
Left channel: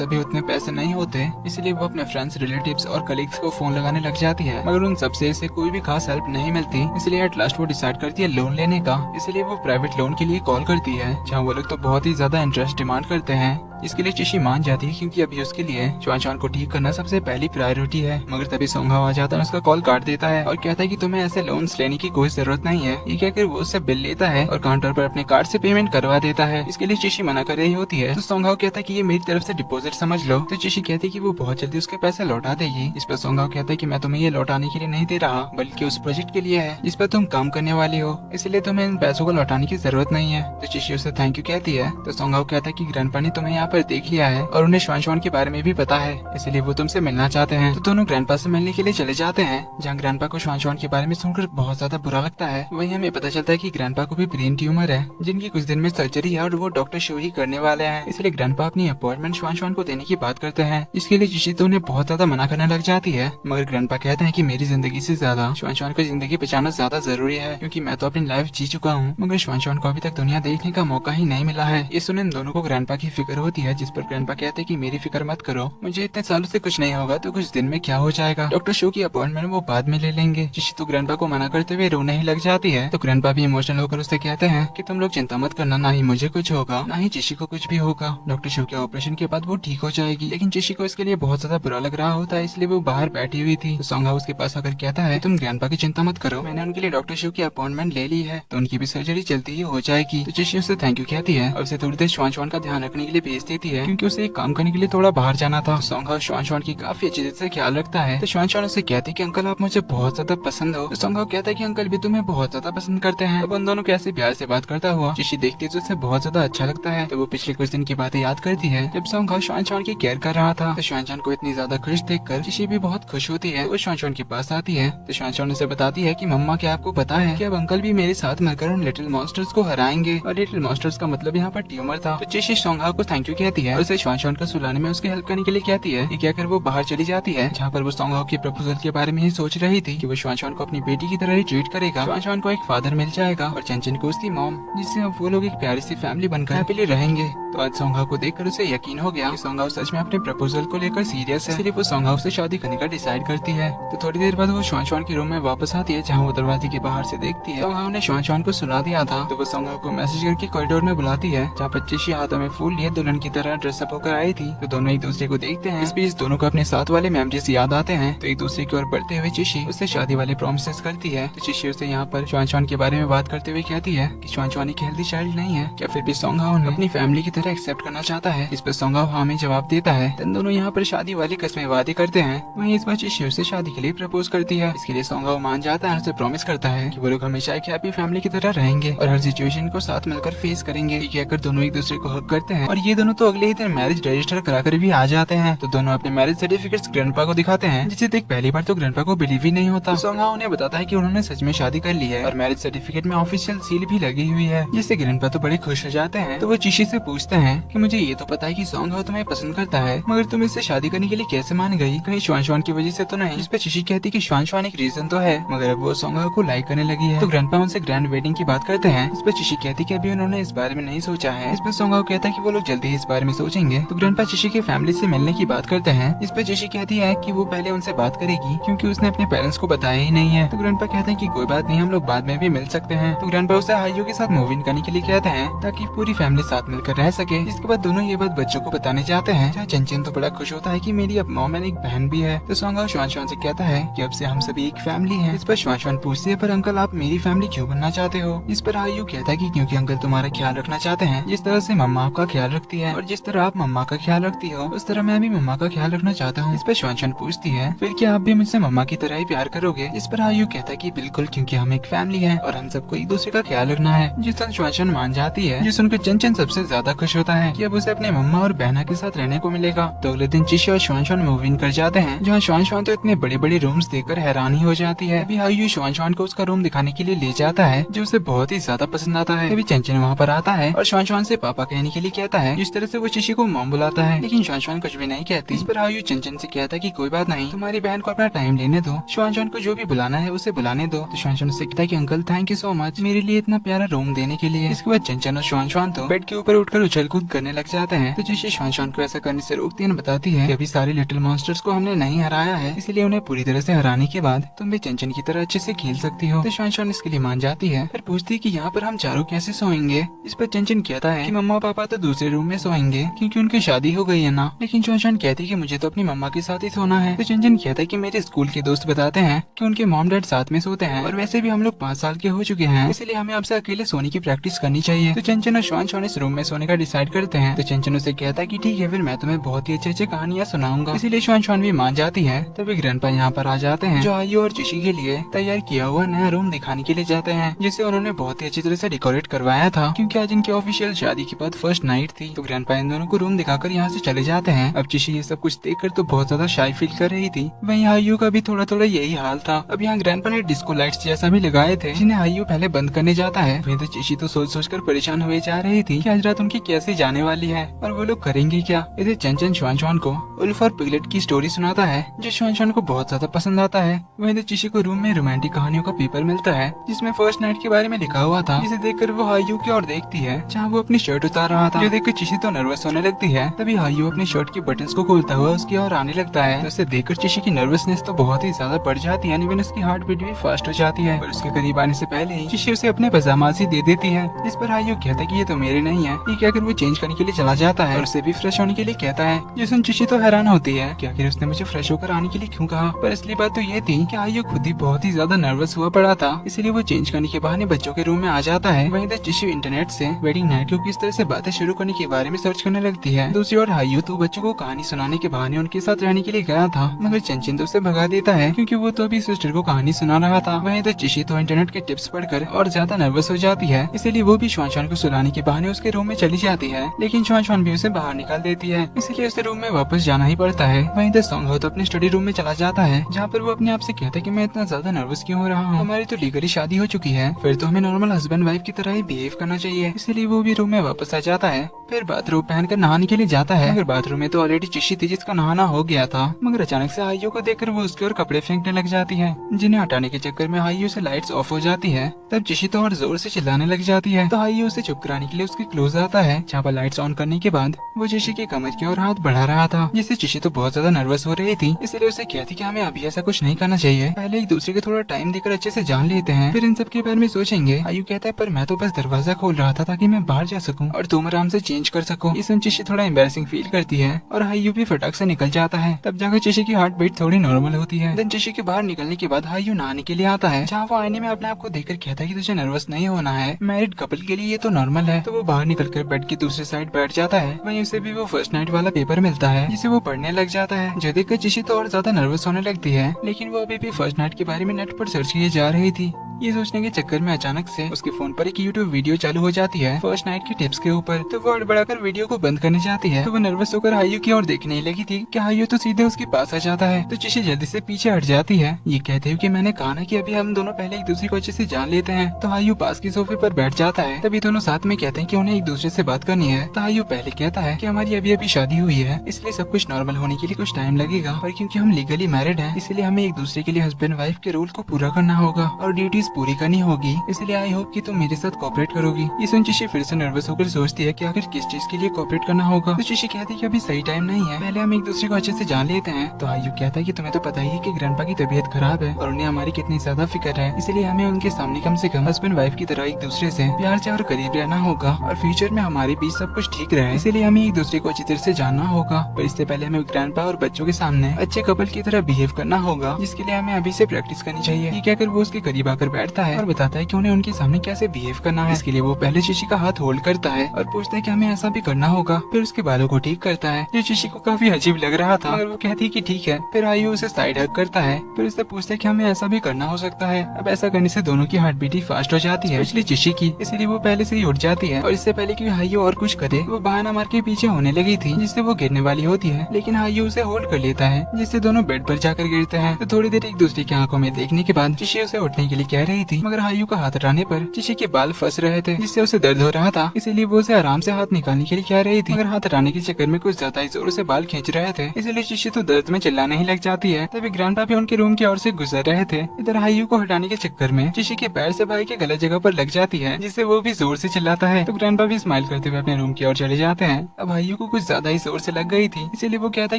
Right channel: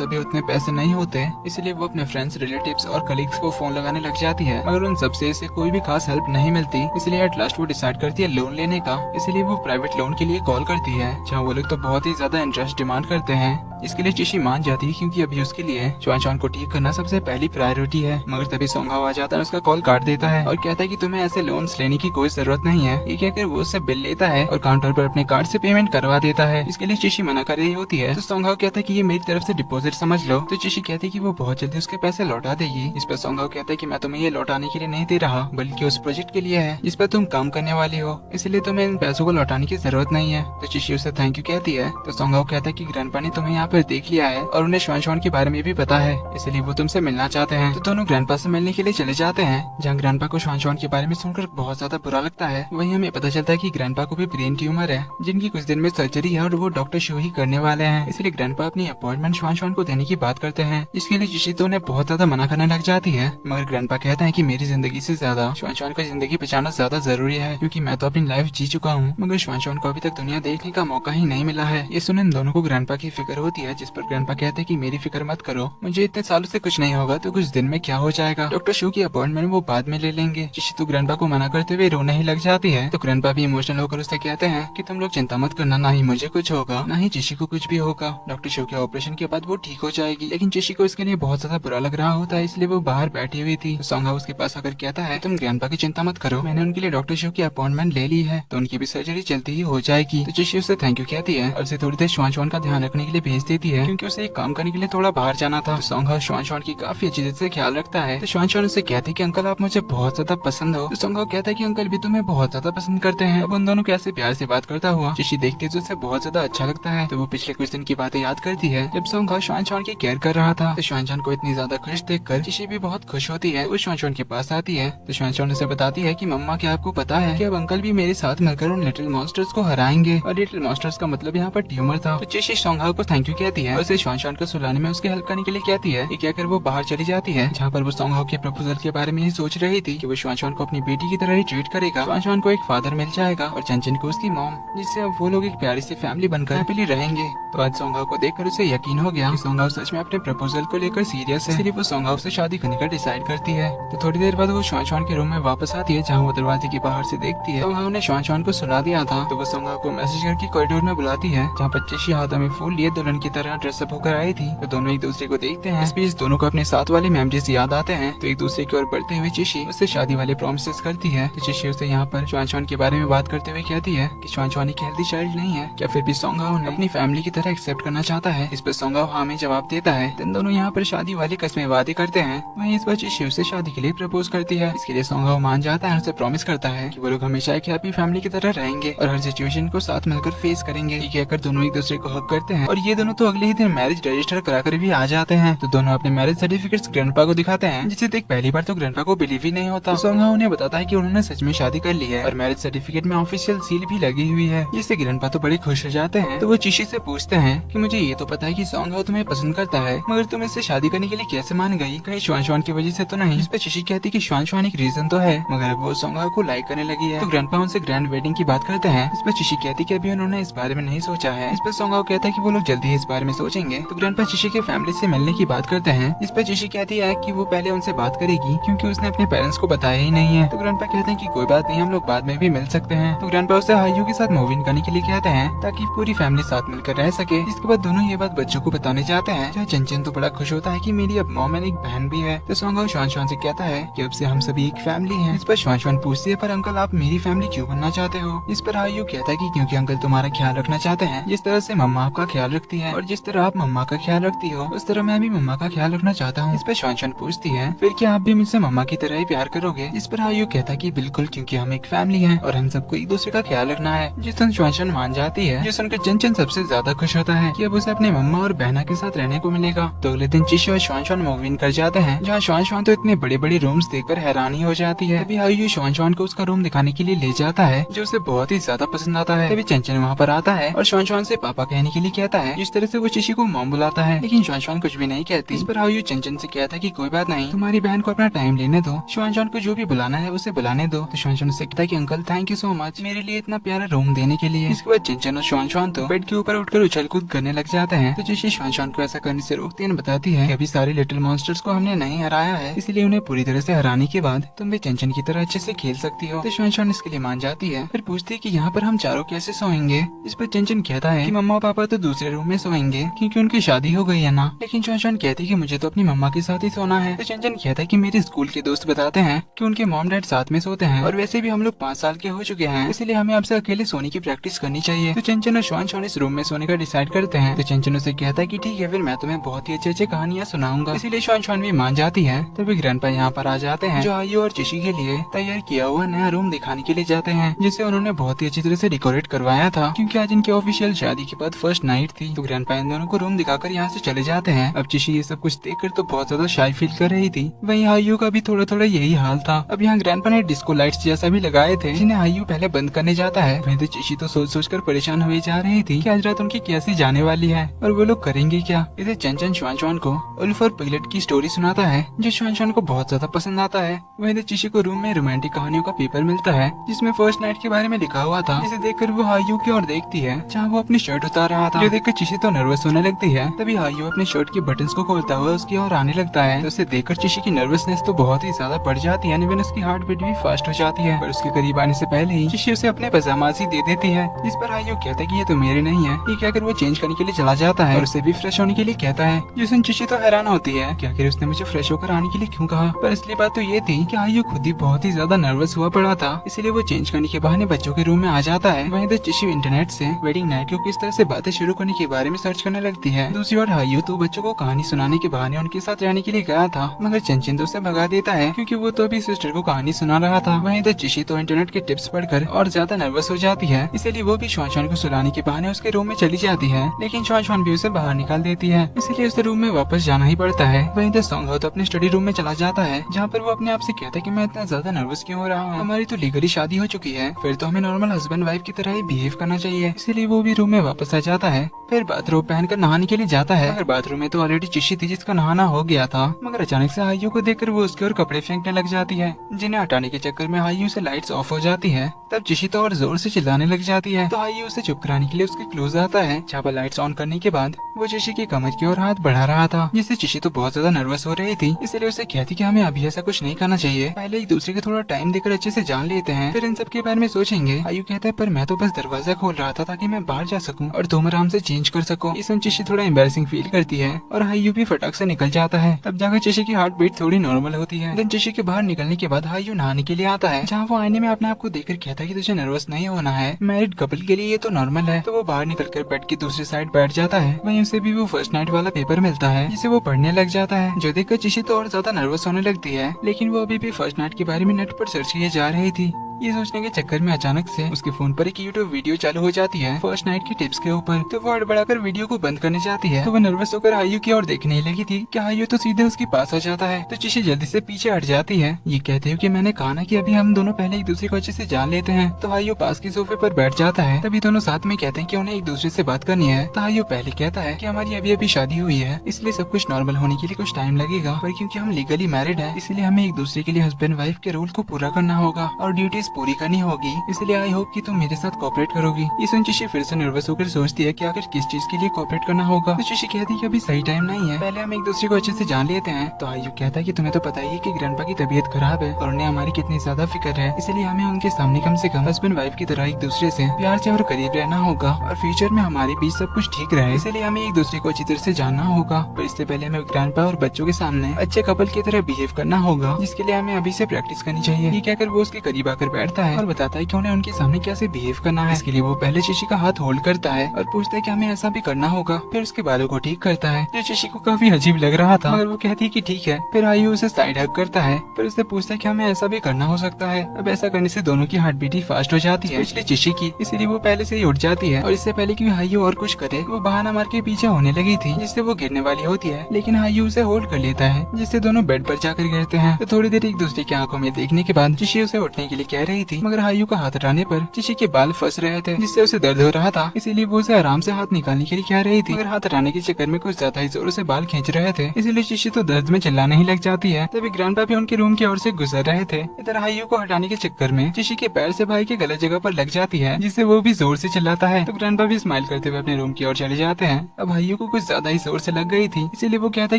अभी उतने पैसे नहीं होते, इसलिए वो अपने फ्रेंड्स, रिलेटिव्स और कलीग्स को फोन लगाने लग जाती है, मगर उन सबसे इसे कोई भी खास हेल्प नहीं मिलती। इसलिए एट लास्ट वो डिसाइड करती है लोन लेने का। इसलिए वो प्राइवेट लोन के लिए कॉल करती है, जहाँ वो लोग तो बहुत ही ज्यादा इंटरेस्ट डिमांड करते हैं। इसके लिए चिशी मान जाती है, क्योंकि अभी उसके लिए श्वान श्वान को ठीक करना सबसे पहली प्रायोरिटी है। मगर तभी सोंग हाउ आ जाता है, उसका कॉल काट देता है और कहता है कि तुम्हें ऐसे लोन्स लेने की कोई जरूरत नहीं है। ये कहकर वो उससे बिल लेता है और काउंटर पर अपने कार्ड से पेमेंट करवा देता है। इसके लिए चिशी मना कर रही होती है, तो सोंग हाउ कहता है कि ये मेरी तरफ से डिपॉजिट समझ लो। तो चिशी कहती है कि वो बहुत जल्दी उसके पैसे लौटा देगी। इस पर सोंग हाउ कहता है कि मैं तुम्हें ये लौटाने के लिए नहीं दे रहा, बल्कि उस प्रोजेक्ट के लिए है जिस पर तुम काम करने वाली हो, इसलिए तुम्हें इन पैसों को लौटाने की जरूरत नहीं है। तो चिशी उसे थैंक यू कहती है। तो सोंग हाउ कहता है कि ग्रैंडपा ने तुम्हें यहाँ पर देख लिया है और उन्हें श्वान श्वान के बारे में भी पता है, इसलिए वो तुमसे मिलना चाहते हैं। तो दोनों ग्रैंडपा से मिलने के लिए चले जाते हैं, जहाँ ग्रैंडपा को श्वान श्वान के बारे में सुनकर बहुत ज्यादा बुरा लगता है। वहीं हमें पता चलता है कि ग्रैंडपा को भी ब्रेन ट्यूमर है, जिनकी कुछ दिन में सर्जरी है और वो डॉक्टर शो ही करने वाले हैं। इसलिए ग्रैंडपा अपनी अपॉइंटमेंट श्वान श्वान को देने की बात करते हैं। इसके लिए चिशी तो उन्हें बहुत ज्यादा मना करने लग जाती है, मगर ग्रैंडपा कहते हैं कि मेरी जिंदगी से ज्यादा श्वान श्वान की जिंदगी बचाना ज्यादा जरूरी है, क्योंकि मैं तो अपनी लाइफ जी चुका हूँ, मगर श्वान श्वान को अभी तक दुनिया देखने का मौका ही नहीं मिला है। ये सुने इन दोनों को ग्रैंडपा की फिक्र होती है, जिस पर ग्रैंडपा कहते हैं कि मेरी फिक्र मत करो, मुझे इतने सालों से कुछ नहीं होगा तो कुछ दिन में क्या हो जाएगा। डॉक्टर शो की अपॉइंटमेंट वो बाद में ले लेंगे। चिशी तो ग्रैंडपा को मना करते हुए रोने ही लग जाती है। तो ग्रैंडपा भी इमोशनल होकर उससे कहते हैं कि तुम लोग चिंता मत करना, ना ही मुझे कुछ होगा ना ही चिशी को कुछ भी होगा। डॉक्टर शो के ऑपरेशन के बाद वो ठीक हो जाएगी। लेकिन चिशी को इसके लिए बहुत ज्यादा बुरा लग रहा होता है, इसलिए वो बाहर बैठी हुई थी। तो सोंग हाउ उसके पास आकर कहता है, तुम ग्रैंडपा की चिंता मत करो, मैंने उनके लिए डॉक्टर शो की अपॉइंटमेंट ले ली है, तो उनकी भी सर्जरी जल्दी ही हो जाएगी। तो चिशी उसे थैंक यू कहती है और उसे थोड़ी देर श्वान श्वान का ध्यान रखने के लिए भेज देती है, क्योंकि उसे काम करने के लिए थोड़ा बाहर जाना था। सोंग हाउ श्वान श्वान की काफी अच्छी तरह से ख्याल रखता है। तो श्वान श्वान उसे कहती है कि अंकल आप मुझे बहुत ज्यादा पसंद हो। तो सोंग हाउ कहता है कि अंकल भी तुम्हें बहुत ज्यादा पसंद करते हैं। अब उन दोनों कैसे प्यार से बात करता हुआ चिशी देखती है तो उसे बहुत ज्यादा अच्छा लगता है। तो वो पिछले कुछ दिन की बातें याद करती है, जब सोंग हाउ श्वान श्वान की केयर कर रहा था। तो श्वान श्वान को इतनी ज्यादा खुश देखकर चिशी भी बहुत खुश होती है। वो श्वान श्वान के पास आती है तो श्वान श्वान उसे बताती है कि मम्मा क्या आपको पता है कि अब अंकल भी मेरे साथ मिलकर उन लिटिल मॉन्स्टर्स को हराएंगे, और लिटिल मॉन्स्टर्स का मतलब यहाँ पर ट्यूमर था। तो चिशी सोंग हाउ को थैंक यू कहती है और उसे श्वान श्वान को सुलाने में उसकी हेल्प करने के लिए कहती है। क्या कर वो बाहर चली जाती है, जहाँ पर वो सोंग हाउ के प्रपोजल के बारे में ये सोच रही थी कि वो श्वान श्वान को अपनी बेटी की तरह ही ट्रीट करेगा। श्वान श्वान को एक फादर मिल जाएगा और चंचन को उसकी मॉम, जिससे अब वो लोग एक प्यारी सी फैमिली बनकर हैप्पीली रहेंगे। तो आज सोंग हाउ को देखकर उसे यकीन हो गया कि सोंग हाउ सच में अपने प्रपोजल को लेकर सीरियस है, इसलिए वो सोंग हाउ से शादी करने का डिसाइड करती है। तो थोड़ी देर बाद वो श्वान श्वान के रूम में वापस आती है, जहाँ वो दरवाजे के बाहर से देखती है सोंग हाउ ने श्वान श्वान को सुला दिया था। तो वो सोंग हाउ को मैसेज करके कॉरिडोर में बुलाती है, जहाँ पर चिशी हाथों में फूल लिए दुल्हन की तरह ड्रेसअप होकर आई थी। तो दोनों एक दूसरे को देखते हैं। इस बीच दोनों को अपने साथ वाले मेमोरीज याद आते हैं। तो एक दूसरे की ओर बढ़ते हुए चिशी उससे शादी वाले प्रॉमिसेस करती है। तो चिशी उससे यहाँ पर श्वान श्वान के बारे में बात करते हुए कहती है कि श्वान श्वान एक हेल्दी चाइल्ड नहीं है, क्या फिर भी सोंग हाउ ने अपनी फैमिली की तरह एक्सेप्ट करना चाहता है। इस पर सोंग हाउ हाँ में जवाब देता है। तो दोनों यहाँ पर शादी वाली कस्में वादे करते हैं। वहीं इस बार चिशी उससे शादी के लिए प्रपोज करती है। इसके लिए सोंग हाउ मान जाता है, उसे प्रॉमिस करता है कि वो लोग हमेशा एक हैप्पी फैमिली की तरह रहेंगे और हर सिचुएशन को साथ मिलकर फेस करेंगे। ये कहकर दोनों एक दूसरे को हक करते हैं और ये दोनों तो अगले ही दिन मैरिज रजिस्टर कराकर भी आ जाते हैं। तो दोनों अपने मैरिज सर्टिफिकेट्स ग्रैंडपा को दिखाते हैं, जिसे देख पहली बार तो ग्रैंडपा को बिलीव ही नहीं होता। सोंग हाउ उन्हें बताता है कि उन्होंने सच में शादी कर ली है और मैरिज सर्टिफिकेट में ऑफिशियल सील भी लगी हुई है, जिससे ग्रैंडपा तो बड़े खुश हो जाते हैं। तो वो चिशी से पूछते हैं कि मुझे ये तो पता है कि सोंग हाउ तुम्हें पसंद करता है, मगर तुम इससे शादी करने के लिए कैसे मान गई, कहीं श्वान श्वान की वजह से तो नहीं। इस पर चिशी कहती कि श्वान श्वान एक रीजन तो है, मगर अब वो सोंग हाउ को लाइक करने लगी है। तो ग्रैंडपा उनसे ग्रैंड वेडिंग की बात करते हैं। इस पर चिशी कहती कि अभी उन्होंने इस बारे में नहीं सोचा है। इस पर सोंग हाउ कहता है कि वो लोग जल्दी ही इस बारे में सोचेंगे तो ग्रैंडपा चिशी की फैमिली से मिलने की बात करते हैं। इस पर चिशी कहती है कि वो पहले उनसे बात करेगी क्योंकि उसने अपने पेरेंट्स को बताया ही नहीं है। तो ग्रैंडपा कहते हैं कि कोई बात नहीं, हम लोग बाद में भी मिल सकते हैं। तो ग्रैंडपा उसे हाइयू के साथ मूव इन करने के लिए कहते हैं ताकि पूरी फैमिली साथ मिलकर रह सके। इसके बाद दोनों ये बात बच्चों को बताने जाते हैं। जहाँ चंचन तो बड़ा खुश होता है कि मेरी अब मॉम एंड एक बहन भी है। तो सोंगा श्वान श्वान से कहता है कि अब से हम सभी एक फैमिली हैं। इस पर श्वान श्वान पूछती है पर अंकल आप मेरी फैमिली क्यों बनना चाहते हो? इस पर हाइयू कहता है कि क्योंकि अंकल तुम्हारा ख्याल रखना चाहते हैं। जिस तरह से मम्मा आपका ख्याल रखती है और जिस तरह आप मम्मा का ख्याल रखती हो उस तरह मैं भी मम्मा का ख्याल रखना चाहता हूँ। इस पर श्वान श्वान पूछती है फिर क्या आप भी मुझसे मम्मा की तरह ही प्यार करोगे? इस पर हाइयू कहता है कि बिल्कुल, क्योंकि हम एक फैमिली है और हम सबको एक दूसरे का ख्याल रखना है। जिस सुन श्वान श्वान मान जाती है। जिस सुनकर चंचन सबसे ज्यादा खुश होता है कि अब उसे अपने मम्मा और बहना के साथ रहने को मिलेगा। तो अगले दिन चिशी और श्वान श्वान मूव इन कर जाते हैं। जहाँ श्वान श्वान तो इतने बड़े बड़े रूम्स देखकर हैरानी हो जाती है। अभी हाइयू श्वान श्वान को उसका रूम दिखाने के लिए ले जाता है जो उसे बहुत ही ज्यादा पसंद आता है। तभी चंचन वहाँ पर आता है और श्वान श्वान से पापा कहने के लिए कहता है। जिस तरह से वो चिशी को मॉम बुलाता है लेकिन श्वान श्वान कुछ भी नहीं कहती। इस पर हाइयू चंचन से कहता है कि कोई बात नहीं, तुम्हारी बहन को अपना टाइम लेने दो, श्वान श्वान को जो भी बुलाना है उसे बुलाने दो। तो श्वान श्वान से कहता है कि uncle thank you so much मेरे लिए इतना प्यारा रूम देने के लिए। इसके बाद चंचन और श्वान श्वान तो बेड के ऊपर उठकर उछल कूद करने लग जाते हैं। तो चिशी श्वान श्वान को ऐसा करने से रोकती है, बताती है कि अभी सारे लिटिल मॉन्स्टर्स को हमने नहीं हराया है, इसलिए उन्हें पूरी तरह से हराने के बाद तुम भी चंचन की तरह अच्छे से खेल सकती हो। तो श्वान श्वान इसके लिए मान जाती है। फिर पूछती है कि यहाँ पर हम चारों कैसे सोएंगे? इस पर चंचन कहता है कि मम्मा पापा तो दूसरे रूम में सोएंगे क्योंकि उनकी शादी हो गई है ना। लेकिन श्वान श्वान कहती है कि मुझे तो अपनी मम्मा के साथ ही सोना है। तो चंचन कहता है कि मेरे स्कूल के दोस्त बताते हैं कि उनके मॉम डैड साथ में सोते हैं और वैसे भी हम लोग 5 साल के हो चुके हैं, इसलिए हमें आपसे अकेले सोने की प्रैक्टिस करनी चाहिए। तो चंचन और श्वान श्वान इस रूम में सोने का डिसाइड करते हैं। तो चंचन उसे कहता है कि ठीक है, फिर मैं तुम्हें बहुत ही अच्छी कहानियां सुनाऊंगा। इसीलिए श्वान श्वान भी मान जाती है। तभी ग्रैंडपा यहाँ पर आ जाते हैं जो हाइयू और चिशी के लिए तैयार किया हुआ नया रूम दिखाने के लिए जाते हैं, जिसे उन्होंने बहुत ही अच्छी तरह से डेकोरेट करवाया था क्योंकि आज इनकी ऑफिशियल शादी के बाद फर्स्ट नाइट थी। तो ग्रैंडपा इन दोनों को रूम दिखाकर यहाँ से चले जाते हैं। अब चिशी ये सब कुछ देखकर तो बहुत ज्यादा शाई फील कर रही थी। वहीं हाइयू का भी थोड़ा थोड़ा यही हाल था। अब यहाँ ग्रैंडपा ने डिस्को लाइट्स जैसा भी लगाए थे जिन्हें हाइयू पहले बंद करने जाता है। वहीं तो चिशी तो सोच सोच कर परेशान हुए जा रही थी कि आज रात उनकी कैसे जाने वाली है और वो लोग करेंगे क्या। इसे चंचन श्वान श्वान को उल्फ और पिगलेट की स्टोरी सुनाता है जो श्वान श्वान को बहुत ज्यादा पसंद आता है। वहीं तो चिशी को रूम में रोमांटिक कहानियों का पेपर मिलता है जिसमें फर्स्ट नाइट के बारे में लिखा हुआ था। इसे देखकर वो हाइयू की ओर देखती है जहाँ वो अपनी शर्ट उतार रहा था। ये देखकर चिशी तो नर्वस होने लगती है। तभी हाइयू अपनी शर्ट की बटन्स को खोलता हुआ उसकी ओर आने लगता है। तो उसे देखकर चिशी की नर्वसनेस तो बहुत ही ज्यादा बढ़ जाती है, इवन उसकी हार्ट बीट भी फास्ट हो जाती है। और उसके करीब आने से पहले ही चिशी उसे अपने पजामास ही दे देती है। जिस पर हाइयू कहता है कि ये तो मेरे नहीं है। ये कहकर वो चेंज करने के लिए चला जाता है और उसे भी फ्रेश होने के लिए कहता है। जिसमें चिशी तो हैरान होती है कि आखिर उसने मुझे फ्रेश होकर आने के लिए क्यों कहा। पर असली बात तो ये थी कि हाइयू खुद ही बहुत ही ज्यादा नर्वस हुआ पड़ा था, इसलिए वो चेंज करने के बहाने बच्चों के रूम में आ जाता है। वहीं तो चिशी इंटरनेट से वेडिंग नाइट को किस तरह से बातें शुरू करने के बारे में सर्च करने लगती है। दूसरी ओर हाइयू तो बच्चों को कहानी सुनाने के बहाने उनके साथ रहने के लिए गया था, मगर चंचन तो उसे भगा देता है क्योंकि वो तो अभी सिस्टर को कहानी सुना रहा था। वहीं तो चिशी तो इंटरनेट के टिप्स पढ़कर और ज्यादा नर्वस हो जाती है, इसीलिए वो भी श्वान श्वान को सुलाने के बहाने उसके रूम में चली जाती है। लेकिन श्वान श्वान भी उसे बाहर निकाल देती है, इसीलिए उसे रूम में वापस जाना ही पड़ता है। वहीं तो सोंग हो तो अपने स्टडी रूम में चला जाता है जहाँ पर वो अपने आप से कहता है कि मैं इतना ज्यादा नर्वस क्यों हो रहा हूँ, हमारी तो लीगली शादी हो चुकी है, फिर तो हमें नॉर्मल हस्बैंड वाइफ की तरह ही बिहेव करना चाहिए। इसीलिए वो भी रूम में वापस आ जाता है। फिर बाथरूम पहनकर नहाने के लिए जाता है, मगर बाथरूम में तो ऑलरेडी चिशी थी जिसका नहाना हो गया था। मगर अचानक से हाइयू को देखकर वो उसके और कपड़े फेंकने लग जाती है, जिन्हें हटाने के चक्कर में हाइयू से लाइट्स ऑफ हो जाती है। तब चिशी तो और जोर से चिल्लाने लग जाती है। तो हाइयू उसे चुप कराने के लिए उसके क्लोज आता है, जहाँ पर लाइट्स ऑन करने के बाद वो चिशी की कमर की ओर हाथ बढ़ा रहा था, जिससे चिशी तो बहुत ज्यादा नर्वस हो रही थी। इसलिए उसे कहती कि हमें अभी ऐसा कुछ नहीं करना चाहिए, पहले एक दूसरे को थोड़ा टाइम देकर अच्छे से जान लेते हैं, फिर इन सब के बारे में सोचेंगे। हाइयू कहता है पर मैं तो बस दरवाजा खोल रहा था ताकि मैं बाहर जा सकूं और तुम आराम से चेंज कर सको। इसमें चिशी थोड़ा एम्बैरेसिंग फील करती है और हाइयू भी फटाक से निकल जाता है। तब जाकर चिशी की हार्ट बीट थोड़ी नॉर्मल होती है। देन चिशी के बाहर निकलने के बाद हाइयू नहाने के लिए आता है, जहाँ वो आईने में अपने आप को देखकर कहता है कि तुझे नर्वस नहीं होना है, मैरिड कपल के लिए ये तो नॉर्मल है। तो वो बाहर निकलकर बेड की दूसरी साइड बैठ जाता है। वहीं उसे भी वो फर्स्ट नाइट वाला पेपर मिलता है जिसे वो पढ़ने लग जाता है, जो देखकर चिशी तो और ज्यादा नर्वस होने लगती है। लेकिन वो अभी भी फर्स्ट नाइट के बारे में नेट पर सर्च किए जा रही थी। ये सोचने के चक्कर में अचानक से उसके फोन पर एक यूट्यूब वीडियो चालू हो जाती है फर्स्ट नाइट के टिप्स के ऊपर। तो वो हड़बड़ाकर वीडियो को बंद करने जाती है। तो वो नर्वस होकर हाइयू की ओर देखने लगी थी कि हाइयू तो सीधे उसके पास आ जाता है। तो चिशी जल्दी से पीछे हट जाती है, ये कहते हुए कि मैंने कहा ना कि अभी हम दोनों पहले एक दूसरे को अच्छे से जान लेते हैं। तो हाइयू पास के सोफे पर बैठ जाता है। तभी दोनों साथ में कहते हैं कि उन्हें एक दूसरे से बात करनी है। तो हाइयू पहले कहता है कि हमारी अभी अभी शादी हुई है, इसलिए सब कुछ नॉर्मल होने के लिए कुछ टाइम लगेगा, पर क्योंकि हम लीगली मैरिड हैं, इसलिए हमें एक दूसरे के लिए हस्बैंड वाइफ के रूल को पूरा करना होगा और ड्यूटीज पूरी करनी होगी। इसलिए आई होप कि तुम मेरे साथ कोऑपरेट करोगी। इस चिशी फिर से नर्वस होकर सोचती है कि आखिर किस चीज इसके लिए कोऑपरेट करना होगा। तो चिशी कहती है कि अभी सही टाइम नहीं है, पहले हम एक दूसरे को अच्छे से जान लेते हैं। तो हायू कहता है कि तुम्हें तो पता ही है कि ग्रैंडपा की तबीयत खराब है और उन्हें हमारी कितनी ज्यादा फिक्र है, इसलिए हमें उनके सामने कम से कम हस्बैंड वाइफ की तरह एक दूसरे से प्यार से और करीब रहना होगा और फ्यूचर में हमारे बीच सब कुछ ठीक रहे, इसीलिए हमें एक दूसरे को अच्छी तरह से जानना होगा। पर इससे पहले हमें ग्रैंडपा और बच्चों के सामने अच्छे कपल की तरह बिहेव करना होगा, जिसके लिए हमें अभी से प्रैक्टिस करनी चाहिए। ये कहकर वो उसके करीब आकर बैठता है और बताता है कि उन्हें उनके सामने कैसे बिहेव करना है। इसके लिए वो पहले चिशी का हाथ होल्ड करता है और पूछता है कि हमें ऐसा भी करना होगा। फिर उसके बालों को ठीक करता है, जो चिशी को काफी अजीब लग रहा था, मगर वो कहती है कि ठीक है। फिर आयु उसे साइड हग करता है, फिर उससे पूछता है कि हमें ऐसा भी करना हो सकता है। अब ऐसा करने से दोनों की हार्ट बीट ही फास्ट हो जाती है, इसलिए चिशी की, इसीलिए वो पहले से ही उठ जाती है। और इससे पहले कि हायु और कुछ करे, वो बहाना मार के पीछे होने लगी थी, जिससे वो गिरने वाली होती है, लेकिन हायु उसे होल्ड कर लेता है, जिससे दोनों बेड पर जाकर गिरते हैं। तो थोड़ी देर एक दूसरे की आंखों में देखने के बाद चिशी उसे उठने के लिए कह रही थी, मगर हायु का हाथ हटाने पर चिशी के बाल फंस रहे थे, जिससे उसे दर्द हो रहा था, इसीलिए वो उसे आराम से हाथ निकालने के लिए कह रही थी, मगर हाथ हटाने के चक्कर में कुछ ज्यादा ही जोर से बाल खींच रहे थे, इसलिए चिशी तो दर्द में चिल्लाने ही लग जाती है। तभी ग्रैंडपा भी उनके रूम की ओर से गुजर रहे थे। इधर हायु को हटाने के चक्कर में चिशी के पैर से भाई के गलत जगह पर लग जाती है, जिससे वो भी जोर से चिल्लाता है। तो ग्रैंडपा भी स्माइल करते हुए अपने रूम की ओर चले जाते हैं। अब हायु को कुछ ज्यादा ही जोर से लग गई थी, इसीलिए वो कहता है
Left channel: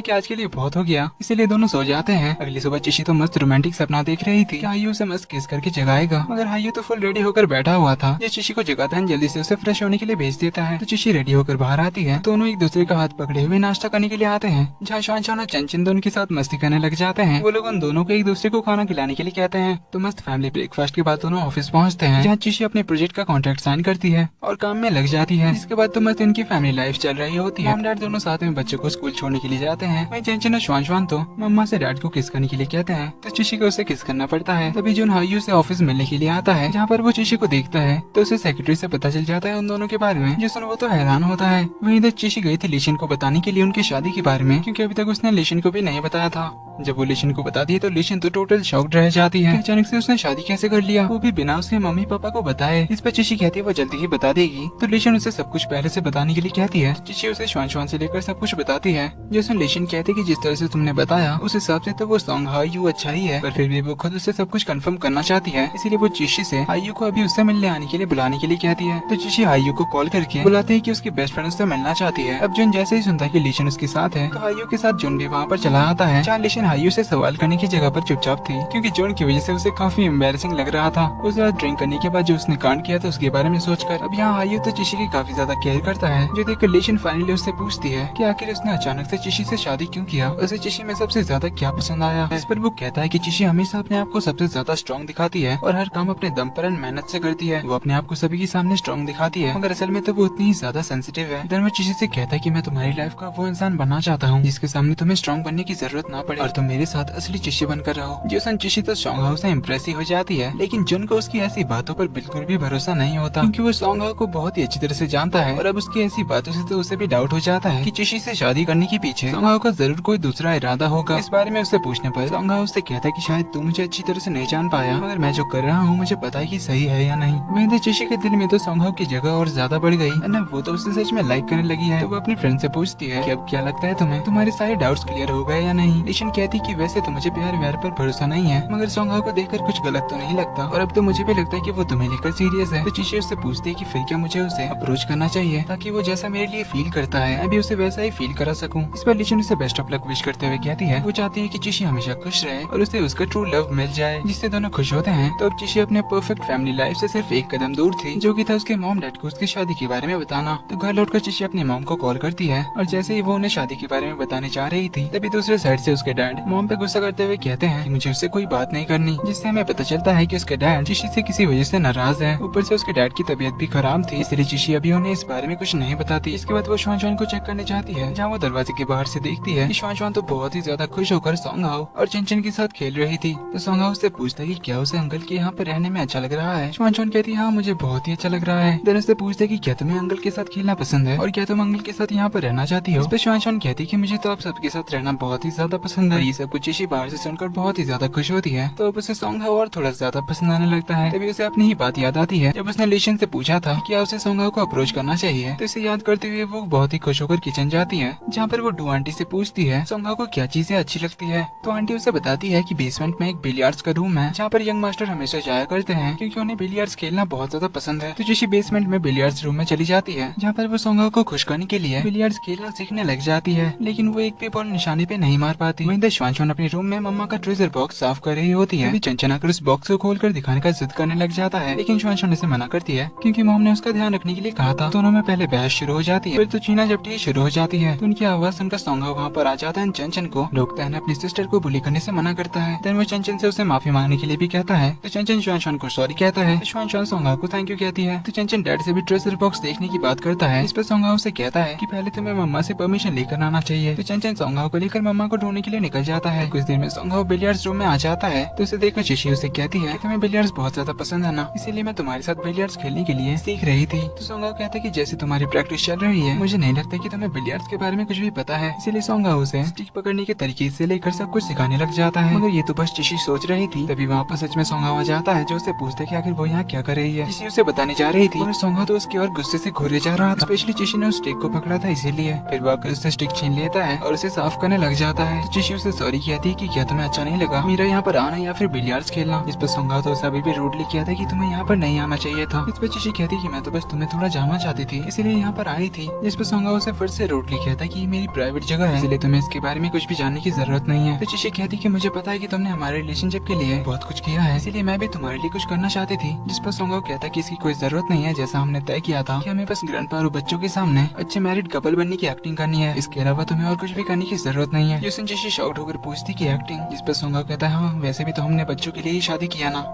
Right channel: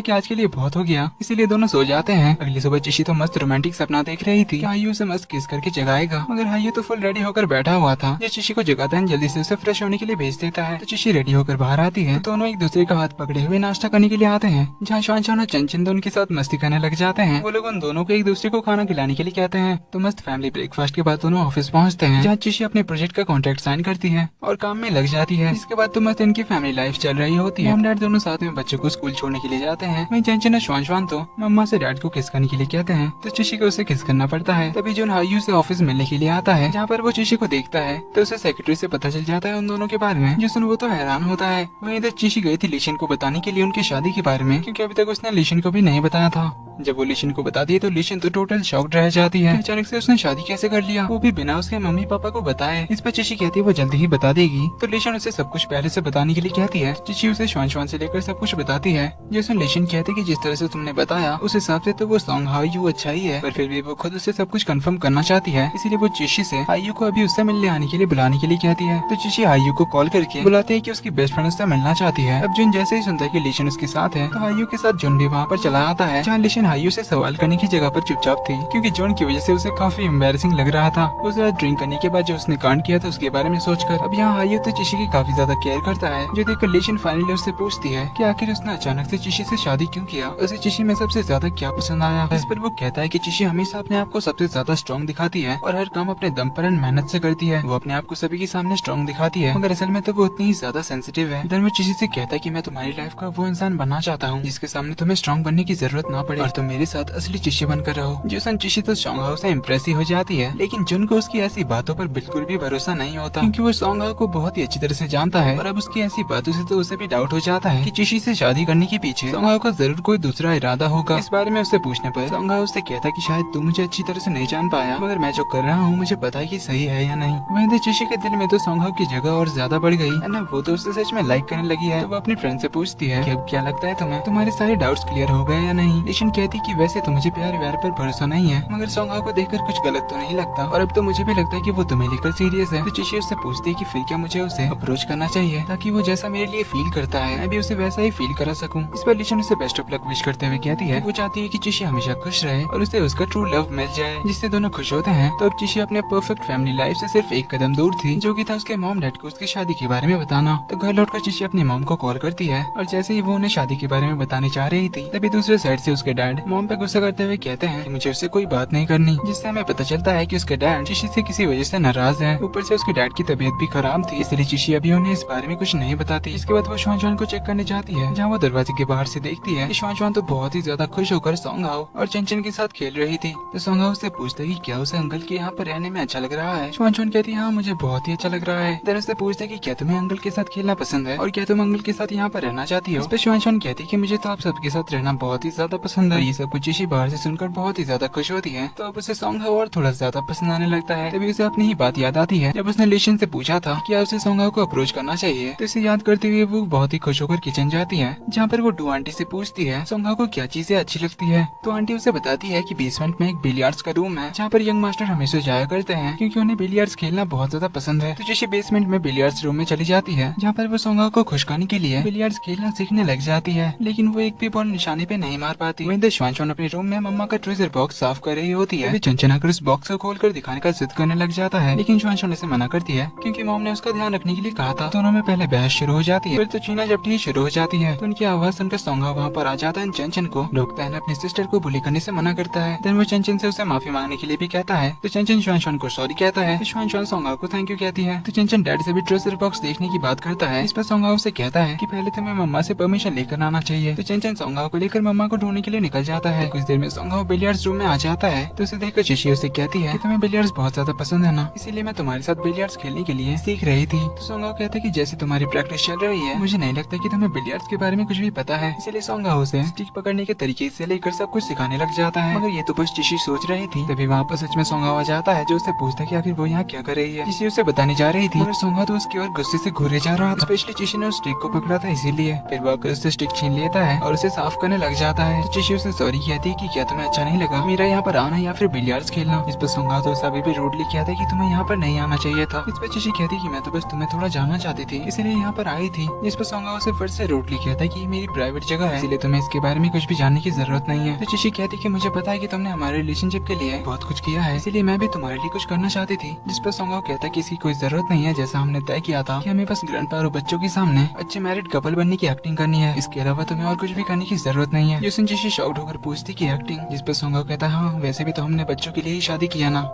कि आज के लिए बहुत हो गया, इसीलिए दोनों सो जाते हैं। अगली सुबह चिशी तो मस्त रोमांटिक सपना देख रही थी, हायु उसे मस्त किस करके जगाएगा, मगर हायु तो फुल रेडी होकर बैठा हुआ था। जो चिशी को जगाता है जल्दी से उसे फ्रेश होने के लिए भेज देता है। तो चिशी रेडी होकर बाहर आती है, दोनों एक दूसरे का हाथ पकड़े हुए नाश्ता करने के लिए आते हैं, जहाँ शान और चंचन दोनों के साथ मस्ती करने लग जाते हैं। वो लोग उन दोनों को एक दूसरे को खाना खिलाने के लिए कहते हैं। तो मस्त फैमिली ब्रेकफास्ट के बाद दोनों ऑफिस पहुँचते हैं, जहाँ चिशी अपने प्रोजेक्ट का कॉन्ट्रैक्ट साइन करती है और काम में लग जाती है। इसके बाद तो मस्त इनकी फैमिली लाइफ चल रही होती है। हम डैड दोनों साथ में बच्चों को स्कूल छोड़ने के लिए जाते हैं। वहीं चंचन और श्वान तो मम्मा से डैड को किस करने के लिए कहते हैं, तो चिशी को उसे किस करना पड़ता है। तभी जून हायु से ऑफिस मिलने के लिए आता है, जहाँ पर वो चिशी को देखता है, तो उसे सेक्रेटरी से पता चल जाता है उन दोनों के बारे में, जिसमें वो तो हैरान होता है। वहीं इधर चिशी गई थी लिशन को बताने के लिए उनकी शादी के बारे में, क्योंकि अभी तक उसने लिशन को भी नहीं बताया था। जब वो लिशन को बताती है तो लिशन तो टोटल शॉक्ड रह जाती है। अचानक से उसने शादी कैसे कर लिया, वो भी बिना उसके मम्मी पापा को बताए। इस पर चिशी कहती है वो जल्दी ही बता देगी। तो लिशन उसे सब कुछ पहले से बताने के लिए कहती है। चिशी उसे श्वान से लेकर सब कुछ बताती है, जैसे लिशन कहती कि जिस तरह से तुमने बताया उस हिसाब से तो वो सॉन्ग हायु अच्छा ही है, पर फिर भी वो खुद उसे सब कुछ कंफर्म करना चाहती है, इसीलिए वो चिशी से हायु को अभी उससे मिलने आने के लिए बुलाने के लिए कहती है। तो चिशी हायु को कॉल करके बुलाते है कि उसकी बेस्ट फ्रेंड उससे मिलना चाहती है। अब जुन जैसे ही सुनता है कि लिशन उसके साथ है, तो हायु के साथ जुन भी वहाँ पर चला आता है, जहाँ लिशन हायु से सवाल करने की जगह पर चुपचाप थी, क्योंकि जोन की वजह से उसे काफी एम्बैरेसिंग लग रहा था। उस रात ड्रिंक करने के बाद जो उसने कांड किया था उसके बारे में सोचकर अब यहाँ हायु तो चिशी की काफी ज्यादा केयर करता है, जो देखकर लिशन फाइनली उससे पूछती है कि आखिर उसने अचानक से चिशी से शादी क्यों किया, उसे चिशी में सबसे ज्यादा क्या पसंद आया। इस पर वो कहता है कि चिशी हमेशा अपने आप को सबसे ज्यादा स्ट्रॉन्ग दिखाती है और हर काम अपने दम पर मेहनत से करती है। वो अपने आप को सभी के सामने स्ट्रॉन्ग दिखाती है, मगर असल में तो वो उतनी ही ज्यादा सेंसिटिव है। इधर वो चिशी से कहता है कि मैं तुम्हारी लाइफ का वो इंसान बनना चाहता हूँ जिसके सामने तुम्हें स्ट्रॉन्ग बनने की जरूरत ना पड़े और तुम मेरे साथ असली चिशी बनकर रहो। जो चिशी तो सॉन्ग हाउस से इम्प्रेस ही हो जाती है, लेकिन जुन को उसकी ऐसी बातों पर बिल्कुल भी भरोसा नहीं होता, क्योंकि वो सॉन्ग हाउस को बहुत ही अच्छी तरह से जानता है और अब उसकी ऐसी बातों से तो उसे भी डाउट हो जाता है कि चिशी से शादी करने के पीछे सॉन्ग हाउस का जरूर कोई दूसरा इरादा होगा। इस बारे में उससे पूछने पर सॉन्ग हाउस से कहता है कि शायद तू मुझे अच्छी तरह से नहीं जान पाया, मगर मैं जो कर रहा हूँ मुझे पता है कि सही है या नहीं। वहीं तो चिशी के दिल में तो सॉन्ग हाउस की जगह और ज्यादा बढ़ गई है ना, वो तो उससे सच में लाइक करने लगी है। तो वो अपनी फ्रेंड से पूछती है कि अब क्या लगता है तुम्हें, तुम्हारे सारे डाउट्स क्लियर हो गए या नहीं। लिशन कहती कि वैसे तो मुझे प्यार व्यार पर भरोसा नहीं है, मगर सॉन्ग हाउस को देखकर कुछ गलत तो नहीं लगता और अब तो मुझे भी लगता है कि वो तुम्हें लेकर सीरियस है। तो चिशी उससे पूछती है कि फिर क्या मुझे उसे अप्रोच करना चाहिए, ताकि वो जैसा मेरे लिए फील करता है मैं भी उसे वैसा ही फील करा सकूं। इस पर लिशन उसे बेस्ट ऑफ लक विश करते हुए कहती है वो चाहती है कि चिशी हमेशा खुश रहे और उसे उसका ट्रू लव मिल जाए, जिससे दोनों खुश होते हैं। तो अब चिशी अपने परफेक्ट फैमिली लाइफ से सिर्फ एक कदम दूर थी, जो कि था उसके मॉम डैड को उसकी शादी के बारे में बताना। तो घर लौटकर चिशी अपनी मॉम को कॉल करती है और जैसे ही वो उन्हें शादी के बारे में बताने जा रही थी, तभी दूसरे साइड से उसके डैड मॉम पे गुस्सा करते हुए कहते हैं कि मुझे उससे कोई बात नहीं करनी, जिससे हमें पता चलता है कि उसके डैड चिशी से किसी वजह से नाराज हैं। ऊपर से उसके डैड की तबीयत भी खराब थी, इसलिए चिशी अभी उन्हें इस बारे में कुछ नहीं बताती। इसके बाद वो श्वान को चेक करने जाती है, जहाँ वो दरवाजे के बाहर से देखती है कि श्वान तो बहुत ही ज्यादा खुश होकर सॉन्ग हाउस और चंचन के साथ खेल रही थी। तो सॉन्ग हाउस से पूछता है कि क्या उसे अंकल के यहाँ पर रहने में अच्छा लग रहा है। श्वान कहती है हाँ मुझे बहुत ही अच्छा लग रहा है। देन उससे पूछते कि क्या तुम्हें अंकल के साथ खेलना पसंद है और क्या तुम अंकल के साथ यहाँ पर रहना चाहती हो। इस पे श्वान कहती है कि मुझे तो आप सबके साथ रहना बहुत ही ज्यादा पसंद है। और ये सब कुछ चिशी बाहर से सुनकर बहुत ही ज्यादा खुश होती है। तो अब उसे सोंगहाओ और थोड़ा ज्यादा पसंद आने लगता है। तभी उसे अपनी ही बात याद आती है जब उसने लिशन से पूछा था कि उसे सोंगहाओ को अप्रोच करना चाहिए। तो इसे याद करते हुए वो बहुत ही खुश होकर किचन जाती है, जहाँ पर वो डू आंटी से पूछती है सोंगहाओ को क्या चीजें अच्छी लगती है। तो आंटी उसे बताती है कि बेसमेंट में एक बिलियर्ड्स का रूम है, जहाँ पर यंग मास्टर हमेशा जाया करते हैं क्योंकि उन्हें बिलियर्ड्स खेलना बहुत ज्यादा पसंद है। तो चिशी बेसमेंट में बिलियर्ड्स रूम में चली जाती है, जहाँ पर वो सोंगहाओ को खुश करने के लिए बिलियर्ड्स खेलना सीखने लग जाती है, लेकिन वो एक भी बॉल निशाने पे नहीं मार पाती। वहीं श्वानश्वान अपने रूम में मम्मा का ट्रेजर बॉक्स साफ कर रही होती है। चंचन आकर उस बॉक्स को खोलकर दिखाने का जिद करने लग जाता है, लेकिन श्वानश्वान इसे मना करती है क्योंकि मॉम ने उसका ध्यान रखने के लिए कहा था। दोनों में पहले बहस शुरू हो जाती है, फिर तो छीना झपटी शुरू हो जाती है। तो उनकी आवाज सुनकर सोंगहाओ वहाँ पर आ जाता है। चंचन को रोकता है, अपनी सिस्टर को बुली करने से मना करता है। देन वो चंचन से उसे माफी मांगने के लिए भी कहता है। तो चंचन श्वानश्वान को सॉरी कहता है। श्वानश्वान सोंगहाओ को थैंक यू कहती है। तो चंचन डैड से भी ट्रेजर बॉक्स देखने की बात करता है। इस पर सोंगहाओ से कहता है कि पहले तुम्हें मम्मा से परमिशन लेकर आना चाहिए। तो चंचन सोंगहाओ को लेकर मम्मा को ढूंढने के लिए निकल जाता है। कुछ देर में सोंगहाओ बिलियर्ड्स रूम में आ जाता है। तो उसे देखकर चिशी उसे कहती है तुम्हें बिलियर्ड्स बहुत ज्यादा पसंद है ना, इसीलिए मैं तुम्हारे साथ बिलियर्ड्स खेलने के लिए सीख रही थी। तो सोंगहाओ कहता है कि जैसे तुम्हारी प्रैक्टिस चल रही है, मुझे नहीं लगता कि तुम्हें बिलियर्ड्स के बारे में कुछ भी पता है। इसीलिए सोंगहाओ उसे स्टिक पकड़ने के तरीके से लेकर सब कुछ सिखाने लग जाता है। मगर ये तो बस चिशी सोच रही थी। तभी वहाँ पर सच में सोंगहाओ आ जाता है, जो उसे पूछता है कि आखिर वो यहाँ क्या कर रही है। चिशी उसे बताने जा रही थी, मगर सोंगहाओ तो उसकी ओर गुस्से से घूरे जा रहा था। स्पेशली चिशी ने उस स्टिक को पकड़ा था, इसीलिए फिर वो आकर उससे स्टिक छीन लेता है और उसे साफ करने लग जाता है। चिशी उसे सॉरी कहती है कि क्या तुम्हें अच्छा नहीं लगा मेरा यहाँ पर आना या फिर बिलियर्ड्स खेलना। इस पर सोंगहाओ तो अभी भी रूडली कहता है कि तुम्हें यहाँ पर नहीं आना चाहिए था। इस पर चिशी कहती है कि मैं तो बस तुम्हें थोड़ा जानना चाहती थी, इसीलिए यहाँ पर आई थी। जिस पर सोंगहाओ उसे फिर से रूडली कहता है कि मेरी प्राइवेट जगह है, इसलिए तुम्हें इसके बारे में कुछ भी जानने की जरूरत नहीं है। तो चिशी कहती है कि मुझे पता है कि तुमने हमारे रिलेशनशिप के लिए बहुत कुछ किया है, इसीलिए मैं भी तुम्हारे लिए कुछ करना चाहती थी। जिस पर सोंगहाओ कहता है कि इसकी कोई जरूरत नहीं है, जैसा हमने तय किया था कि हमें बस ग्रैंडपा और बच्चों के सामने अच्छे मैरिड कपल बनने की एक्टिंग करनी है, इसके अलावा तुम्हें और कुछ भी करने की जरूरत नहीं है। जिससे चिशी शॉक्ड होकर पूछती की एक्टिंग। जिस पर सोंगहाओ कहता है हाँ वैसे भी तो हमने बच्चों के लिए ही शादी किया ना,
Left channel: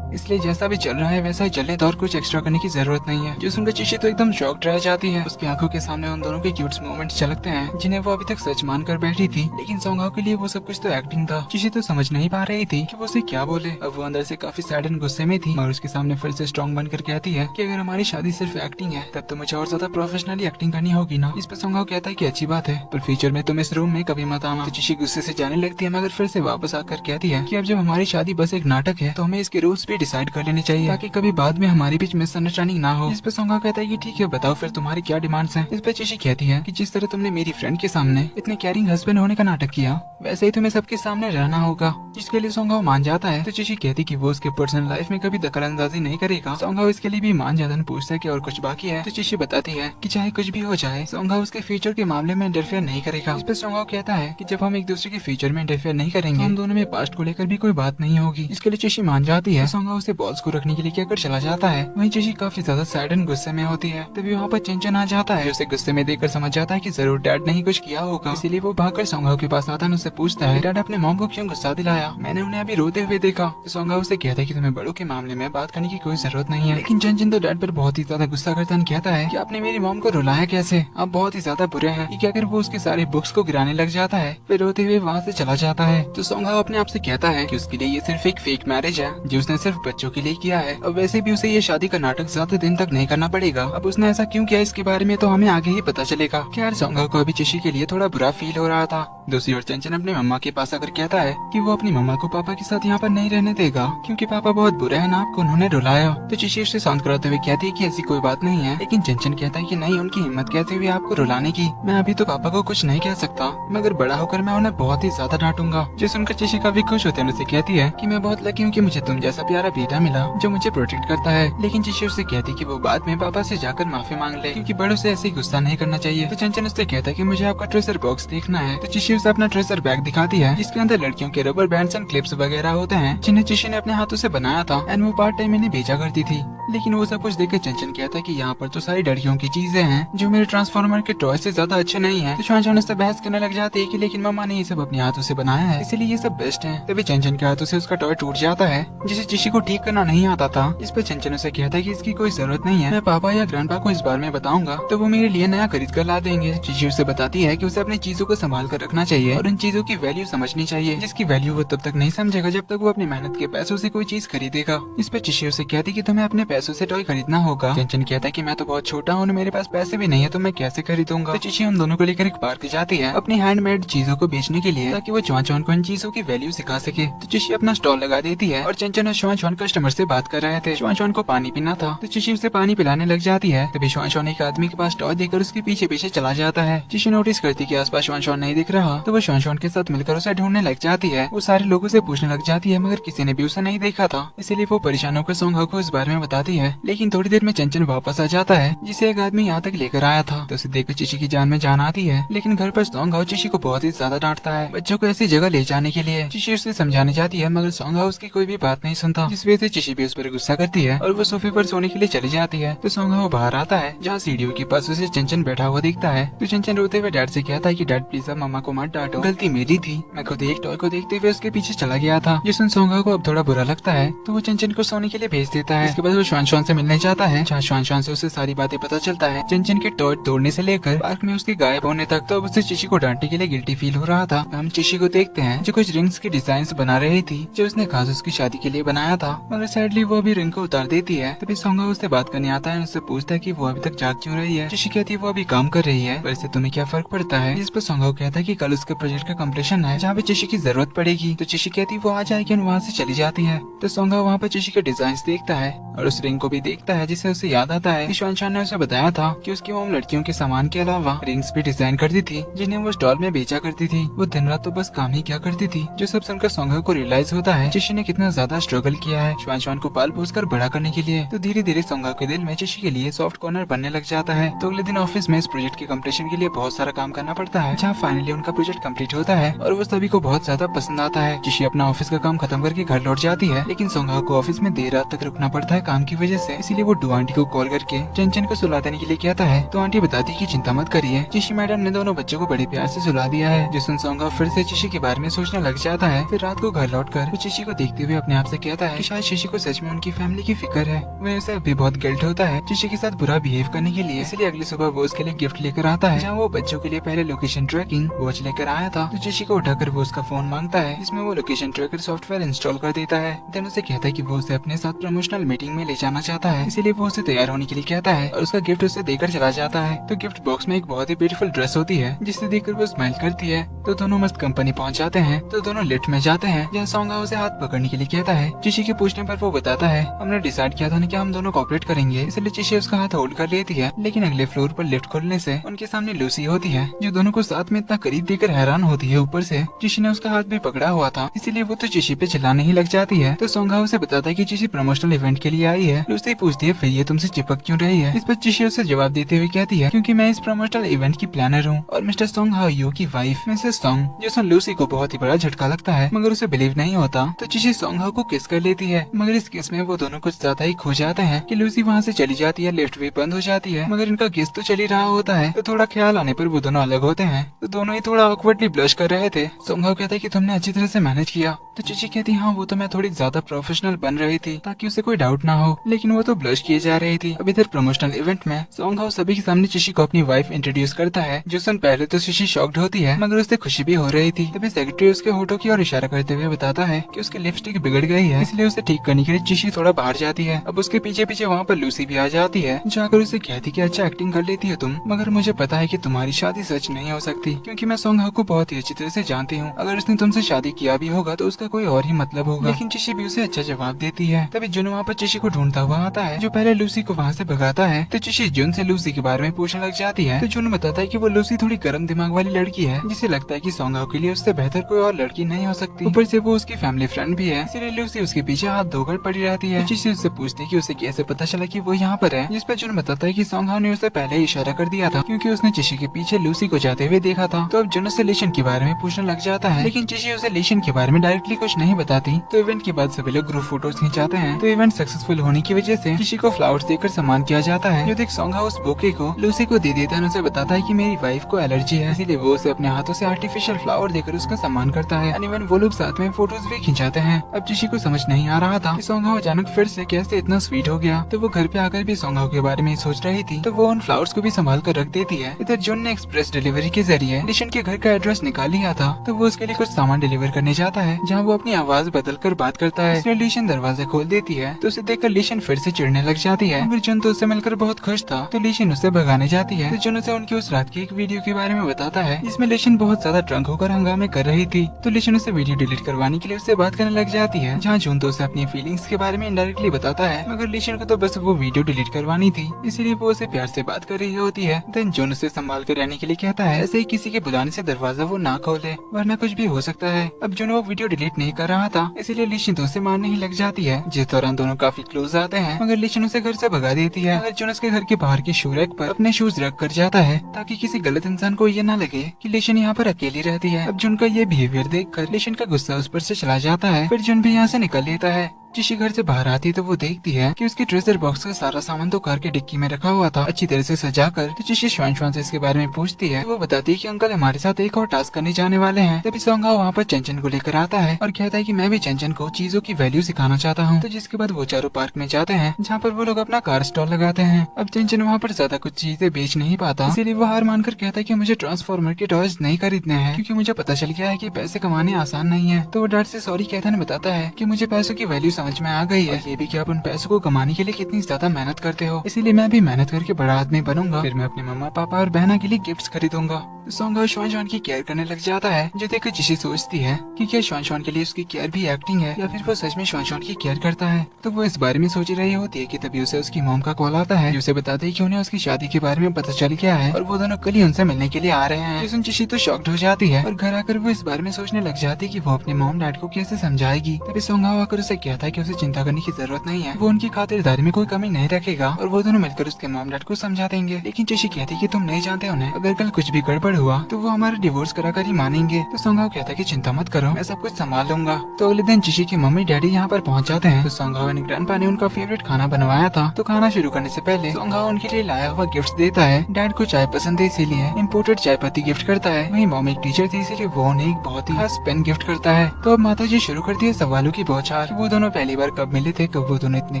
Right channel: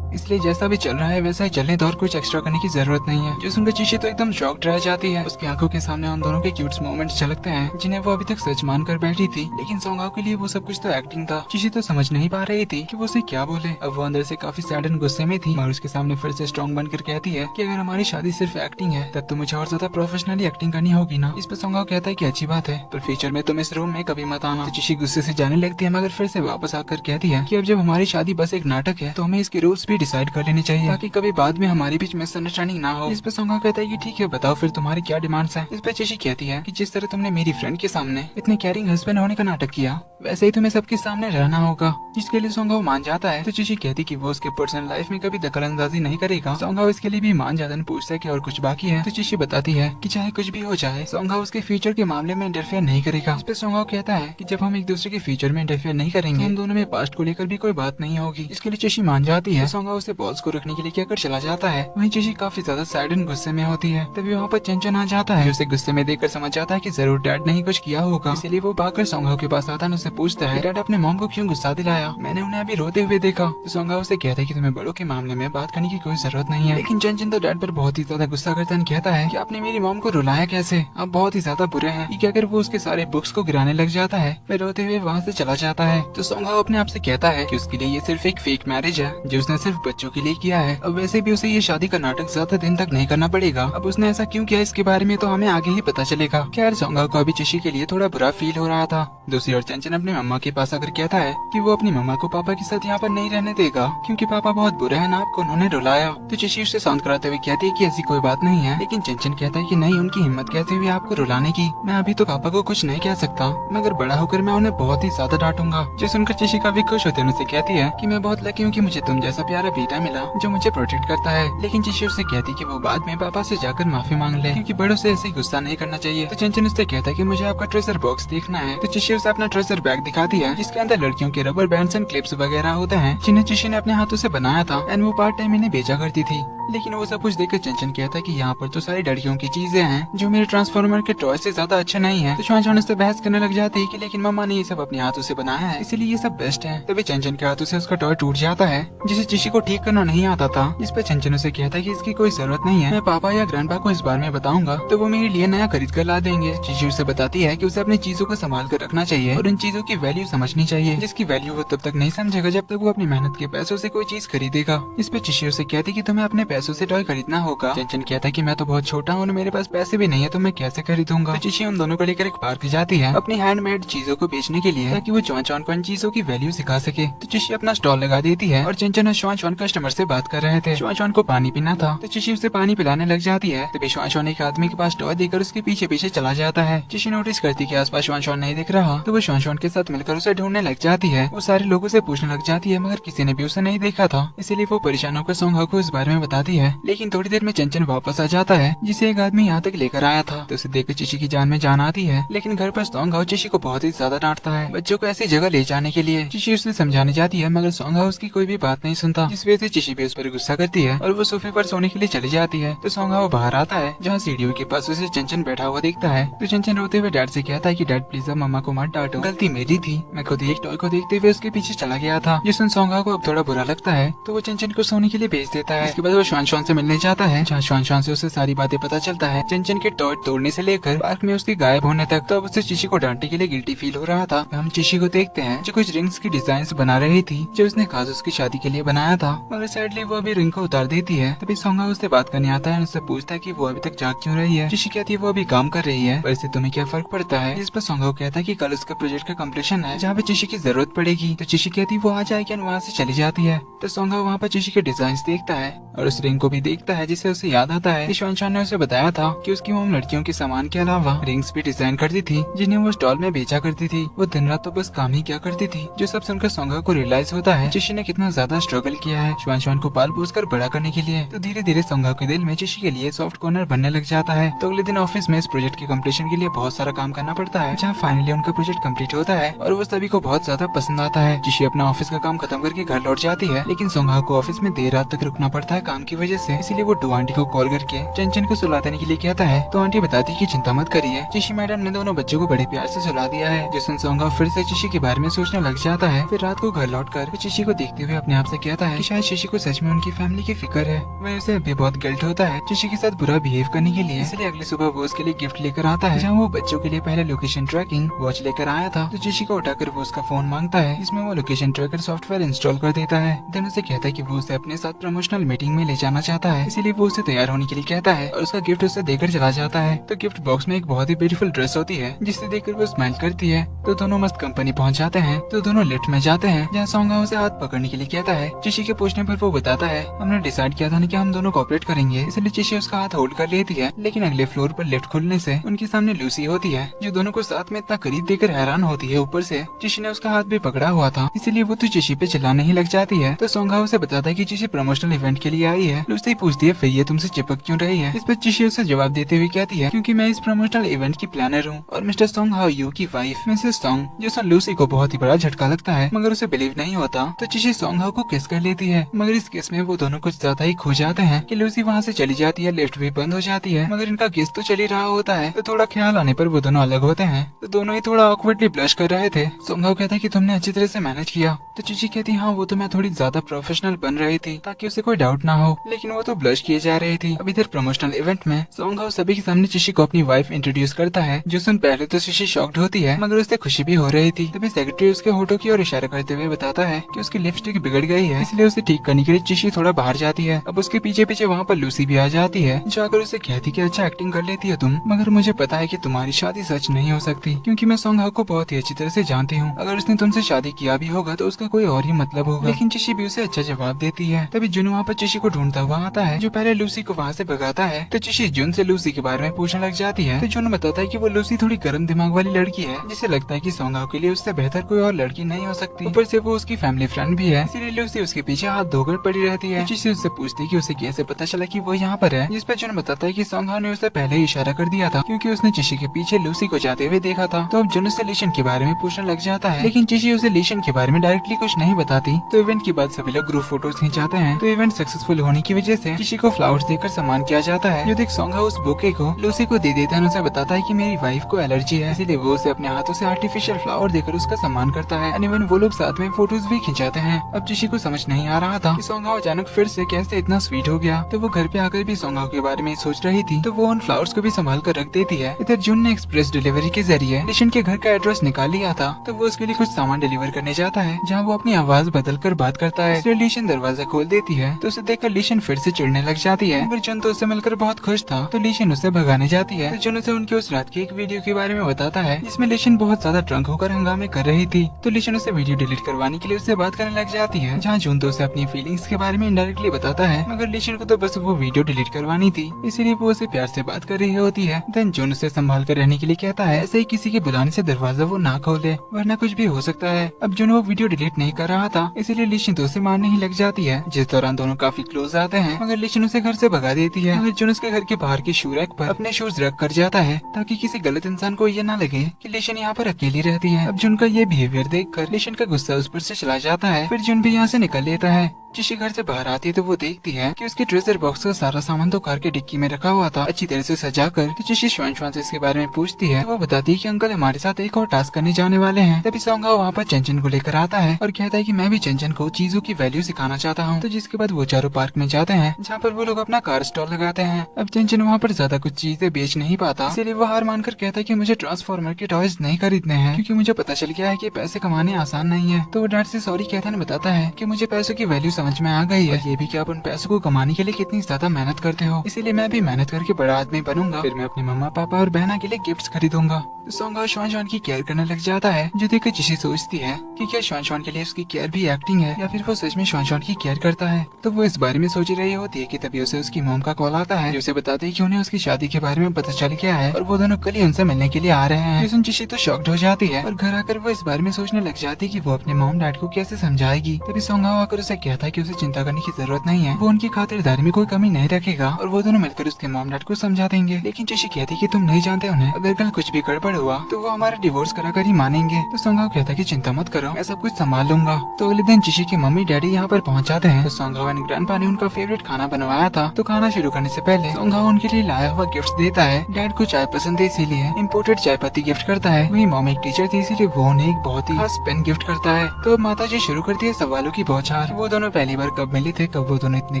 इसलिए जैसा भी चल रहा है वैसा ही चलने तो और कुछ एक्स्ट्रा करने की जरूरत नहीं है। जो सुनकर चिशी तो एकदम शॉक्ड रह जाती है। उसकी आंखों के सामने उन दोनों के क्यूट मोमेंट्स झलकते हैं जिन्हें वो अभी तक सच मानकर बैठी थी, लेकिन सोंगहाओ के लिए वो सब कुछ तो एक्टिंग था। चिशी तो समझ नहीं पा रही थी कि वो उसे क्या बोले। अब वो अंदर से काफी सैड एंड गुस्से में थी और उसके सामने फिर से स्ट्रॉन्ग बनकर कहती है कि अगर हमारी शादी सिर्फ एक्टिंग है तब तो मुझे और ज्यादा प्रोफेशनली एक्टिंग करनी होगी ना। इस पर सोंगहाओ कहता है कि अच्छी बात है, पर फ्यूचर में तुम इस रूम में कभी मत आना। तो चिशी गुस्से से जाने लगती है, मगर फिर से वापस आकर कहती है कि अब जब हमारी शादी बस एक नाटक है तो हमें इसके रूल्स भी डिसाइड कर लेने चाहिए ताकि कभी बाद में हमारे बीच मिसअंडरस्टैंडिंग ना हो। इस पे सोंगहाओ कहता है कि ठीक है बताओ फिर तुम्हारी क्या डिमांड्स हैं। इस पे चिशी कहती है कि जिस तरह तुमने मेरी फ्रेंड के सामने इतने केयरिंग हस्बैंड होने का नाटक किया, वैसे ही तुम्हें सबके सामने रहना होगा, जिसके लिए सोंगहाओ मान जाता है। तो चिशी कहती है कि वो उसके पर्सनल लाइफ में कभी दखलअंदाजी नहीं करेगा। सोंगहाओ इसके लिए भी मान जाता है, पूछता है कि और कुछ बाकी है। तो चिशी बताती है कि चाहे कुछ भी हो जाए सोंगहाओ उसके फ्यूचर के मामले में इंटरफेयर नहीं करेगा। इस पे सोंगहाओ कहता है कि जब हम एक दूसरे के फ्यूचर में इंटरफेयर नहीं करेंगे तो हम दोनों में पास्ट को लेकर भी कोई बात नहीं होगी। इसके लिए चिशी मान जाती है। सोंगहाओ उसे बॉल्स को रखने के लिए कहकर चला जाता है। वहीं चिशी काफी ज्यादा सैड एंड गुस्से में होती है। तभी वहाँ पर चंचन आ जाता है। उसे गुस्से में देखकर समझ जाता है कि जरूर डैड ने ही कुछ किया होगा, इसीलिए वो भागकर सोंगहाओ के पास आता है। उससे पूछता है डैड अपने मॉम को क्यों गुस्सा दिलाया, मैंने उन्हें अभी रोते हुए देखा। सोंगहाओ उसे कहता है कि तुम्हें बड़ों के मामले में बात करने की कोई जरूरत नहीं है, लेकिन चंचन तो डैड पर बहुत ही ज्यादा गुस्सा करता है। कहता है कि आपने मेरी मॉम को रुलाया कैसे, आप बहुत ही ज्यादा बुरे हैं। ये कहकर वो उसके सारे बुक्स को गिराने लग जाता है, फिर रोते हुए वहाँ से चला जाता है। तो सोंगहाओ अपने आप से कहता है कि उसके लिए ये सिर्फ एक फेक मैरिज है जो उसने सिर्फ बच्चों के लिए किया है, और वैसे भी उसे ये शादी का नाटक ज्यादा दिन तक नहीं करना पड़ेगा। अब उसने ऐसा क्यों किया इसके बारे में तो हमें आगे ही पता चलेगा। खैर सोंगहाओ को अभी चिशी के लिए थोड़ा बुरा फील हो रहा था। दूसरी ओर चंचन अपने मम्मा के पास आकर कहता है कि वो अपनी मम्मा को पापा के साथ यहाँ पर नहीं रहने देगा क्योंकि पापा बहुत बुरे हैं ना, आपको उन्होंने रुलाया। तो चिशी उसे शांत कराते हुए कहती है कि ऐसी कोई बात नहीं है, लेकिन चंचन कहता है कि नहीं, उनकी हिम्मत कैसे हुई आपको रुलाने की, मैं अभी तो पापा को कुछ नहीं कह सकता, मगर बड़ा होकर मैं उन्हें बहुत ही ज्यादा डांटूंगा। जो सुनकर चिशी काफी खुश होते हैं, उसे कहती है कि मैं बहुत लकी हूँ कि मुझे तुम जैसा प्यारा बेटा मिला जो मुझे प्रोटेक्ट करता है। लेकिन चिशी उसे कहती है कि वो बाद में पापा से जाकर माफी मांग ले क्योंकि बड़ों से ऐसे गुस्सा नहीं करना चाहिए। तो चंचन उससे कहता है कि मुझे आपका ट्रेजर बॉक्स देखना है। तो चिशी उसे अपना ट्रेजर बैग दिखाती है जिसके अंदर लड़कियों के रबर बैंड्स एंड क्लिप्स वगैरह होते हैं जिन्हें चिशी ने अपने हाथों से बनाया था एंड वो पार्ट टाइम इन्हें बेचा करती थी। लेकिन वो सब कुछ देखकर चंचन कहता है कि यहाँ पर तो सारी लड़कियों की चीजें हैं जो मेरे ट्रांसफॉर्मर के टॉय से ज्यादा अच्छे नहीं है। तो चंचन उससे बहस करने लग जाती है कि लेकिन मम्मा ने ये सब अपने हाथों से बनाया है इसलिए ये सब बेस्ट है। तभी चंचन के हाथों से उसका टॉय टूट जाता है जिसे चिशी को ठीक करना नहीं आता था। इस पर चंचन उसे कहता है कि इसकी कोई जरूरत नहीं है, मैं पापा या ग्रैंडपा को इस बारे में बताऊंगा तो वो मेरे लिए नया खरीद कर ला देंगे। चिशी उसे बताती है कि उसे अपनी चीजों को संभाल कर रखना चाहिए और इन चीजों की वैल्यू समझनी चाहिए, जिसकी वैल्यू वो तब तक नहीं समझेगा जब तक वो अपनी मेहनत के पैसों से कोई चीज खरीदेगा। इस पर चिशी उसे कहती कि तुम्हें अपने पैसों से टॉय खरीदना होगा। चंचन कहता है कि मैं तो बहुत छोटा हूँ, मेरे पास पैसे भी नहीं है, तो मैं कैसे खरीदूंगा। तो चिशी उन दोनों को लेकर एक पार्क जाती है अपनी हैंडमेड चीजों को बेचने के लिए, ताकि वो चौन को इन चीजों की वैल्यू सिखा सके। तो चिशी अपना स्टॉल लगा देती है और चंचन और चौन कस्टमर से बात कर रहे थे। चौन को पानी पीना था तो चिशी उसे पानी पिलाने लग जाती है। तभी चौन एक आदमी के पास टॉय देकर उसके पीछे पीछे चला जाता है। चिशी नोटिस करती कि आसपास चौन नहीं दिख रहा, तो वो चौन के साथ मिलकर उसे ढूंढने लग जाती है। वो सारे लोगों से पूछने लग जाती है, मगर किसी ने भी उसे नहीं देखा था। इसीलिए वो परेशान होकर सोंगहा को इस बारे में बताती है। लेकिन थोड़ी देर में चंचन वापस आ जाता है, जिसे एक आदमी यहाँ तक लेकर आया था। तो उसे देखकर चिशी की जान में जान आती है। लेकिन घर पर सोंगहा चिशी को बहुत ही ज्यादा डांटता है बच्चों को ऐसी जगह ले जाने के लिए। चिशी उसे समझाने जाती है, मगर सोंगहा उसकी कोई भी बात नहीं सुनता, जिस वजह से चिशी भी उस पर गुस्सा करती है और वो सोफे पर सोने के लिए चली जाती है। तो सोंगहा वो बाहर आता है, जहाँ सीढ़ियों के पास उसे चंचन बैठा हुआ दिखता है। तो चंचन रोते हुए डैड से कहता है कि डैड प्लीज अब मम्मा को मत डांटो, गलती मेरी थी, मैं खुद एक टॉय को देखते हुए उसके पीछे चला गया था। जिसमें सोंगहा को अब थोड़ा बुरा लगता है, तो वो चंचन को सोने के लिए भेज देता है। इसके बाद वो श्वान से मिलने जाता है। श्वान से उसे सारी बातें पता चलता है, चंचन के टॉय तोड़ने से लेकर पार्क में उसके गायब होने तक। तो अब उसे चिशी को डांटने के लिए गिल्टी फील हो रहा था। हम चिशी को देखते हैं जो कुछ रिंग्स की डिजाइन बना रही थी, जो उसने खास उसकी शादी के लिए बनाया था, मगर सैडली वो अभी रिंग को उतार देती है। तभी सोंगहा उससे बात करने आता है और उससे पूछता है कि वो अभी तक जाग क्यों रही है। चिशी कहती है वो अभी काम कर रही है, पर इससे तुम्हें क्या फर्क पड़ता है। जिस पर सोंगहा कहता है कि कल उसका प्रोजेक्ट का कंप्लीशन है, जहाँ पे चिशी की जरूरत पड़ेगी। तो चिशी कहती है वो आ जाएगी और वहाँ से चली जाती है। तो सोंगहा वहाँ पर चिशी के डिजाइन देखता है और उस रिंग को भी देखता है, जिससे उसे याद आता है कि श्वान ने उसे बताया था कि उसकी मॉम लड़कियों के सामान के अलावा रिंग्स भी डिजाइन करती थी, जिन्हें वो स्टॉल में बेचा करती थी। वो दिन रात तो बस काम ही क्या करती थी। जो सब सुनकर सोंगहा को रियलाइज होता है चिशी ने कितना ज्यादा स्ट्रगल किया है श्वान को पाल पोस कर बड़ा करने के लिए। तो धीरे धीरे सोंगहा के दिल में चिशी के लिए सॉफ्ट कॉर्नर बनने लग जाता है। तो अगले दिन ऑफिस में इस प्रोजेक्ट के कम्प्लीशन के लिए बहुत सारा काम करना पड़ता है, जहाँ फाइनली उनका प्रोजेक्ट कम्प्लीट होता है और वो सभी को बहुत ज्यादा पसंद आता है। चिशी अपना ऑफिस का काम खत्म करके घर लौट जाती है, लेकिन सोंगहा को ऑफिस में देर रात तक रुकना पड़ता है काम की वजह से। इसीलिए वो डू आंटी को कॉल करके चंचन को सुला देने के लिए कहता है। तो आंटी बताती है कि चिंता मत करिए, चिशी मैडम ने दोनों बच्चों को बड़े प्यार से सुला दिया है। जिसमें सोंगहा फिर से चिशी के बारे में सोचने लग जाता है। फिर रात को घर लौटकर वो चिशी को देखते हुए अपने आप से कहता है कि शायद चिशी को सच में उनकी फैमिली की फिक्र है। वह उसे अभी बहुत गिल्ट होता है चिशी के साथ बुरा बिहेव करने के लिए। इसलिए अगली सुबह वो उसके लिए गिफ्ट लेकर आता है, जहाँ वो बच्चों के लिए पहले लोकेशन ट्रैकिंग वॉच लेकर आया था। तो चिशी को उठाकर वो उसका फोन मांगता है, जिसमें वो लोकेशन ट्रैकर सॉफ्टवेयर इंस्टॉल कर देता है। देन उसे कहता है कि वो उसे अपने साथ प्रमोशनल मीटिंग में ले जाना चाहता है, इसीलिए वो उसे तैयार होने के लिए कहता है और उसका गिफ्ट उसे देकर चला जाता है। तो गिफ्ट बॉक्स में एक बहुत ही ब्यूटीफुल ड्रेस होती है, जिसे देखकर वो स्माइल करती है। तो दोनों मस्त कंपनी पहुंच जाते हैं। तो दोनों लिफ्ट में जाते हैं, जहाँ सोंगहा उसे हाथ पकड़ने के लिए कहता है। चिशी के पूछने पर वो बताता है, हमने डिसाइड किया था ना कि हम दोनों कोऑपरेट करेंगे, इसलिए चिशी उसका हाथ होल्ड कर लेती है। लेकिन अगले फ्लोर पर लिफ्ट खुलने से उनके सामने लूसी होती है, जो दोनों को साथ में इतना करीब देखकर हैरान होती है। ऊपर से चिशी ने उसका हाथ भी पकड़ा हुआ था, इसीलिए वो तो चिशी पे चिल्लाने ही लग जाती है। तो सोंगहा उसे बताता है कि चिशी प्रमोशनल इवेंट के लिए आई है। लूसी पूछती है फिर ये तुमसे चिपक क्यों रही है। इस पर चिशी उसे जवाब देते हुए कहती है, क्योंकि मैं इस प्रमोशनल इवेंट की प्लानर हूँ और मिस्टर सोंगहा यू की वाइफ मिसेस सोंग। जो सुन लूसी को बहुत ही बड़ा झटका लगता है, मगर उसे बिलीव नहीं होता। तो चिशी सोंगहा को किस कर लेती है, मगर इस केस में वो दोनों कुछ ज्यादा ही खो जाते हैं कि लूसी वहाँ से चली जाती है, लिफ्ट भी बंद हो जाती है, मगर इनका किस तो चल ही रहा होता है। तो थोड़ा ख्याल आने पर वो दोनों अलग होते हैं। तो दोनों ही थोड़ा ऑकवर्डली ब्लश कर रहे थे। सोंगहा कहता है कि तुमने अच्छी तरह से मैनेज किया। तो चिची कहती हाँ वो तो मैं थोड़ी ज्यादा प्रोफेशनल बन रही थी, ताकि उसे कोई डाउट ना हो, लेकिन वो तो ब्लश किए जा रही थी। अब इधर प्रमोशनल इवेंट में सोंगहा सभी के सामने चिशी को अपनी वाइफ इंट्रोड्यूस करता है। जो सुन पहले तो चिशी शॉक्ड होती है, मगर उससे खुशी भी हो रही थी। तभी सेक्रेटरी उसके होठों की ओर इशारा करते हुए बताता है कि उसकी लिपस्टिक बिगड़ गई है, इसलिए उसे ठीक करने के लिए चिशी थोड़ा बाहर जाती है। अब उसके पीछे पीछे वहाँ पर लूसी भी आ जाती है, जो आकर उसे कहती कि अच्छा एक्टिंग कर लेती है तुम, मगर मुझे पता है कि तुम्हारी शादी सच नहीं हो सकती, क्योंकि मैं सोंगहा को बहुत ही अच्छी तरह से जानती हूँ। अगर उसने तुमसे शादी किया भी होगा तो उसका कोई और ही मतलब होगा। लेकिन चिशी भी उसे अच्छा जवाब देती है। तभी जुन वहाँ पर चिशी को ढूंढता हुआ आता है, जो पहले लूसी को वहाँ से भगाता है। तो चिशी जुन से लूसी के बारे में पूछने लग जाती है। तो जुन बताता है कि वो लूसी थोड़ी गर्म दिमाग वाली लड़की है, जिसे लगता है कि सोंगहा के लिए उससे बेहतर कोई और लड़की नहीं हो सकती। ऊपर से वो उसकी फैमिली फ्रेंड भी है, इसीलिए लूसी उसके पीछे हाथ धोकर पड़ी रहती है। चिशी उससे पूछती है कि उसे कैसे पता चला कि वो यहाँ पर है, जिस पे जुन बताता है कि सोंगहा ने उसे पहले ही इशारा कर दिया था, क्योंकि उसने चिशी के पीछे लूसी को जाते हुए देखा था। तो अब जुन उससे लेशन के बारे में पूछने लग जाता है, लेकिन चिशी उसे लेशन के बारे में डायरेक्टली कुछ नहीं बताती। तो इवेंट के बाद सभी लोग ग्रुप फोटोज खिंचाते हैं। तो इवेंट सक्सेसफुल होने की वजह से चिशी को फ्लावर्स देकर सम्मान किया जाता है। जो देख सोंगहा उस बुके को लूसी को दे देता है, उसे बताता है कि मेरी वाइफ को एलर्जी है, इसलिए वो उसे अपने हाथों से आर्टिफिशियल फ्लावर देकर उसका सम्मान करता है। इवन वो लोग साथ में फोटोज भी खिंचाते हैं। अब चिशी को समझ नहीं आ रहा था कि सोंगहा अचानक फिर से कैसे इतना स्वीट हो गया। तो वो घर पे आकर भी सोंगहा के बारे में सोच रही थी, तो वो उन फ्लावर्स को भी संभाल कर रख देती है। इधर जुन ने एक्सप्रेस डिलीवरी के जरिए लिशन के घर का एड्रेस निकाल निकाल लिया था। तो वो उसके लिए कुछ सामान डिलीवर करने जाता है, जहाँ वो अपनी आवाज बदल कर बात करता है। इसलिए लीशन दरवाजा खोल देती है, तो उसे देखकर लीशन फिर से चिढ़ने लग जाती है। फिर जुन तो उससे मिलकर बहुत खुश था, तो लीशन उससे भगाने जाती है। तो जुन उसे उनकी उस रात की एक वीडियो के बारे में बताता है, जिसमें लीशन बहुत ज्यादा ड्रंक होकर हंगामे कर रही थी। तो लीशन उसे वीडियो डिलीट करवाने के लिए उससे बात करने लग जाती है, जहाँ जुन तो उसे अपनी फीलिंग्स के बारे में इनडायरेक्टली बताता है, मगर लीशन को तो बस वो वीडियो डिलीट करवानी थी, इसीलिए वो उसे प्यार से बात कर रही होती है। देन जुन उसे संभाल कर रहने के लिए कहता है, ऐसे ही किसी के बुलाने से दरवाजा वो ना खोले, वरना कुछ भी हो सकता है। अब जुन वो वीडियो डिलीट नहीं कर रहा था, इसीलिए लीशन तो उसे मारने ही लग जाती है, जिस दौरान दोनों काफी क्लोज आते हैं, मगर लीशन उसे घर से भगा देती है। मगर जुन उसके घर के बाहर के शू रैक पर अपने शूज रख कर जाता है, ताकि किसी गलत इंसान को ये ना लगे कि लीशन यहाँ पर अकेली रहती है। अब जुन का ये बिहेवियर देखकर लीशन का गुस्सा उस पर से चला जाता है। फिर जुन भी यहाँ से निकल लेता है। जिशी घर से बाहर आती है तो वो देखती है कि उसके ट्रेजर बॉक्स का सारा सामान तो कार के डिक्की में रखा हुआ था, अच्छी तरह से सजा कर। तो जिशी श्वान से इसके बारे में पूछती है, तो वो बताती है कि अंकल हमारे साथ एक और टास्क करने जाने वाले हैं। तभी सोंगा वहाँ पर चंचन को लेकर आता है और कहता है कि मैं भी चंचन को चीजों की वैल्यू सिखाना चाहता हूँ। तो जिसके बाद वो चारों पार्क में जाते हैं, जहाँ पर वो लोग अपना कार स्टॉल लगाते हैं। अब चंचन वहाँ पर ज्यादा कुछ चीजें बेच नहीं पाता, इसीलिए वो हार मानकर कहता है कि मुझे ट्रांसफॉर्मर के टॉयज नहीं खरीदने हैं, क्योंकि मुझे पता चल गया है कि पैसे कमाने आसान नहीं है। तो वो डैड से सॉरी कहता है, बताता है कि मुझे पैसों की वैल्यू समझ में आ गई है, ये भी कि आप उन पैसों को कमाने के लिए कितनी ज्यादा मेहनत करते हो, इसीलिए मैं भी मेहनत करके बड़ा आदमी बनूंगा, फिर मैं अपने मम्मा पापा और बहना के लिए गिफ्ट्स खरीदूंगा। सोंगा श्वान की केयर करने लग जाता है, जो देखकर जिशी सोचती है कि क्या श्वान के लिए उसकी केयर भी एक्टिंग है या फिर वो सच में श्वान की केयर करता है। तो वो इस बारे में सोच रही होती है कि तभी उसे उसकी मॉम का कॉल आता है, जो उसे बताती है कि उन्हें उसकी शादी के बारे में पता चल गया है और वो दोनों कल ही उनसे मिलने के लिए आ रहे हैं। जिसमें जिशी तो शॉक्ड हो जाती है और घर आकर वो इस बारे में सोचने लग जाती है कि वो अपने मॉम डैड को कैसे समझाएगी। तभी सोंगा आकर उसे कहता है कि उसे चिंता करने की जरूरत नहीं है, वो उनकी खातिरदारी में कोई कमी नहीं रखेगा और वो दोनों मिलकर उसके मॉम डैड को समझा देंगे। लेकिन जिशी कहती है कि तुम नहीं जानते उन्हें, अगर कल कुछ भी गड़बड़ हुआ तो वो हमारा डिवोर्स कराकर ही मानेंगे। तो सोंगा कहता है कि चिंता मत करो, मैं सब कुछ संभाल लूंगा। तो अगले दिन जिशी की मम्मी डैडी यहाँ पर पहुँच जाते हैं। तो सोंगा और ग्रैंडपा ने उनका फेवरेट खाना बनवाया था, तो खाना शुरू करने से पहले सोंगा उनके लिए लाया हुआ गिफ्ट देता है। डैड को चाय पसंद है, इसीलिए इम्पोर्टेड चाय पत्ती गिफ्ट करता है। वही मॉम एक टीचर थी, इसीलिए वो उन्हें एक बहुत ही खास पेन गिफ्ट करता है। तो अब माता जी शुरू करती है सवालों की बौछार। वो दोनों पहली बार कब मिले थे, कब वो दोनों इतने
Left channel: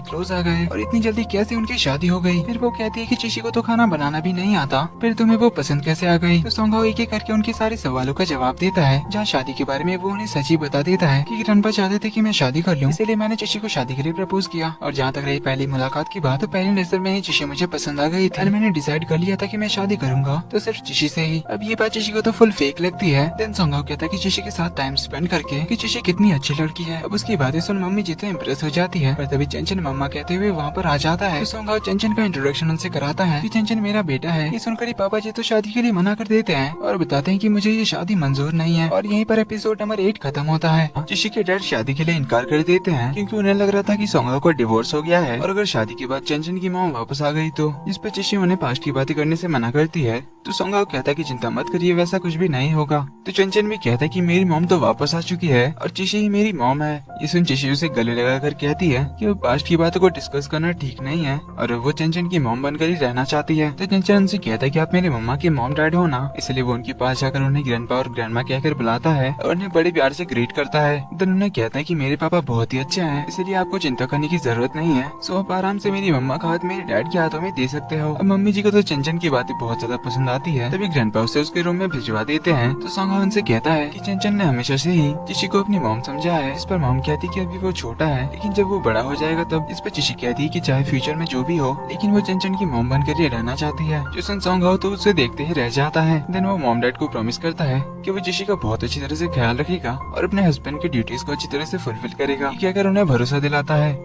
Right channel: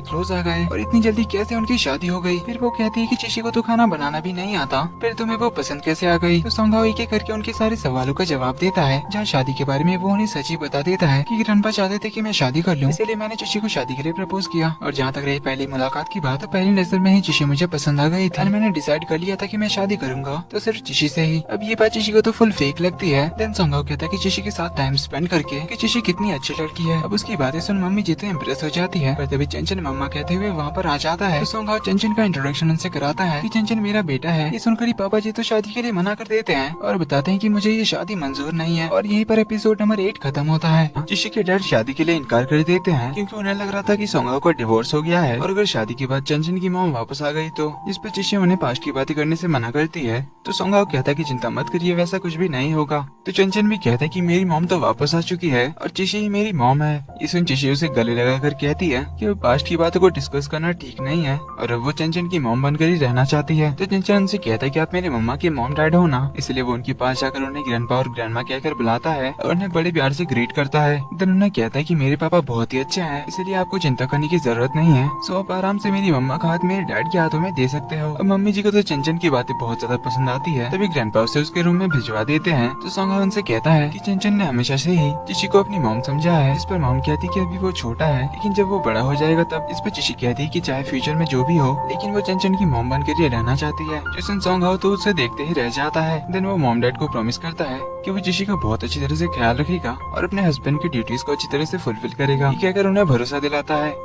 क्लोज आ गए और इतनी जल्दी कैसे उनकी शादी हो गई। फिर वो कहती है कि जिशी को तो खाना बनाना भी नहीं आता, फिर तुम्हें वो पसंद कैसे आ गई। तो सोंगा एक एक करके उनके सारे सवालों का जवाब देता है, जहाँ शादी के बारे में वो उन्हें सच ही बता देता है कि ग्रैंडपा चाहते थे कि मैं शादी कर लूं, इसलिए मैंने जिशी को शादी के लिए प्रपोज किया। और जहाँ तक रही पहली मुलाकात की बात, तो पहली नजर में ही जिशी मुझे पसंद आ गई थी। मैंने डिसाइड कर लिया था कि मैं शादी करूंगा तो सिर्फ जिशी से ही। अब ये बात जिशी को तो फुल फेक लगती है। देन सोंगा कहता है कि जिशी के साथ टाइम स्पेंड करके कि जिशी कितनी अच्छी लड़की है। अब उसकी बातें सुन मम्मी जितने इम्प्रेस हो जाती है, पर तभी चंचन मम्मा कहते हुए वहाँ पर आ जाता है। तो सोंगा चंचन का इंट्रोडक्शन उनसे कराता है कि चंचन मेरा बेटा है। ये सुनकर ही पापा जी तो शादी के लिए मना कर देते हैं और बताते हैं कि मुझे ये शादी मंजूर नहीं है। और यहीं पर एपिसोड नंबर 8 खत्म होता है। जिशी के डैड शादी के लिए इनकार कर देते हैं, क्योंकि उन्हें लग रहा था कि सोंगा को डिवोर्स हो गया है और अगर शादी के बाद चंचन की मॉम वापस आ गई तो, जिस पर जिशी उन्हें पास्ट की बातें करने से मना करती है। तो सोंगा कहता है कि चिंता मत करिए, वैसा कुछ भी नहीं होगा। तो चंचन भी कहता है कि मेरी मॉम तो वापस आ चुकी है और जिशी ही मेरी मॉम है। ये सुन जिशी उसे गले लगाकर कहती है कि वो पास्ट की बातों को डिस्कस करना ठीक नहीं है और वो चंचन की मॉम बनकर ही रहना चाहती है। तो चंचन उनसे कहता है कि आप मेरे मम्मा के मॉम डैड हो ना, इसलिए वो उनके पास जाकर उन्हें ग्रैंडपा और ग्रैंडमा कहकर बुलाता है और उन्हें बड़े प्यार से ग्रीट करता है। देन उन्हें कहता है कि मेरे पापा बहुत ही अच्छे हैं, इसलिए आपको चिंता करने की जरूरत नहीं है। सो आप आराम से मेरी मम्मा का हाथ मेरे डैड के हाथों में दे सकते हो। अब मम्मी जी को तो चंचन की बातें बहुत ज्यादा पसंद आती है, तभी ग्रैंडपा उसे उसके रूम में भिजवा देते हैं। तो सोंगा उनसे कहता है कि चंचन ने हमेशा से ही जिशी को अपनी मॉम समझा है। इस पर मॉम कहती है कि अभी वो छोटा है, लेकिन जब वो बड़ा हो जाएगा तब। इस पर जिशी कहती है कि चाहे फ्यूचर में जो भी हो, लेकिन वो चंचन की मॉम बनकर ही रहना चाहती है। जिसन सोंगा हो तो उसे देखते ही रह जाता है। देन वो मॉम डैड को प्रॉमिस करता है कि वो जिशी का बहुत अच्छी तरह से ख्याल रखेगा और अपने हस्बैंड की ड्यूटीज को अच्छी तरह से फुलफिल करेगा। ये कहकर उन्हें भरोसा दिलाता है।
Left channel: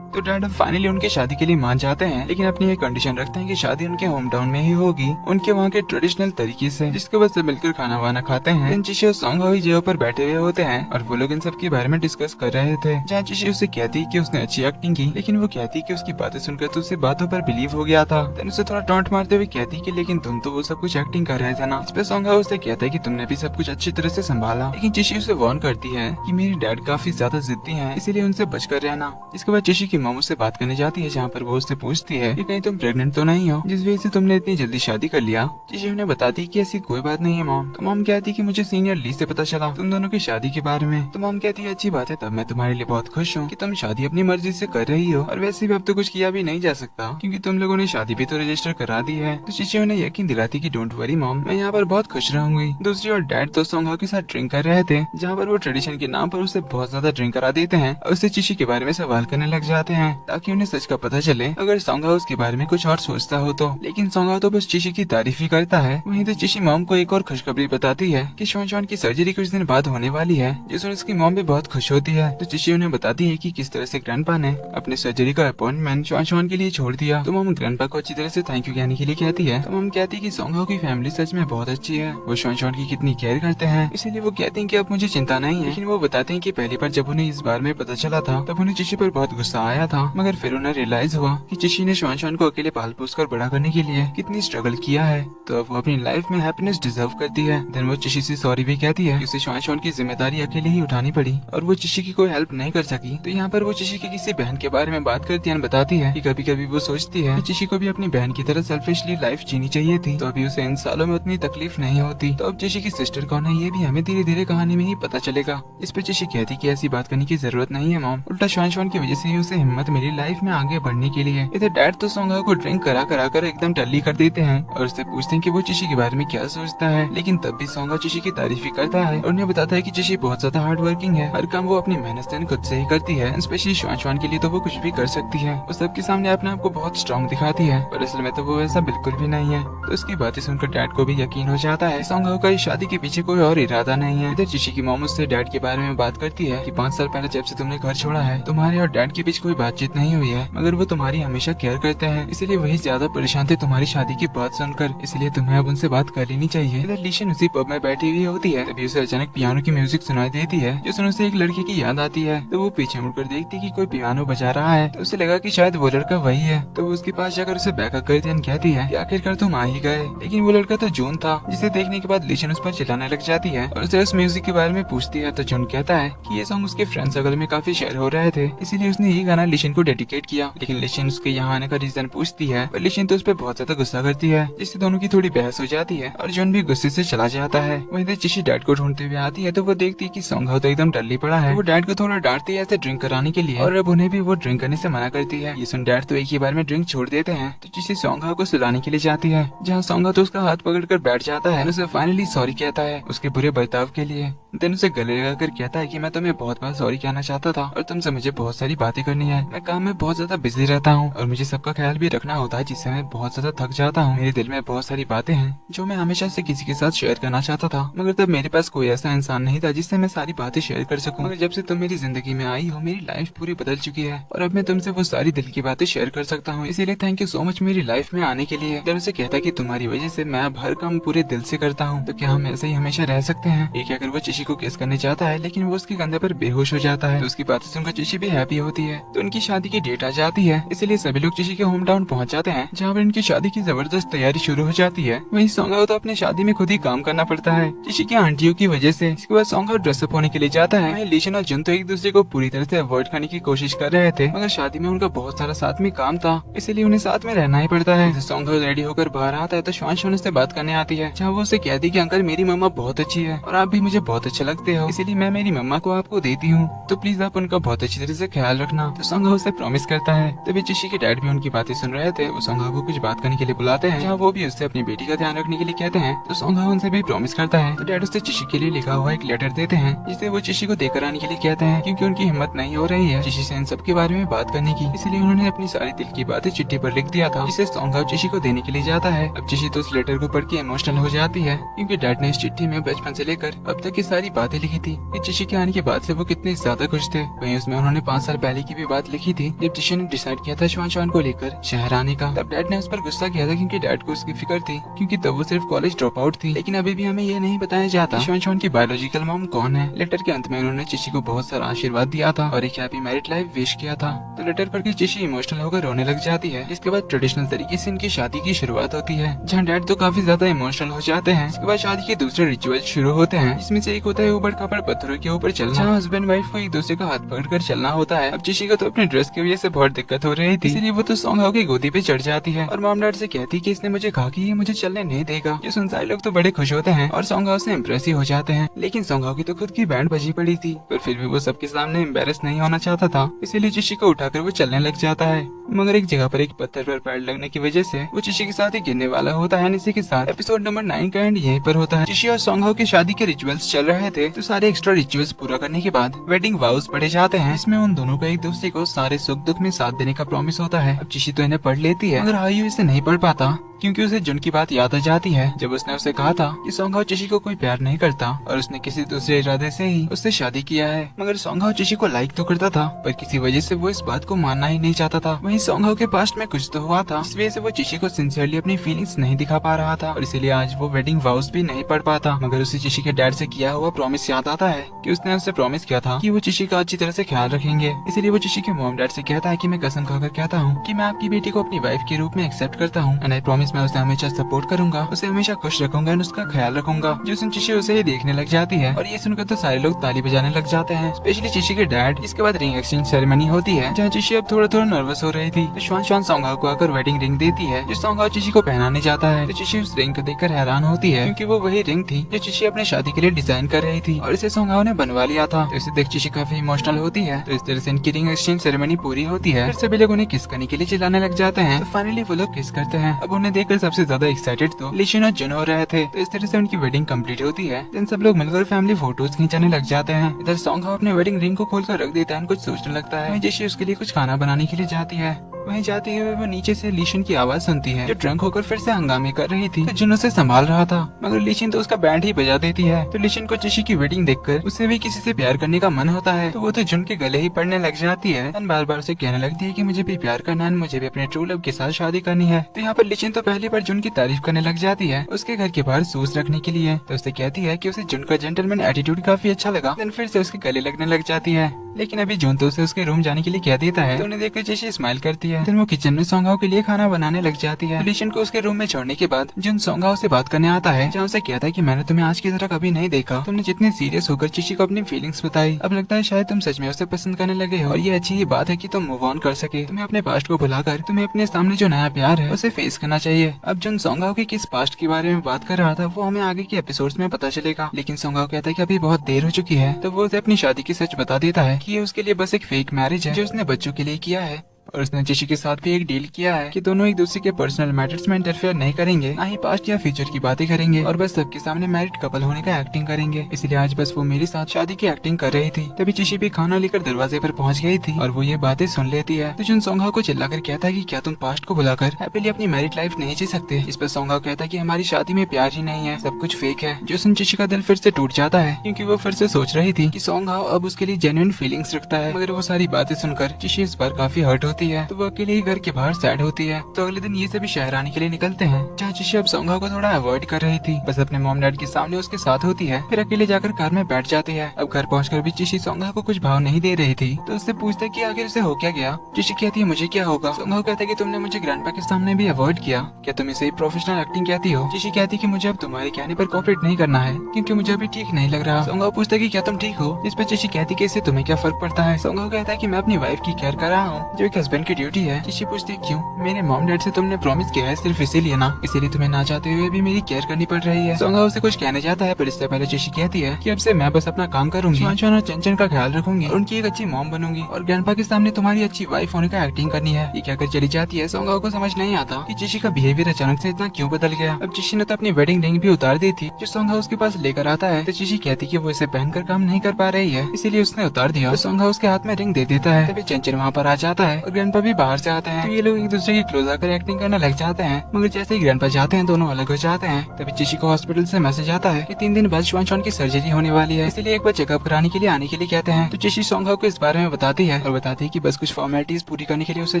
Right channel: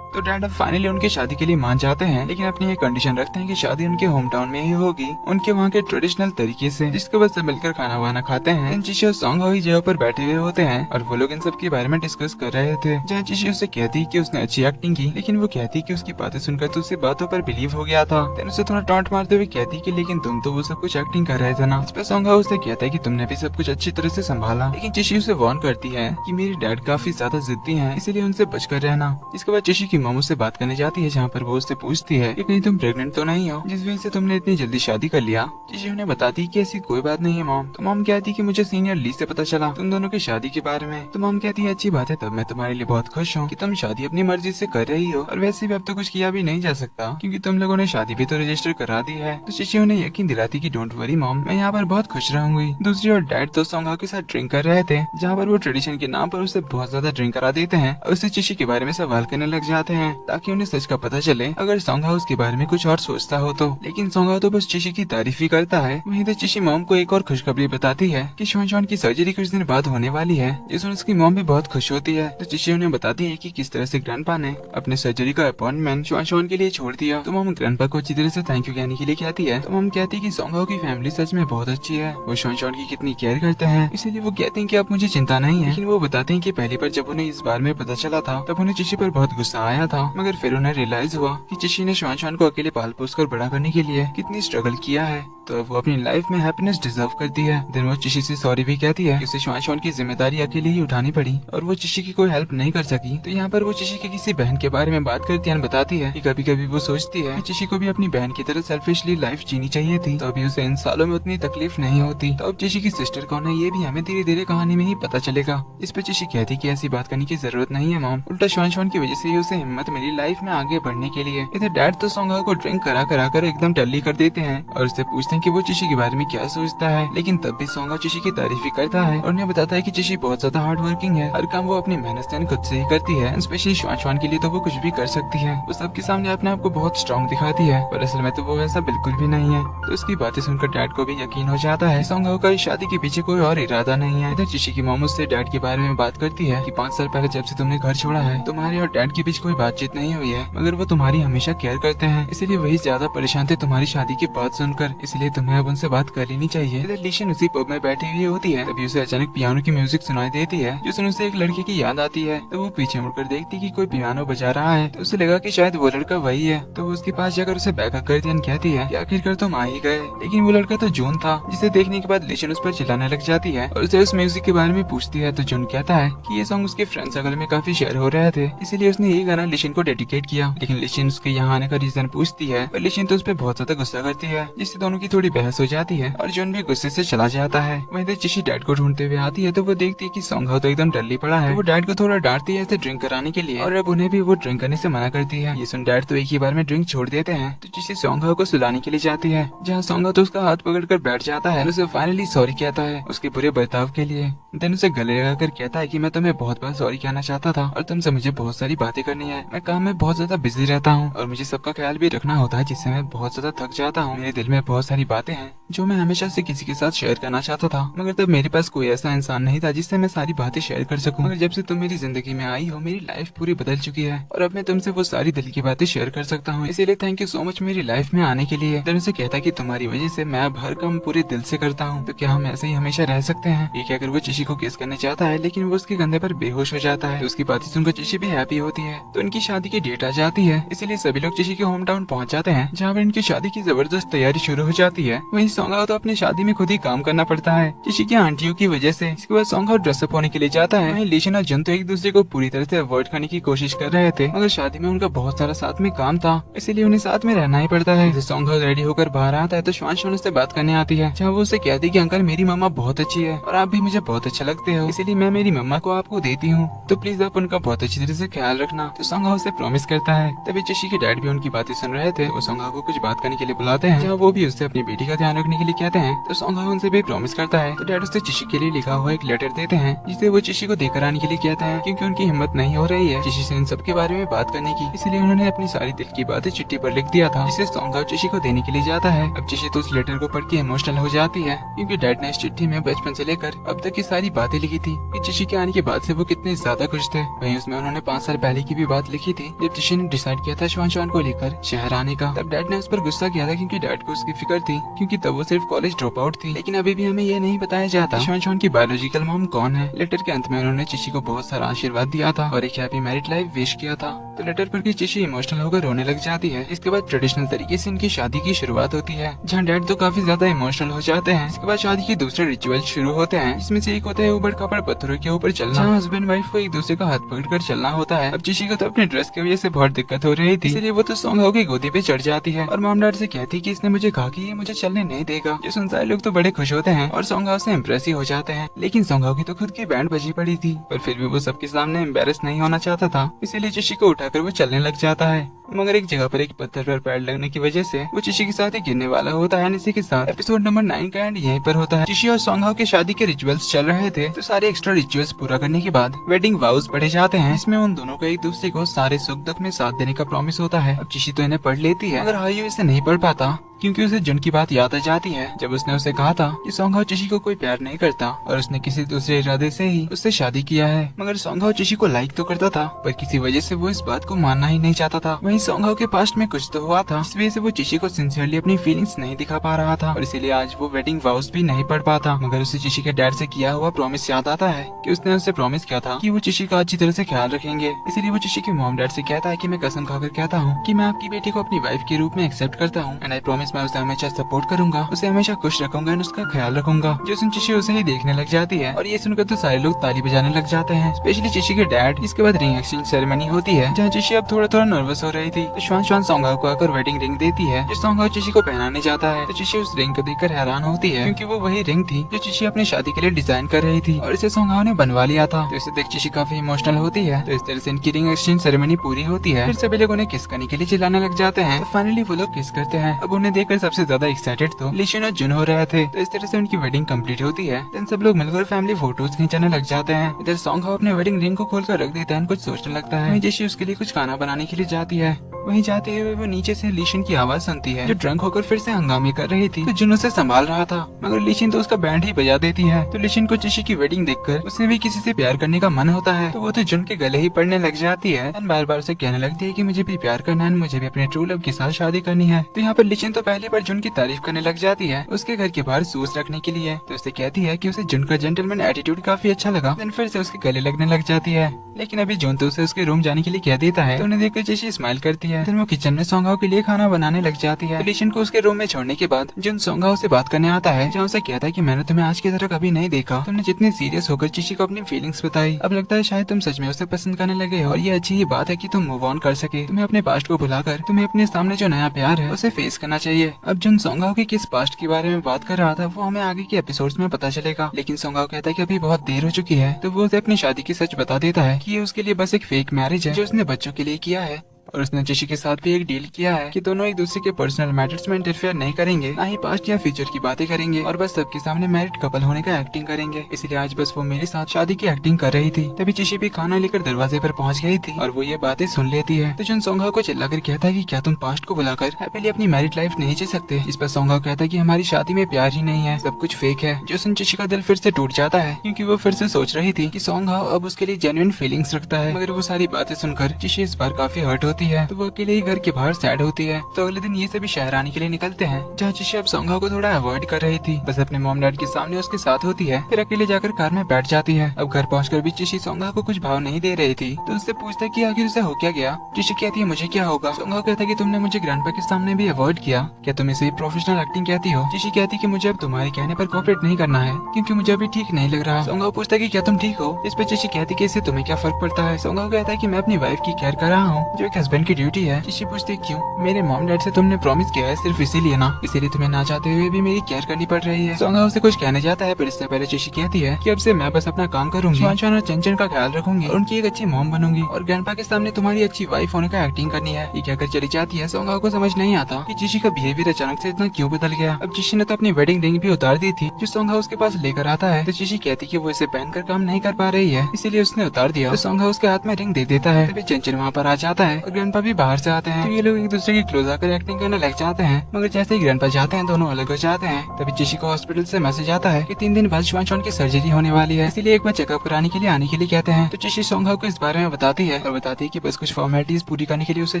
तो डैड अब फाइनली उनकी शादी के लिए मान जाते हैं, लेकिन अपनी एक कंडीशन रखते हैं कि शादी उनके होम टाउन में ही होगी, उनके वहाँ के ट्रेडिशनल तरीके से, जिसके बाद सब मिलकर खाना वाना खाते हैं। जिशी और सोंगा वही जगह पर बैठे हुए होते हैं और वो लोग इन सब के बारे में डिस्कस कर रहे थे, जहाँ जिशी उससे कहती है कि उसने अच्छी एक्टिंग की, लेकिन वो कहती है कि उसकी बातें सुनकर तो उसे बातों पर बिलीव हो गया था। देन उसे थोड़ा टॉन्ट मारते हुए कहती है कि लेकिन तुम तो वो सब कुछ एक्टिंग कर रहे थे ना। इस पे सोंगा उससे कहता है कि तुमने भी सब कुछ अच्छी तरह से संभाला, लेकिन जिशी उसे वार्न करती है कि मेरे डैड काफी ज्यादा जिद्दी हैं, इसीलिए उनसे बचकर रहना। इसके बाद जिशी की मॉम उससे बात करने जाती है, जहाँ पर वो उससे पूछती है कि कहीं तुम प्रेग्नेंट तो नहीं हो, जिस वजह से तुमने इतनी जल्दी शादी कर लिया। चिशी उन्हें बताती है कि ऐसी कोई बात नहीं है मॉम। तो मॉम कहती है कि मुझे सीनियर ली से पता चला तुम दोनों की शादी के बारे में। तो मॉम कहती है अच्छी बात है, तब मैं तुम्हारे लिए बहुत खुश हूँ कि तुम शादी अपनी मर्जी से कर रही हो, और वैसे भी अब तो कुछ किया भी नहीं जा सकता क्योंकि तुम लोगों ने शादी भी तो रजिस्टर करा दी है। तो चिशी उन्हें यकीन दिलाती कि डोंट वरी मॉम, मैं यहाँ पर बहुत खुश रहूंगी। दूसरी ओर डैड तो सोंगहाओ के साथ ड्रिंक कर रहे थे, जहाँ पर वो ट्रेडिशन के नाम पर उसे बहुत ज्यादा ड्रिंक करा देते हैं और उसे चिशी के बारे में सवाल करने लग जाते हैं ताकि उन्हें सच का पता चले अगर सोंगहाओ उसके बारे में कुछ और सोचता हो तो। लेकिन सोंगहाओ तो बस चिशी की तारीफ ही करता है। वहीं तो चिशी मॉम को एक और खुशखबरी बताती है कि शुआन की सर्जरी कुछ दिन बाद होने वाली है, जिसमें उसकी मॉम भी बहुत खुश होती है। तो चिशी उन्हें बताती है कि किस तरह से ग्रैंडपा ने अपने सर्जरी का अपॉइंटमेंट शुआन के लिए छोड़ दिया। तो मॉम ग्रैंडपा को अच्छी तरह से थैंक यू कहने के लिए कहती है। तो मॉम कहती है कि सोंगहाओ की फैमिली सच में बहुत अच्छी है, वो शुआन की कितनी केयर करते हैं, इसीलिए वो कहते हैं कि अब मुझे चिंता नहीं है। लेकिन वो बताते हैं कि पहली बार जब उन्हें इस बार में पता चला था तब उन्हें चिशी पर बहुत गुस्सा आया था, मगर फिर उन्हें रियलाइज हुआ कि चिशी ने शुआन को अकेले पाल पोस कर बड़ा करने के लिए कितनी स्ट्रगल किया है, तो अब वो अपनी लाइफ में हैप्पीनेस डिजर्व करती है। देन वो चिशी से सॉरी भी कहती है कि उसे शुआन की जिम्मेदारी अकेले ही उठानी पड़ी और वो चिशी की कोई हेल्प नहीं कर सकी। तो यहाँ पर वो चिशी की किसी बहन के बारे में बात करती है, बताती है कि कभी कभी वो सोचती है कि चिशी को भी अपनी बहन की तरह सेल्फिशली लाइफ जीनी चाहिए थी, तो अभी उसे इन सालों में उतनी तकलीफ नहीं होती। तो अब चिशी की सिस्टर कौन है ये भी हमें धीरे धीरे कहानी में ही पता चलेगा। इस पे चिशी कहती कि ऐसी बात करने की जरूरत नहीं है मॉम, उल्टा शुआन की वजह से ही उसे हिम्मत मिली लाइफ में आगे बढ़ने के लिए। इधर डैड तो सोंगहाओ को ड्रिंक करा करा कर एकदम टल्ली कर देते हैं और उससे पूछते हैं कि वो चिशी के बारे में क्या सोचता है, लेकिन तब भी सोंगहाओ चिशी की तारीफ ही करता है और उन्हें बताता है कि चिशी बहुत ज्यादा हार्ड वर्किंग है, हर काम वो अपनी मेहनत से खुद से ही करती है, स्पेशली शुआन के लिए तो वो कुछ भी कर सकती है। वो सबके सामने अपने आप को बहुत स्ट्रॉन्ग दिखाती है, पर असल में तो वो ऐसा बिल्कुल भी नहीं है। तो उसकी बातें सुनकर डैड को भी यकीन हो जाता है सोंगहाओ का इस शादी के पीछे कोई और इरादा नहीं है। तो चिशी की मॉम उससे डैड के बारे में बात करती है कि 5 साल पहले जब से तुमने घर छोड़ा है तुम्हारे और डैड के बीच कोई बातचीत नहीं हुई है, मगर वो तुम्हारी हमेशा केयर करते हैं, इसीलिए वही ज्यादा परेशान थे तुम्हारी शादी की बात सुनकर, इसलिए तुम्हें अब उनसे बात कर लेनी चाहिए। इधर लीशन उसी पब में बैठी हुई होती है, तभी उसे अचानक पियानो की म्यूजिक सुनाई देती है, जो सुनने से एक लड़के की याद आती है। तो वो पीछे मुड़कर देखती कि कोई पियानो बजा रहा है, तो उसे लगा कि शायद वो लड़का वही है। तो वो उसके पास जाकर उसे बैकअप करती है, कहती है कि आखिरकार तुम आ ही गए। लेकिन वो लड़का तो जून था, जिसे देखने के बाद लीशन उस पर चिल्लाने लग जाती है और उसे उस म्यूजिक के बारे में पूछती है। तो जून कहता है कि ये सॉन्ग उसके फ्रेंड सर्कल में काफी शेयर हो रहे थे, इसीलिए उसने ये गाना लीशन को डेडिकेट किया। लेकिन लीशन उसके यहाँ आने का रीजन पूछती है और लीशन तो उस पर बहुत ज्यादा गुस्सा करती है, जिससे दोनों की थोड़ी बहस हो जाती है और जून भी गुस्से से चला जाता है। वहीं चिशी डैड को ढूंढते हुए आती है, तो वो देखती है कि सोंगहाओ तो एकदम डल्ली पड़ा है। तो वो डैड को थोड़ा डांटती है ऐसे ड्रिंक कराने के लिए और अब उन्हें भी वो ड्रिंक करने से मना करती है। ये सुन डैड तो एक ही बार में ड्रिंक छोड़ देते हैं। तो चिशी सोंगहाओ को सुलाने के लिए जाती है, जहाँ सोंगहाओ तो उसका हाथ पकड़कर बैठ जाता है, उसे फाइनली सॉरी कहता है उसके बुरे बर्ताव के लिए। देन उसे गले लगाकर कहता है कि मैं तुम्हें बहुत बार सॉरी कहना चाहता था और तुमसे मुझे बहुत सारी बातें करनी है। मैं काम में बहुत ज्यादा बिजी रहता हूँ और मुझे सबका ख्याल भी रखना होता है, जिससे मैं बहुत ज्यादा थक जाता हूँ। मेरे दिल में बहुत सारी बातें हैं जो मैं हमेशा से किसी के साथ शेयर करना चाहता था, मगर तब मेरे पास कोई ऐसा इंसान नहीं था जिससे मैं सारी बातें शेयर कर सकूं। मगर जब से तुम मेरी जिंदगी में आई हो मेरी लाइफ पूरी बदल चुकी है और अब मैं तुमसे वो सारी दिल की बातें शेयर कर सकता हूँ, इसीलिए थैंक यू सो मच मेरी लाइफ में आने के लिए। देन उसे कहता कि तुम्हारी वजह से मैं अब हर काम पूरे दिल से करता हूँ, तो क्या हम ऐसे ही हमेशा रह सकते हैं। एक अगर वो चिशी को किस करने चाहता है, लेकिन वो उसके कंधे पर बेहोश हो जाता है। तो उसकी बातें सुनकर चिशी भी हैप्पी होती है। तो उनकी शादी की डेट आ जाती है, इसीलिए सभी लोग चिशी के होम टाउन पहुँच जाते हैं, जहाँ पर इनकी शादी की जबरदस्त तैयारी शुरू हो जाती है। वहीं सोंगहाओ तो अपनी शादी में खुद ही काम करना पड़ता है चिशी की आंटियों की वजह से। इसके बाद सोंगहाओ ड्रेसअप होने के लिए जाता है। वहीं लीशन और जन तो एक दूसरे को पूरी तरह से अवॉइड करने की कोशिश कर रहे थे, मगर शादी में उनका बहुत सारा साथ में काम था, इसीलिए उन्हें साथ में रहना ही पड़ता है। सोंगहाओ रेडी होकर बाहर आता है, तो शुआन उससे बात करने आती है, जहाँ वो उसे कहती कि अंकल मेरी मम्मा बहुत अच्छी है और आप भी मुझे बहुत अच्छे लगते हो, इसीलिए मैं मेरी मम्मा को आपको देती हूँ, तो प्लीज आप उनका बहुत अच्छी तरह से ख्याल रखना। तो सोंगहाओ उसे प्रॉमिस करता है। तभी चिशी के डैड भी उनकी बातें सुन रहे थे, वो सोंगहाओ को कुछ बात करने के लिए बुलाते हैं, जहाँ वो भी उससे अपनी बेटी का ध्यान रखने के लिए कहते हैं। तो सोंगहाओ उनसे भी प्रॉमिस करता है। तो डैड उससे चिशी के लिए लिखा हुआ एक लेटर देते हैं, जिसे वो चिशी को देकर आने के लिए कहते हैं, क्योंकि उनकी हिम्मत नहीं हो रही है चिशी से इन सब के बारे में बात करने की, इसलिए उन्होंने अपनी सारी दिल की बातें चिट्ठी पर लिख दिया था, जिसे सोंगहाओ चिशी को देने के लिए जाता है। अब चिशी तो उस लेटर को पढ़ के इमोशनल हो जाती है, क्योंकि डैड ने इस चिट्ठी में बचपन से लेकर अब तक की सारी बातें लिखी थी कि चिशी के आने के बाद से वो कितने ज्यादा खुश थे। वहीं उसमें उन्होंने 5 साल पहले की भी बात लिखी थी, जब चिशी ने डिसाइड किया था शुआन को लेकर शहर आने का। तब डैड ने उस पर गुस्सा किया था, क्योंकि डैड को उसकी फिक्र थी, क्योंकि तब वो सिर्फ कॉलेज ड्रॉप आउट थी। लेकिन अभी भी हमें ये नहीं बताया जाता शुआन की बायोलॉजिकल मॉम कौन है। लेटर के अंत में उन्होंने चिशी को बहुत सारा आशीर्वाद दिया था और एक हैप्पी मैरिड लाइफ विश किया था। तो लेटर पढ़ के चिशी इमोशनल होकर रोने लग जाती है। इसके बाद ट्रेडिशनल तरीके से इनकी शादी की शुरुआत होती है, जहाँ डैड तो काफी ज्यादा इमोशनल हो जाते हैं। इसके बाद शादी के दूसरे रिचुअल शुरू होते हैं, जिसमें से एक होता है ऊबड़ खाबड़ पत्थरों के ऊपर चलना, जहाँ हस्बैंड वाइफ को एक दूसरे का हाथ पकड़ कर चलना होता है। अब चिशी को तो अपने ड्रेस की वजह से बहुत दिक्कत हो रही थी, इसलिए वो तो सोंग हाओ की गोदी पे चढ़ जाती है और मॉम डैड से कहती कि इसने मुझे कहा कि ये मुझे चलने नहीं देगा। जो सुनसाई लोग तो बड़े खुश होते हैं और सोंग हाओ से इम्प्रेस ही हो जाते हैं, लेकिन सोंग हाओ की तो खुद की बैंड बजी पड़ी थी, पर फिर भी वो सबके सामने एम्बेरस नहीं होना चाहता था, इसीलिए चिशी को उठाकर वो चलने लग जाता है। मगर एक जगह पर एक पत्थर पर पैर लगने की वजह से वो चिशी के साथ ही गिरने वाला होता है। इसी के साथ एपिसोड नंबर 9 का एंड यहीं पर होता है। चिशी और सोंग हाओ की शादी के रिचुअल्स चल रहे थे, तो सारे एक्स्ट्रा रिचुअल्स पूरा करने के बाद वेडिंग वाउस पढ़े जाते हैं। इसमें उन दोनों को एक दूसरे को सारे सुख दुख में साथ देने का प्रॉमिस होता है। अब चिशी तो इन्हें पढ़ लेती है, मगर हाईयू इसे नहीं पढ़ पाता क्योंकि उसे जुन की बात याद आ जाती है, जब उसने उसे कहा था कि सोंग हाओ चिशी को कोई प्यार नहीं करता और उसने किसी दूसरे इरादे से ही उससे शादी किया है। मगर सोंग हाओ चिशी को लाइक तो करता था, पर किसी वजह से वो इस बात को मानना ही नहीं चाहता था। वहीं सोंग हाओ के पास्ट में कुछ तो हुआ था, इस वजह से वो चिशी को सिंसियरली अपनी फीलिंग्स नहीं दिखा पा रहा था और इसीलिए आज वो वेडिंग वाउस भी नहीं पढ़ पाता। मगर उसे चिशी के डैड से किया हुआ प्रॉमिस याद आता है कि उसने उससे प्रॉमिस किया था कि वो चिशी का अच्छी तरह से ख्याल रखेंगे। इसीलिए वो चिशी के मॉम डैड से कहता है कि मैं कसम खाकर कहता हूँ कि मैं आपकी बेटी को अपनी वाइफ के रूप में एक्सेप्ट करता हूँ एंड आई प्रॉमिस मैं उसे हमेशा सपोर्ट करूंगा, उसे हमेशा खुश रखूंगा, उसका ख्याल रखूंगा। जो सुन चिशी उसे ही देखने लग जाती है और ये सुनकर तो सारे लोग ताली बजाने लग जाते हैं, स्पेशली चिशी के डैड। इसके बाद रिंग एक्सचेंज सेरेमनी होती है, जहाँ चिशी अब थोड़ा थोड़ा नर्वस हो रही थी। श्वान श्वान सोंग हाओ को आकर वेडिंग रिंग देती है, जो सोंग हाओ चिशी को पहनाने जाता है। तो चिशी उस रिंग को देखकर हैरान होती है, क्योंकि वो वही रिंग थी जो चिशी अपने शादी के लिए डिजाइन कर रही थी और इसे सोंग हाओ ने बनवा लिया था। तो इसे देख चिशी काफी इमोशनल होती है। तो इस तरह से इनकी रिंग एक्सचेंज सेरेमनी पूरी होती है। फिर सभी लोग उन्हें किस करने के लिए चिल्लाने लग जाते हैं। तो फाइनली वो लोग किस करते हैं। अब उन्हें देखकर सबसे ज्यादा एक्साइटेड तो लिशन और जुन हो रहे थे। तो इस तरह से उनकी वेडिंग कंप्लीट होती है। देन सब लोग मिलकर फैमिली फोटोज खींचाने लग जाते हैं। इधर सोंग हाओ अपने वेडिंग रिंग को खोलकर रख देता है, कुछ सोचने लगता है। जैसे उसके लिए कुछ खाना बनाने के लिए जाती है, वहीं जाते हुए वो नीचे से लीशन की आवाज सुनती है, जो ड्रंक होकर फिर से हंगामे कर रही थी। तो जुन उसे संभाल रहा था, मगर लीशन तो उसका बैंड ही बजा देती है। तो लीशन को चिशी की वेडिंग देखकर उसे भी किसी से प्यार करने का मन होता है, तो वो तो जुन के गले ही पड़ने लग जाती है। बार बार उसे कहने लगती है कि मुझे भी प्यार करना है, मुझे भी अपने ट्रू लव के साथ शादी करनी है। तो यहाँ पर लीशन तो पहली बार जुन की तारीफ करने लग जाती है उसके घर के बाहर सूस रखने के लिए। तो उसे कहती है कि उसे जुन का जेंटलमैन एटीट्यूड काफी अच्छा लगा। देन फिर से उसके गले लगने लग जाती है, लेकिन अभी जुन तो उसे उसके रूम जाने के लिए कह देता है। तो उन्हें देखकर चिशी स्माइल करती है। तो वो किचन में सोंग हाओ के लिए खाना बनाने लग जाती है। लीशन को उसके रूम में छोड़ने के बाद जुन सोंग हाओ से बात करने आता है, जहाँ उसे कहता है कि मैंने तुम्हें आज की तरह कभी नहीं देखा। तुमने जितने सीरियस होकर चिशी को अपनी फीलिंग्स बताई, अब लगता है शायद तुम सच में उसे पसंद करने लगे और ये अच्छी ही बात है कि तुम मूव ऑन कर सके। तुम्हें अपने पास्ट को भुलाकर तुम्हें अपने सामने जो नया प्यार है उसे फेस करना चाहिए। अब जुन सोंग हाओ के किस पास्ट के बारे में बात कर रहा था वो हमें आगे के एपिसोड्स में पता चलेगा, लेकिन सोंग हाओ कहता है कि अभी बहुत देर हो चुकी है। तो वो उसे अपनी शादी की सच बता देता है कि ये उसके लिए बस एक फेक मैरिज है जो उसने बच्चों के लिए किया है। और उसने चिशी के साथ भी एक डील किया है कि दोनों एक दूसरे के पर्सनल मैटर्स में इंटरफेयर नहीं करेंगे, ना ही पास्ट या फ्यूचर की बातें करेंगे और बस सबके सामने मैरिड कपल होने का एक्टिंग करेंगे। इसलिए आज बस वो मेरे साथ शादी की एक्टिंग कर रही थी। तभी चिशी भी खाना लेकर दरवाजे पर पहुंच गई थी और वो ये बातें सुन लेती है। तो जुन सोंग हाओ को चिल्लाकर कहता है कि क्या तुम पास्ट को बुलाकर हैप्पीली अपनी मैरिड लाइफ नहीं जी सकते। इस पर सोंग हाओ कहता है कि हमारी शादी में प्यार ही नहीं है, सब कुछ फेक है। जो सुन चिशी का दिल फिर से टूट जाता है, क्योंकि वो फिर से सोच रही थी कि सोंग हाओ अब उसके लिए जेन्युइन फीलिंग्स रखता है। मगर वो सारी बातें सुनकर चिशी इस बार काफी हर्ट होती है। तो वो अकेले घर के बाहर सैड होती है। तो अगले दिन ये सभी शहर आने के लिए निकलते हैं, जहाँ चिशी अब सोंग हाओ को थोड़ा अवॉइड कर रही थी, बस अपने मॉम डैड के सामने उसके साथ होती है, फिर अकेले जाकर कार में बैठ जाती है। अब घर पहुंचकर भी चिशी सोंग हाओ को कुछ भाव नहीं दे रही थी। तो उससे पूछते कि आखिर उसे हो क्या गया। चिशी कहती है मुझे क्या होगा। सोंग हाओ कहते कि तुमने मुझे ग्रैंडपा के सामने भी अवॉइड किया, क्या तुम इसे प्रोफेशनल एक्टिंग कहती हो। चिशी कहती कि मुझे अब तुम्हारे कहने पर कोऑपरेट नहीं करना है, क्योंकि मुझे अभी ठीक नहीं लग रहा। सोंग हाओ पूछता कि क्या तुम ठीक हो। इस पर चिशी कहती कि इससे तुम्हें क्या फर्क पड़ता है। सोंग हाओ कहता है कि मैं अपनी वाइफ की केयर कर रहा हूँ, जो एक हस्बैंड की ड्यूटी है। चिशी पूछती क्यों। मेरे मॉम डैड से तुमने प्रॉमिस किया है सिर्फ इसीलिए ना, इसीलिए तुम्हें ना चाहते हुए भी मेरी केयर करनी पड़ रही है। सोंग हाओ उसे कुछ कहने जाता है, पर इससे पहले चिशी कहती है कि अब से मैं बस अपना काम करूंगी, श्वान श्वान और चंचन का ख्याल रखूंगी और उनकी एक अच्छी मॉम बनूंगी और ग्रैंडपा के सामने तुम्हारी अच्छी वाइफ होने का एक्टिंग करनी है। ये कहकर चली जाती है। सोंग हाओ को समझ नहीं आता कि चिशी का बिहेवियर अचानक से इतना क्यों बदल गया। अब चिशी ने तो अपनी वेडिंग रिंग भी उतार दी थी, जो सोंग हाओ उसके पास लेकर आता है। तो चिशी कहती कि वो इसे पहनकर काम नहीं कर पा रही है, इसीलिए उसने उतार दिया। तो सोंग हाओ उसके हाथ में रिंग दे देता है। तभी चंचन वहाँ पर आ जाता है और ग्रैंडपा भी बाहर से आते हैं। तो ये लोग एक दूसरे की क्लोज आकर एक्टिंग करने लग जाते हैं, मगर जैसे ही ग्रैंडपा जाते हैं दोनों अलग हो जाते हैं। तभी चिशी को हॉस्पिटल से मैसेज आता है कि 3 दिन बाद श्वान श्वान की सर्जरी होने वाली है, इसीलिए एक बार चेकअप कराने के लिए आने के लिए कहते हैं। तो चिशी सोंग हाओ को इस बारे में बताती है और बताती है कि बस कुछ फॉर्मेलिटीज पूरी करने के लिए उसे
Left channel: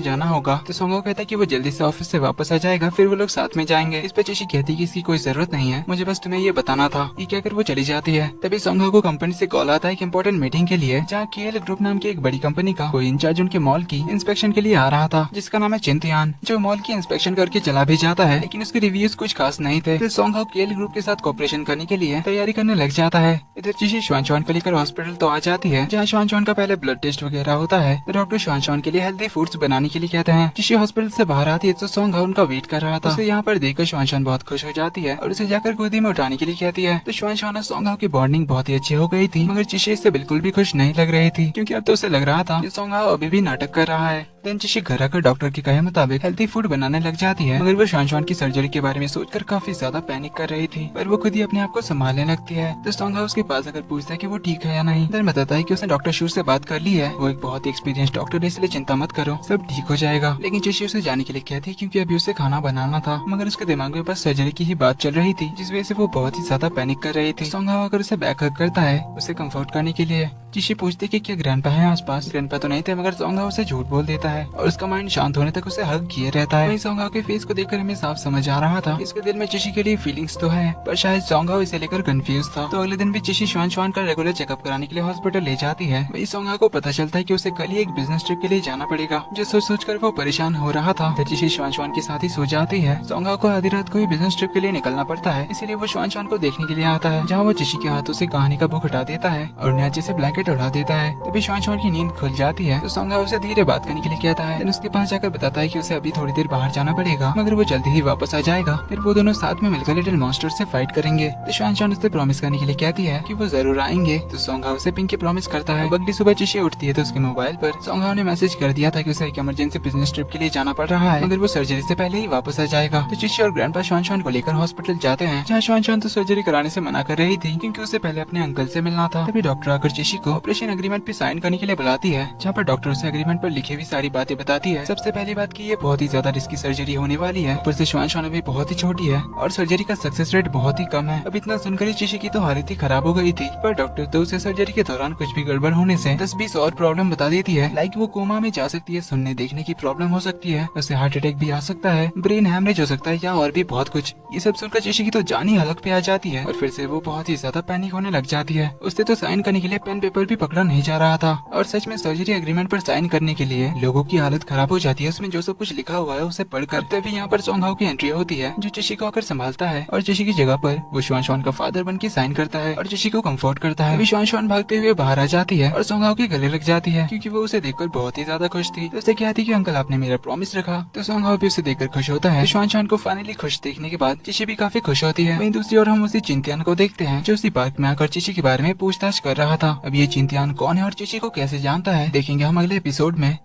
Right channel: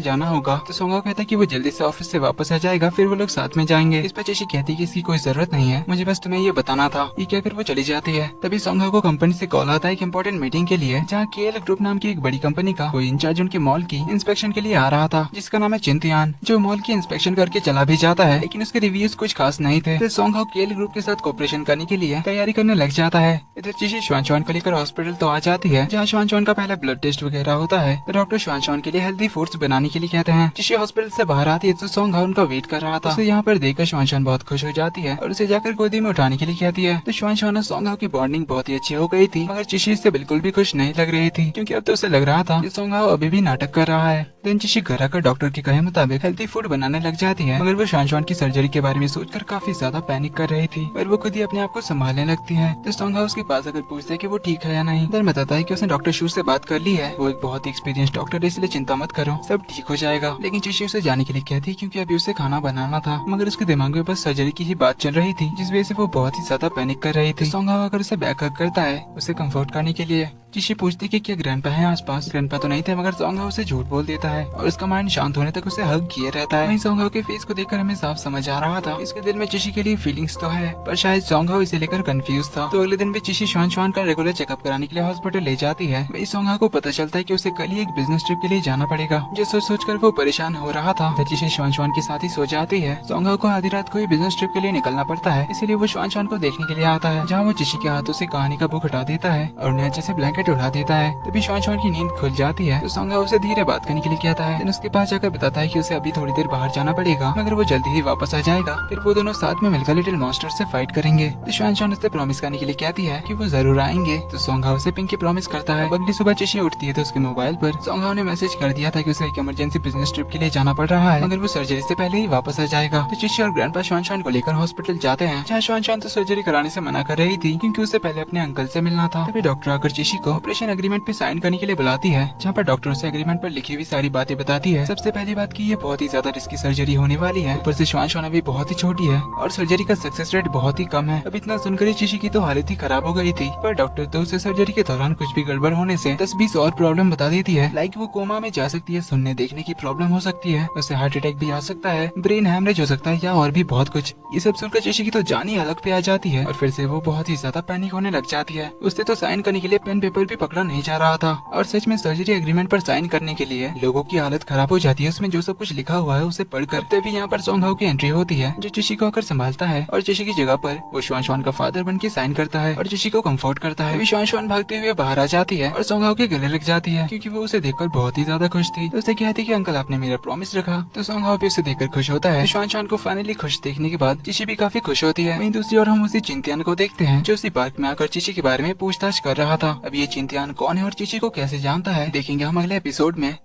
जाना होगा। तो सोंग हाओ कहता है कि वो जल्दी से ऑफिस से वापस आ जाएगा, फिर वो लोग साथ में जाएंगे। इस पर चिशी कहती है कि इसकी कोई जरूरत नहीं है, मुझे बस तुम्हें ये बताना था। ये कहकर वो चली जाती है। तभी सोंग हाओ को कंपनी से कॉल आता है एक इंपॉर्टेंट मीटिंग के लिए, जहाँ केएल ग्रुप नाम की एक बड़ी कंपनी का कोई इंचार्ज उनके मॉल की इंस्पेक्शन के लिए आ रहा था, जिसका नाम है चिंतियान, जो मॉल की इंस्पेक्शन करके चला भी जाता है, लेकिन उसके रिव्यूज कुछ खास नहीं थे। तो सोंग हाओ केएल ग्रुप के साथ कॉपरेशन करने के लिए तैयारी करने लग जाता है। इधर चिशी श्वान को लेकर हॉस्पिटल तो आ जाती है, जहाँ श्वान का पहले ब्लड टेस्ट वगैरह होता है। तो डॉक्टर श्वान के लिए हेल्दी फूड्स बनाने के लिए कहते हैं। चिशी हॉस्पिटल से बाहर आती है तो सोंग हाओ उनका वेट कर रहा था। उसे यहाँ पर देखकर श्वान बहुत खुश हो जाती है और उसे जाकर गोदी में उठाने के लिए कहती है। तो श्वान और सोंग हाओ की बॉन्डिंग बहुत ही अच्छी हो गई थी, मगर चिशी इससे बिल्कुल भी खुश नहीं लग रही थी, क्योंकि अब तो उसे लग रहा था कि सोंग हाओ अभी भी नाटक कर रहा है। देन चिशी घर आकर डॉक्टर के कहे मुताबिक हेल्दी फूड बनाने लग जाती है, मगर वो श्वान की सर्जरी के बारे में सोचकर काफी ज्यादा पैनिक कर रही थी, पर वो खुद ही अपने आप को संभालने लगती है। तो सोंग हाओ उसके पास अगर पूछता है कि वो ठीक है या नहीं, देन बताता है कि उसने डॉक्टर शू से बात कर ली है, वो एक बहुत ही एक्सपीरियंस डॉक्टर है, इसलिए चिंता मत करो, सब ठीक हो जाएगा। लेकिन चिशी उसे जाने के लिए कहती है, क्योंकि अभी उसे खाना बनाना था, मगर उसके दिमाग में बस सर्जरी की ही बात चल रही थी, जिस वजह से वो बहुत ही ज्यादा पैनिक कर रही थी। सोंग हाओ अगर उसे बैक हग करता है उसे कंफर्ट करने के लिए। चिशी पूछती कि क्या ग्रैंडपा है आसपास। ग्रैंडपा तो नहीं थे, मगर सोंग हाओ उसे झूठ बोल देता है और उसका माइंड शांत होने तक उसे हग किए रहता है। वहीं सोंग हाओ के फेस को देखकर हमें साफ समझ आ रहा था इसके दिल में चिशी के लिए फीलिंग्स तो है, पर शायद सोंग हाओ इसे लेकर कंफ्यूज था। तो अगले दिन भी चिशी श्वान का रेगुलर चेकअप कराने के लिए हॉस्पिटल ले जाती है। वहीं सोंग हाओ को पता चलता है कि उसे कल ही एक बिजनेस ट्रिप के लिए जाना पड़ेगा, जो सोच कर वो परेशान हो रहा था। फिर चिशी श्वान के साथ ही सो जाती है। सोंग हाओ को आधी रात को ही बिजनेस ट्रिप के लिए निकलना पड़ता है, इसीलिए वो श्वान को देखने के लिए आता है, जहाँ वो चिशी के हाथों से कहानी का बुक हटा देता है और उन्हें अच्छे से ब्लैंकेट उड़ा देता है। तभी श्वान की नींद खुल जाती है। तो सोंग हाओ उसे धीरे बात करने के लिए कहता है, उसके पास जाकर बताता है कि उसे अभी थोड़ी देर बाहर जाना पड़ेगा, मगर वो जल्दी ही वापस आ जाएगा। फिर वो दोनों साथ में मिलकर लिटिल मॉन्स्टर से फाइट करेंगे। तो श्वान उससे प्रॉमिस करने के लिए कहती है कि वो जरूर आएंगे। तो सोंग हाओ उसे पिंकी प्रॉमिस करता है। अगली सुबह चिशी उठती है तो उसके मोबाइल पर सोंग हाओ ने मैसेज कर दिया था कि उसे एक इमरजेंसी बिजनेस ट्रिप के लिए जाना पड़ रहा है, मगर वो सर्जरी से पहले ही वापस आ जाएगा। तो चिशी और ग्रैंडपा श्वान को लेकर हॉस्पिटल जाते हैं, जहाँ श्वान तो सर्जरी कराने से मना कर रही थी, क्योंकि उसे पहले अपने अंकल से मिलना था। तभी डॉक्टर आकर चिशी को ऑपरेशन एग्रीमेंट पे साइन करने के लिए बुलाती है, जहाँ पर डॉक्टर उसे एग्रीमेंट पर लिखी हुई सारी बातें बताती है। सबसे पहली बात की ये बहुत ही ज्यादा रिस्की सर्जरी होने वाली है, ऊपर से श्वान अभी बहुत ही छोटी है और सर्जरी का सक्सेस रेट बहुत ही कम है। अब इतना सुनकर ही चिशी की तो हालत ही खराब हो गई थी, पर डॉक्टर तो उसे सर्जरी के दौरान कुछ भी गड़बड़ होने से 10-20 और प्रॉब्लम बता देती है, लाइक वो कोमा में जा सकती है, सुनने देखने की प्रॉब्लम हो सकती है, उसे हार्ट अटैक भी आ सकता है, ब्रेन हैमरेज हो सकता है या और भी बहुत कुछ। ये सब सुनकर चिशी की तो जान ही हलक पे आ जाती है और फिर से वो बहुत ही ज्यादा पैनिक होने लग जाती है। उससे तो साइन करने के लिए पेन पेपर भी पकड़ा नहीं जा रहा था, और सच में सर्जरी एग्रीमेंट पर साइन करने के लिए लोगों की हालत खराब हो जाती है। उसमें जो सब कुछ लिखा हुआ है उसे पढ़कर। तभी यहाँ पर सोंग हाओ की एंट्री होती है, जो चिशी को आकर संभालता है और चिशी की जगह पर वो श्वान का फादर बन के साइन करता है और चिशी को कंफर्ट करता है। श्वान भागते हुए बाहर आ जाती है और सोंग हाओ के गले लग जाती है, क्योंकि वो उसे देखकर बहुत ही ज्यादा खुश थी। तो उसे कहती कि अंकल आपने मेरा प्रॉमिस रखा। तो सोंग हाओ भी उसे देखकर खुश होता है। श्वान को फाइनली खुश देखने के बाद चिशी भी काफी खुश होती है। वहीं दूसरी ओर हम उसी चिंतियान को देखते हैं, जो उसी पार्क में आकर चिशी के बारे में पूछताछ कर रहा था। अब ये चिंतियान कौन है और चिशी को कैसे जानता है, देखेंगे हम अगले एपिसोड में।